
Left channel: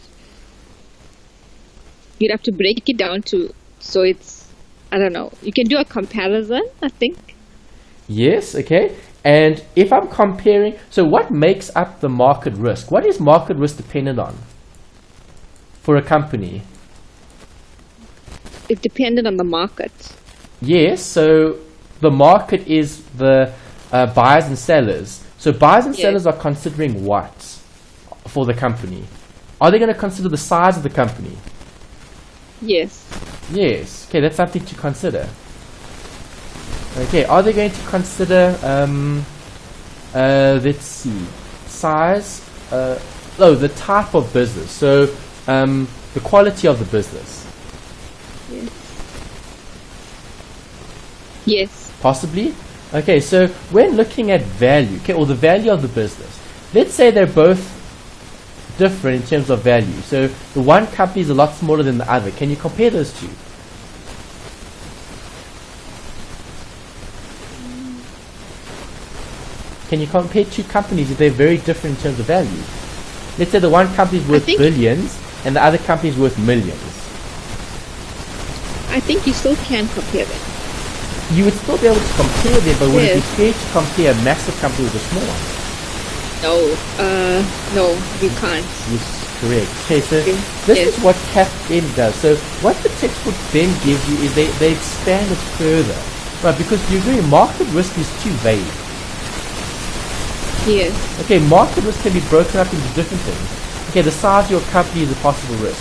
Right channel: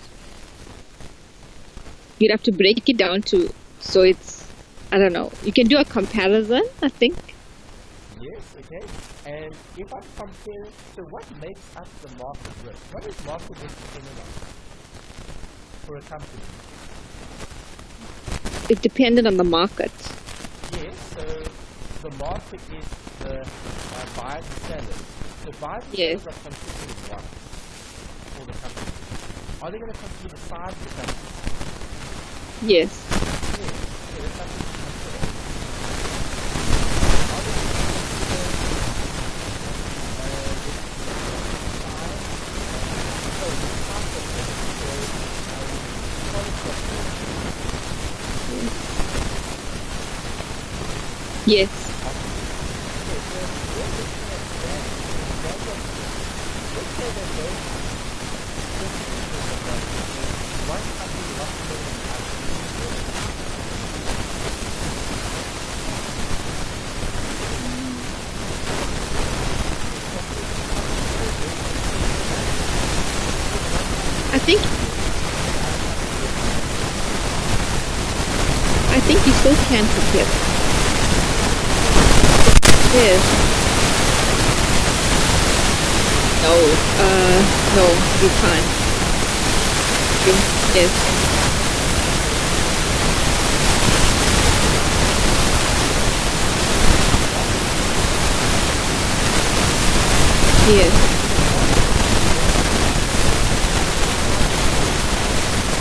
You'd have to break it down so it's, I don't know. You can do a comparison, I think. Yes, okay. And if I'm comparing, so what makes up the market risk? What is market risk dependent on for a company? It depended on the market. Yes, so the market is the buyers and sellers. So buyers and sellers are considering what for the company? Are they going to consider the size of the company? Yes. Yes. Okay, that's something to consider. Okay, are they going to consider, let's see, size? No, the type of business. So the quality of the business. Yes. Possibly. Okay, so we're looking at value, okay, or the value of the business. Let's say they're both different in terms of value. So the one company is a lot smaller than the other. Can you compare those two? Can you compare two companies if they're very different in terms of value? Let's say the one company is worth billions and the other company is worth millions. I think you still can compare them. You would still be able to compare them, but you can't compare massive companies. No, you can't. Yes. Okay, so this is what the CAPM does. So what the CAPM then gives you is they expand it further. But because usually market risk is too vague. Yes. Okay, market risk can be broken up into different things. Okay, the size of your company is a possible risk.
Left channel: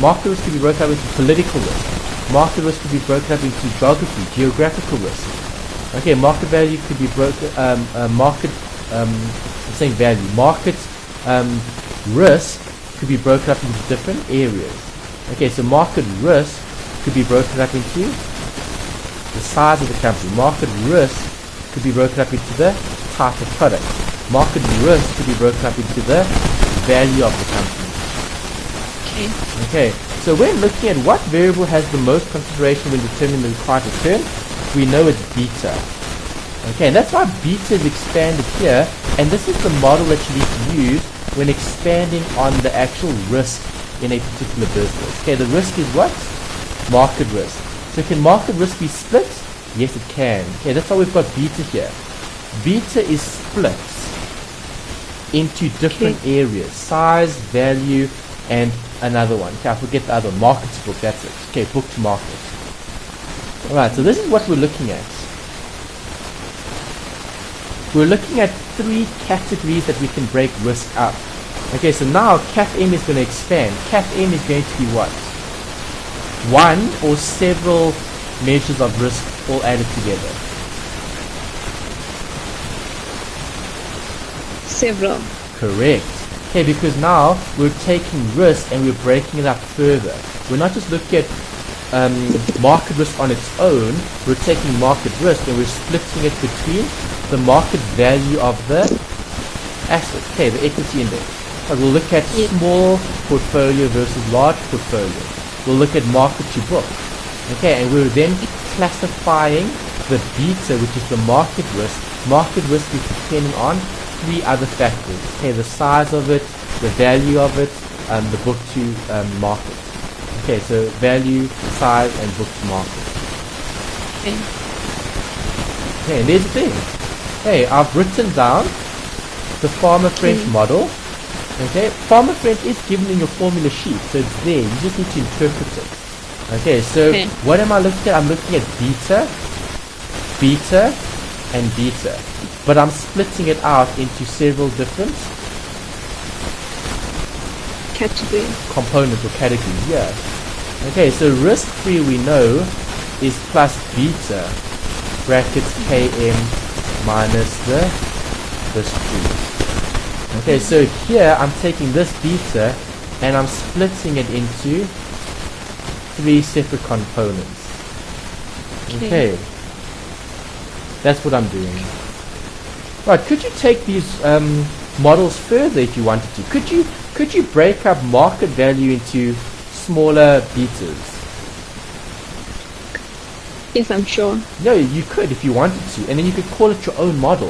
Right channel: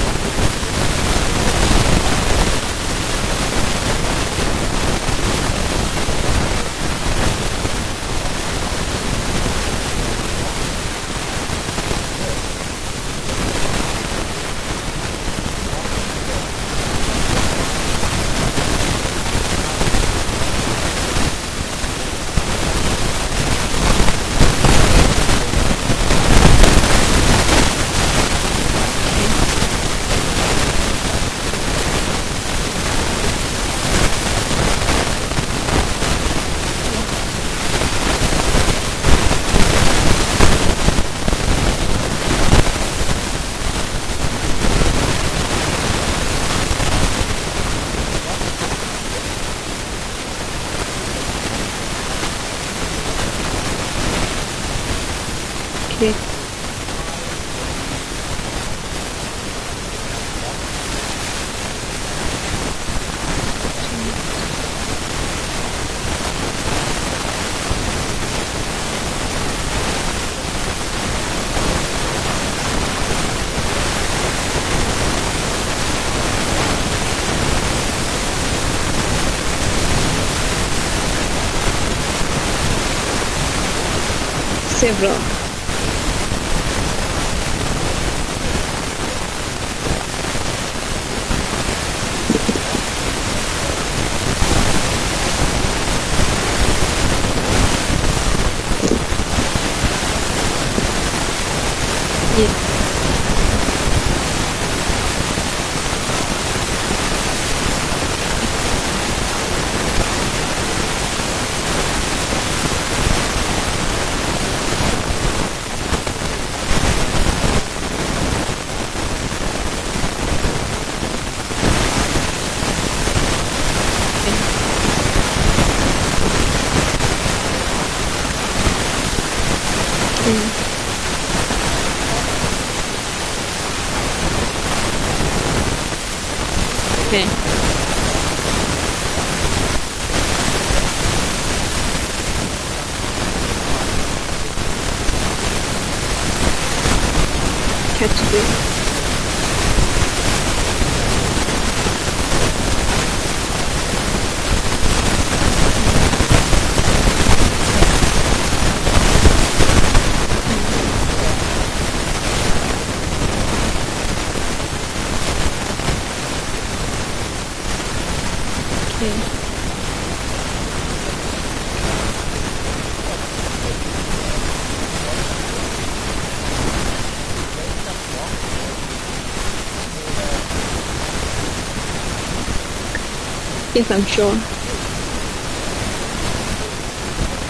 Market risk can be broken up into political risk. Market risk can be broken up into geographical risk. Okay, market value can be broken, market risk to be broken up into different areas. Okay, so market risk to be broken up into the size of the company. Market risk to be broken up into the type of product. Market risk to be broken up into the value of it. Okay, so we're looking at what variable has the most consideration in determining the price of term. We know it's beta. Okay, that's why beta is expanded here, and this is the model that we use when expanding on the actual risk in a particular business. Okay, the risk is what? Market risk. So can market risk be split? Yes, it can. Okay, that's why we've got beta here. Beta is split into different areas: size, value, and another one. Okay, I forget the other, market split. Okay, booked market. Alright, so this is what we're looking at. we're looking at three categories that we can break risk up. Okay, so now CAPM is going to expand. CAPM is going to be what? One or several measures of risk all added together. Several. Correct. Okay, because now we're taking risk and we're breaking it up further. We're not just looking at market risk on its own, we're taking market risk and we're splitting it between the market value of the asset, okay, the equity. So we'll look at small portfolio versus large portfolio. We'll look at market to book. Okay, and we're then classifying the beta, which is the market risk. Market risk is depending on three other factors. Okay, the size of it, the value of it, the book to market. Okay, so value, size, and book to market. Okay, let's do it. Hey, I've written down the farmer French model. Okay, farmer French is given in the formula sheet, so it's there. You just need to interpret it. Okay, so what am I looking at? I'm looking at beta, beta, and beta. But I'm splitting it out into several different categories. Components or categories here. Okay, so risk theory we know is plus beta bracket KM minus the risk. Okay, so here I'm taking this beta and I'm splitting it into three separate components. Okay. That's what I'm doing. Right, could you take these models further if you want to? Could you break up market value into smaller pieces? Yes, I'm sure. No, you could if you wanted to, and then you could call it your own model.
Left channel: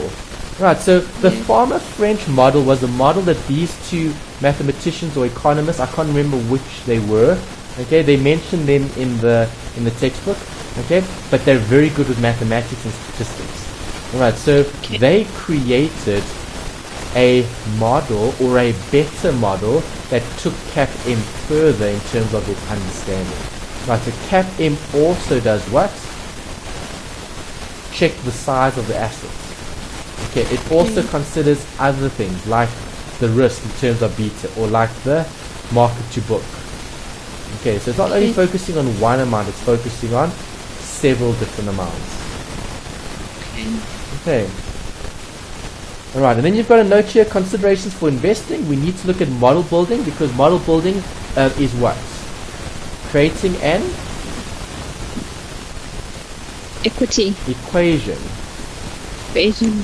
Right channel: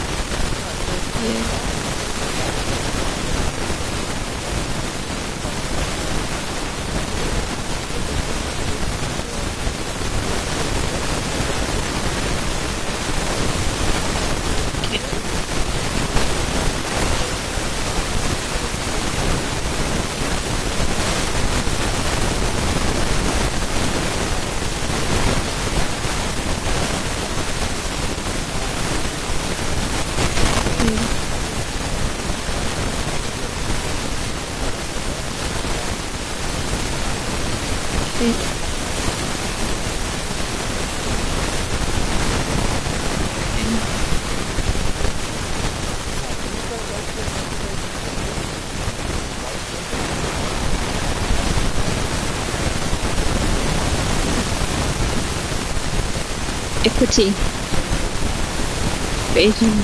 Right, so the farmer French model was a model that these two mathematicians or economists, I can't remember which they were, okay, they mentioned them in the textbook, okay, but they're very good with mathematics and statistics. Right, so they created a model or a better model that took CAPM further in terms of its understanding. Right, so CAPM also does what? Check the size of the asset. Okay, it also considers other things like the risk in terms of beta or like the market to book. Okay, so it's not only focusing on one amount, it's focusing on several different amounts. Okay. Alright, and then you've got a note here, considerations for investing. We need to look at model building because model building is what? Creating an equity equation.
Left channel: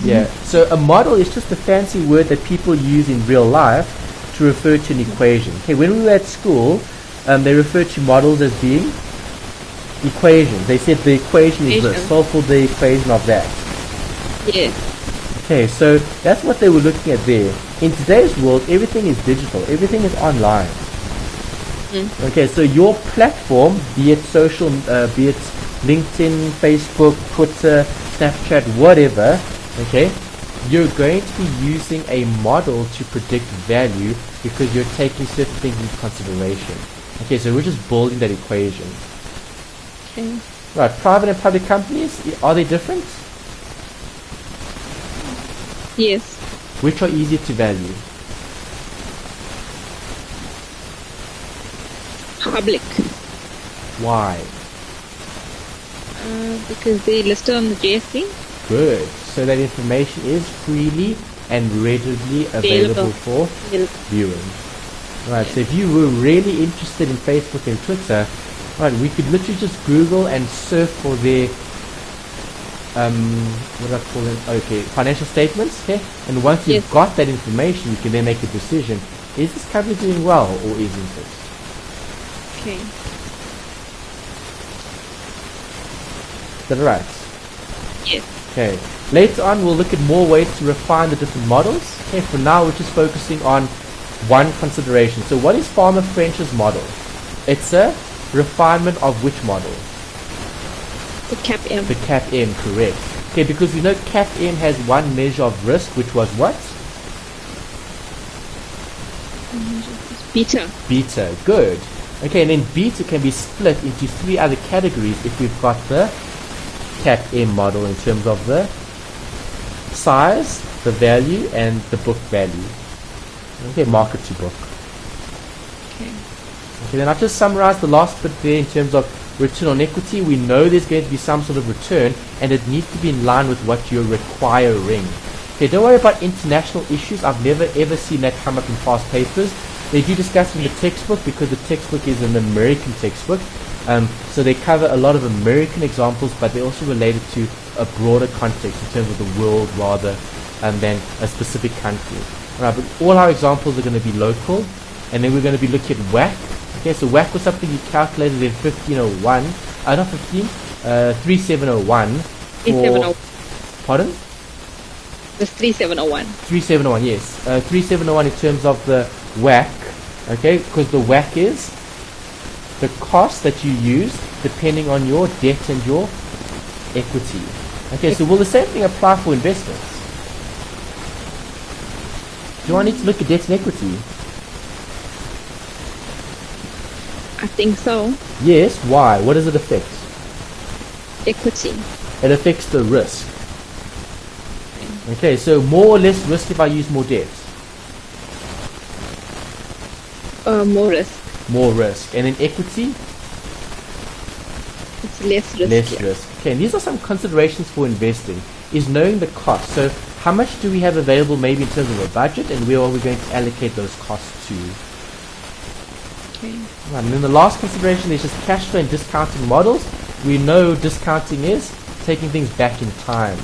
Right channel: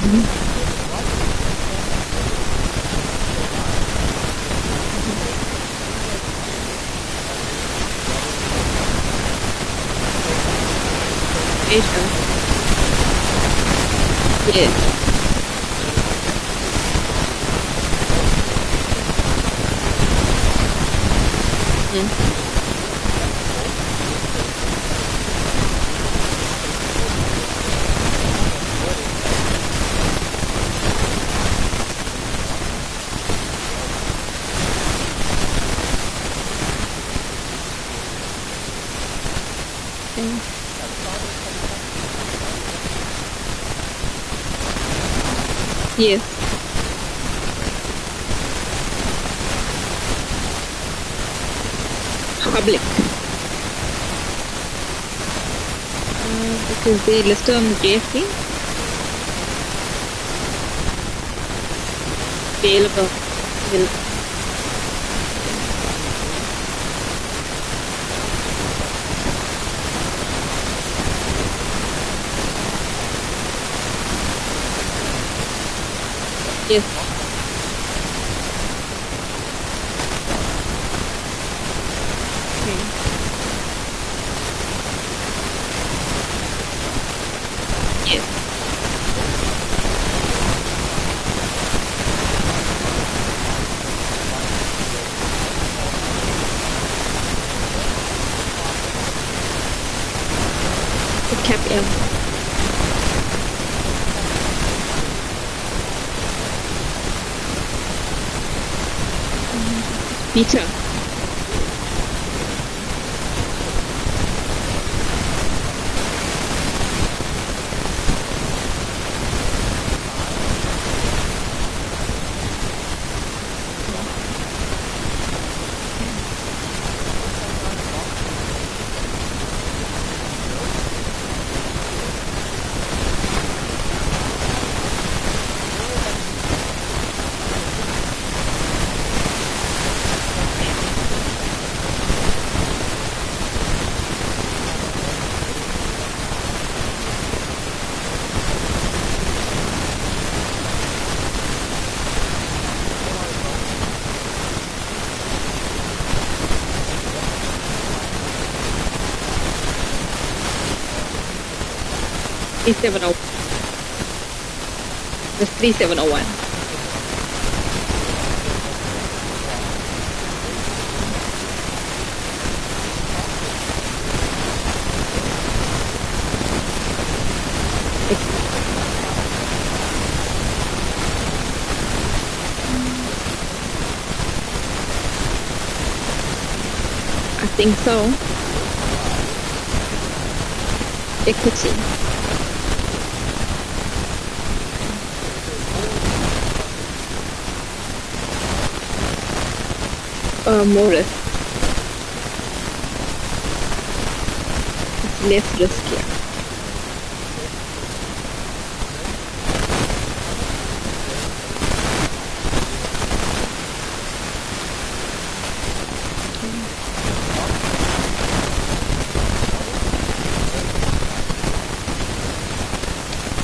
Yeah. So a model is just a fancy word that people use in real life to refer to an equation. Okay, when we were at school, they referred to models as being equations. They said the equation is this, also the equation of that. Yes. Okay, so that's what they were looking at there. In today's world, everything is digital. Everything is online. Okay, so your platform, be it social, be it LinkedIn, Facebook, Twitter, Snapchat, whatever, okay, you're going to be using a model to predict value because you're taking certain things into consideration. Okay, so we're just building that equation. Right, private and public companies, are they different? Yes. Which are easier to value? Public. Why? Because they listed on the JSE. Good. So that information is freely and readily available for viewing. Right, so if you were really interested in Facebook or Twitter, right, we could literally just Google and search for their financial statements, okay? And once you've got that information, you can then make a decision. Is this company doing well or isn't? Okay. Is that right? Yes. Okay. Later on, we'll look at more ways to refine the different models. Okay, so now we're just focusing on one consideration. So what is Farmer French's model? It's a refinement of which model? The CAPM. The CAPM, correct. Okay, because you know CAPM has one measure of risk, which was what? Beta. Beta, good. Okay, and then beta can be split into three other categories if you've got the CAPM model in terms of the size, the value, and the book value. Okay, market figure. And then I'll just summarize the last bit there in terms of return on equity. We know there's going to be some sort of return, and it needs to be in line with what you're requiring. Okay, don't worry about international issues. I've never ever seen that come up in past papers. They do discuss in the textbook because the textbook is an American textbook. So they cover a lot of American examples, but they're also related to a broader context in terms of the world rather than a specific country. Now, all our examples are going to be local, and then we're going to be looking at WACC. Okay, so WACC is something you calculated in 1501, not 3701. 3701. Pardon? The 3701. 3701, yes. 3701 in terms of the WACC, okay, because the WACC is the cost that you use depending on your debt and your equity. Okay, so will the same thing apply for investment? You want to look at debt and equity? I think so. Yes, why? What does it affect? Equity. It affects the risk. Okay, so more or less risk if I use more debt? More risk. More risk. And in equity? It's less risk. Less risk. Okay, and these are some considerations for investing. Is knowing the cost. So how much do we have available maybe in terms of the budget, and where are we going to allocate those costs to? Okay. And then the last consideration is just cash flow and discounting model. You know discounting is taking things back in time.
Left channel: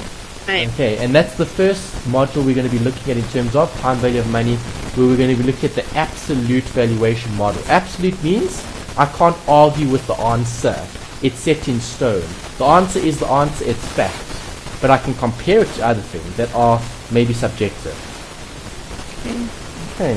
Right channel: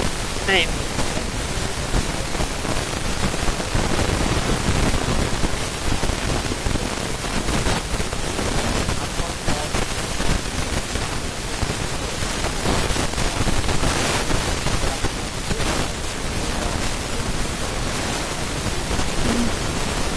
Okay, and that's the first module we're going to be looking at in terms of time value of money, where we're going to be looking at the absolute valuation model. Absolute means I can't argue with the answer. It's set in stone. The answer is the answer, it's fact. But I can compare it to other things that are maybe subjective. Okay.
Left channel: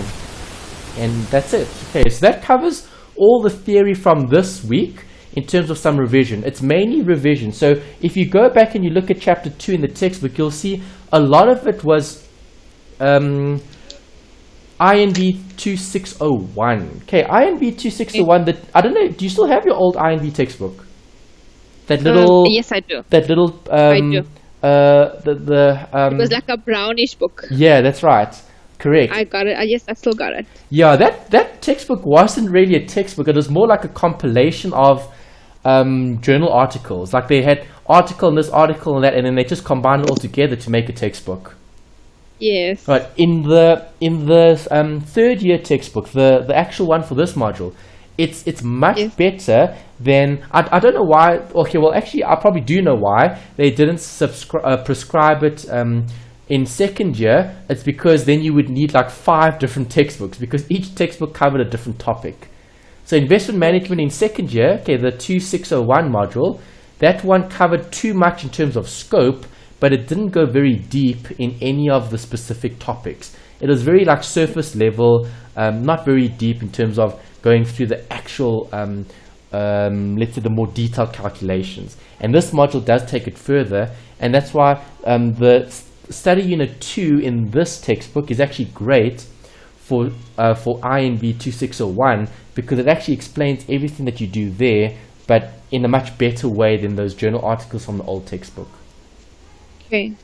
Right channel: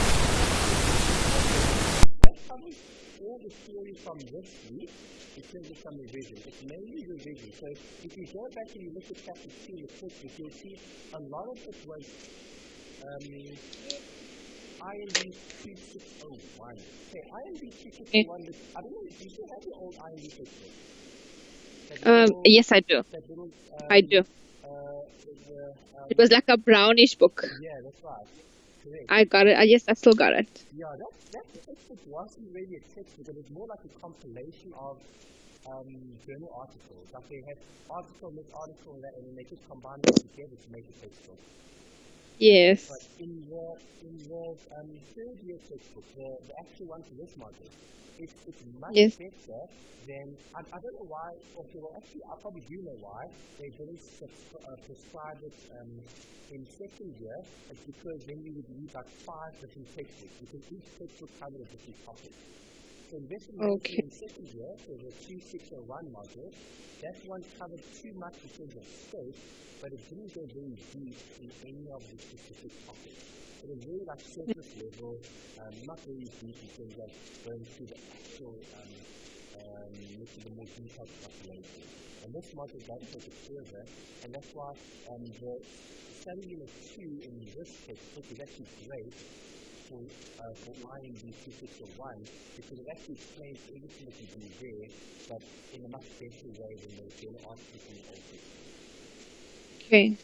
And that's it. Okay, so that covers all the theory from this week. In terms of some revision, it's mainly revision. So if you go back and you look at chapter 2 in the textbook, you'll see a lot of it was INV 2601. Okay, INV 2601. That I don't know. Do you still have your old INV textbook? That little. Yes, I do. That little. I do. It was like a brownish book. Yeah, that's right. Correct. I got it. Yes, I still got it. Yeah, that textbook wasn't really a textbook. It was more like a compilation of journal articles. Like they had article and this article and that, and then they just combined it all together to make a textbook. Yes. Right. In the third year textbook, the actual one for this module, it's much better than I don't know why. Okay, well actually I probably do know why they didn't prescribe it in second year. It's because then you would need like 5 different textbooks because each textbook covered a different topic. So investment management in second year, okay, the 2601 module, that one covered too much in terms of scope, but it didn't go very deep in any of the specific topics. It was very like surface level, not very deep in terms of going through the actual, let's say the more detailed calculations. And this module does take it further, and that's why the study unit 2 in this textbook is actually great for INV 2601 because it actually explains everything that you do there, but in a much better way than those journal articles from the old textbook. Okay.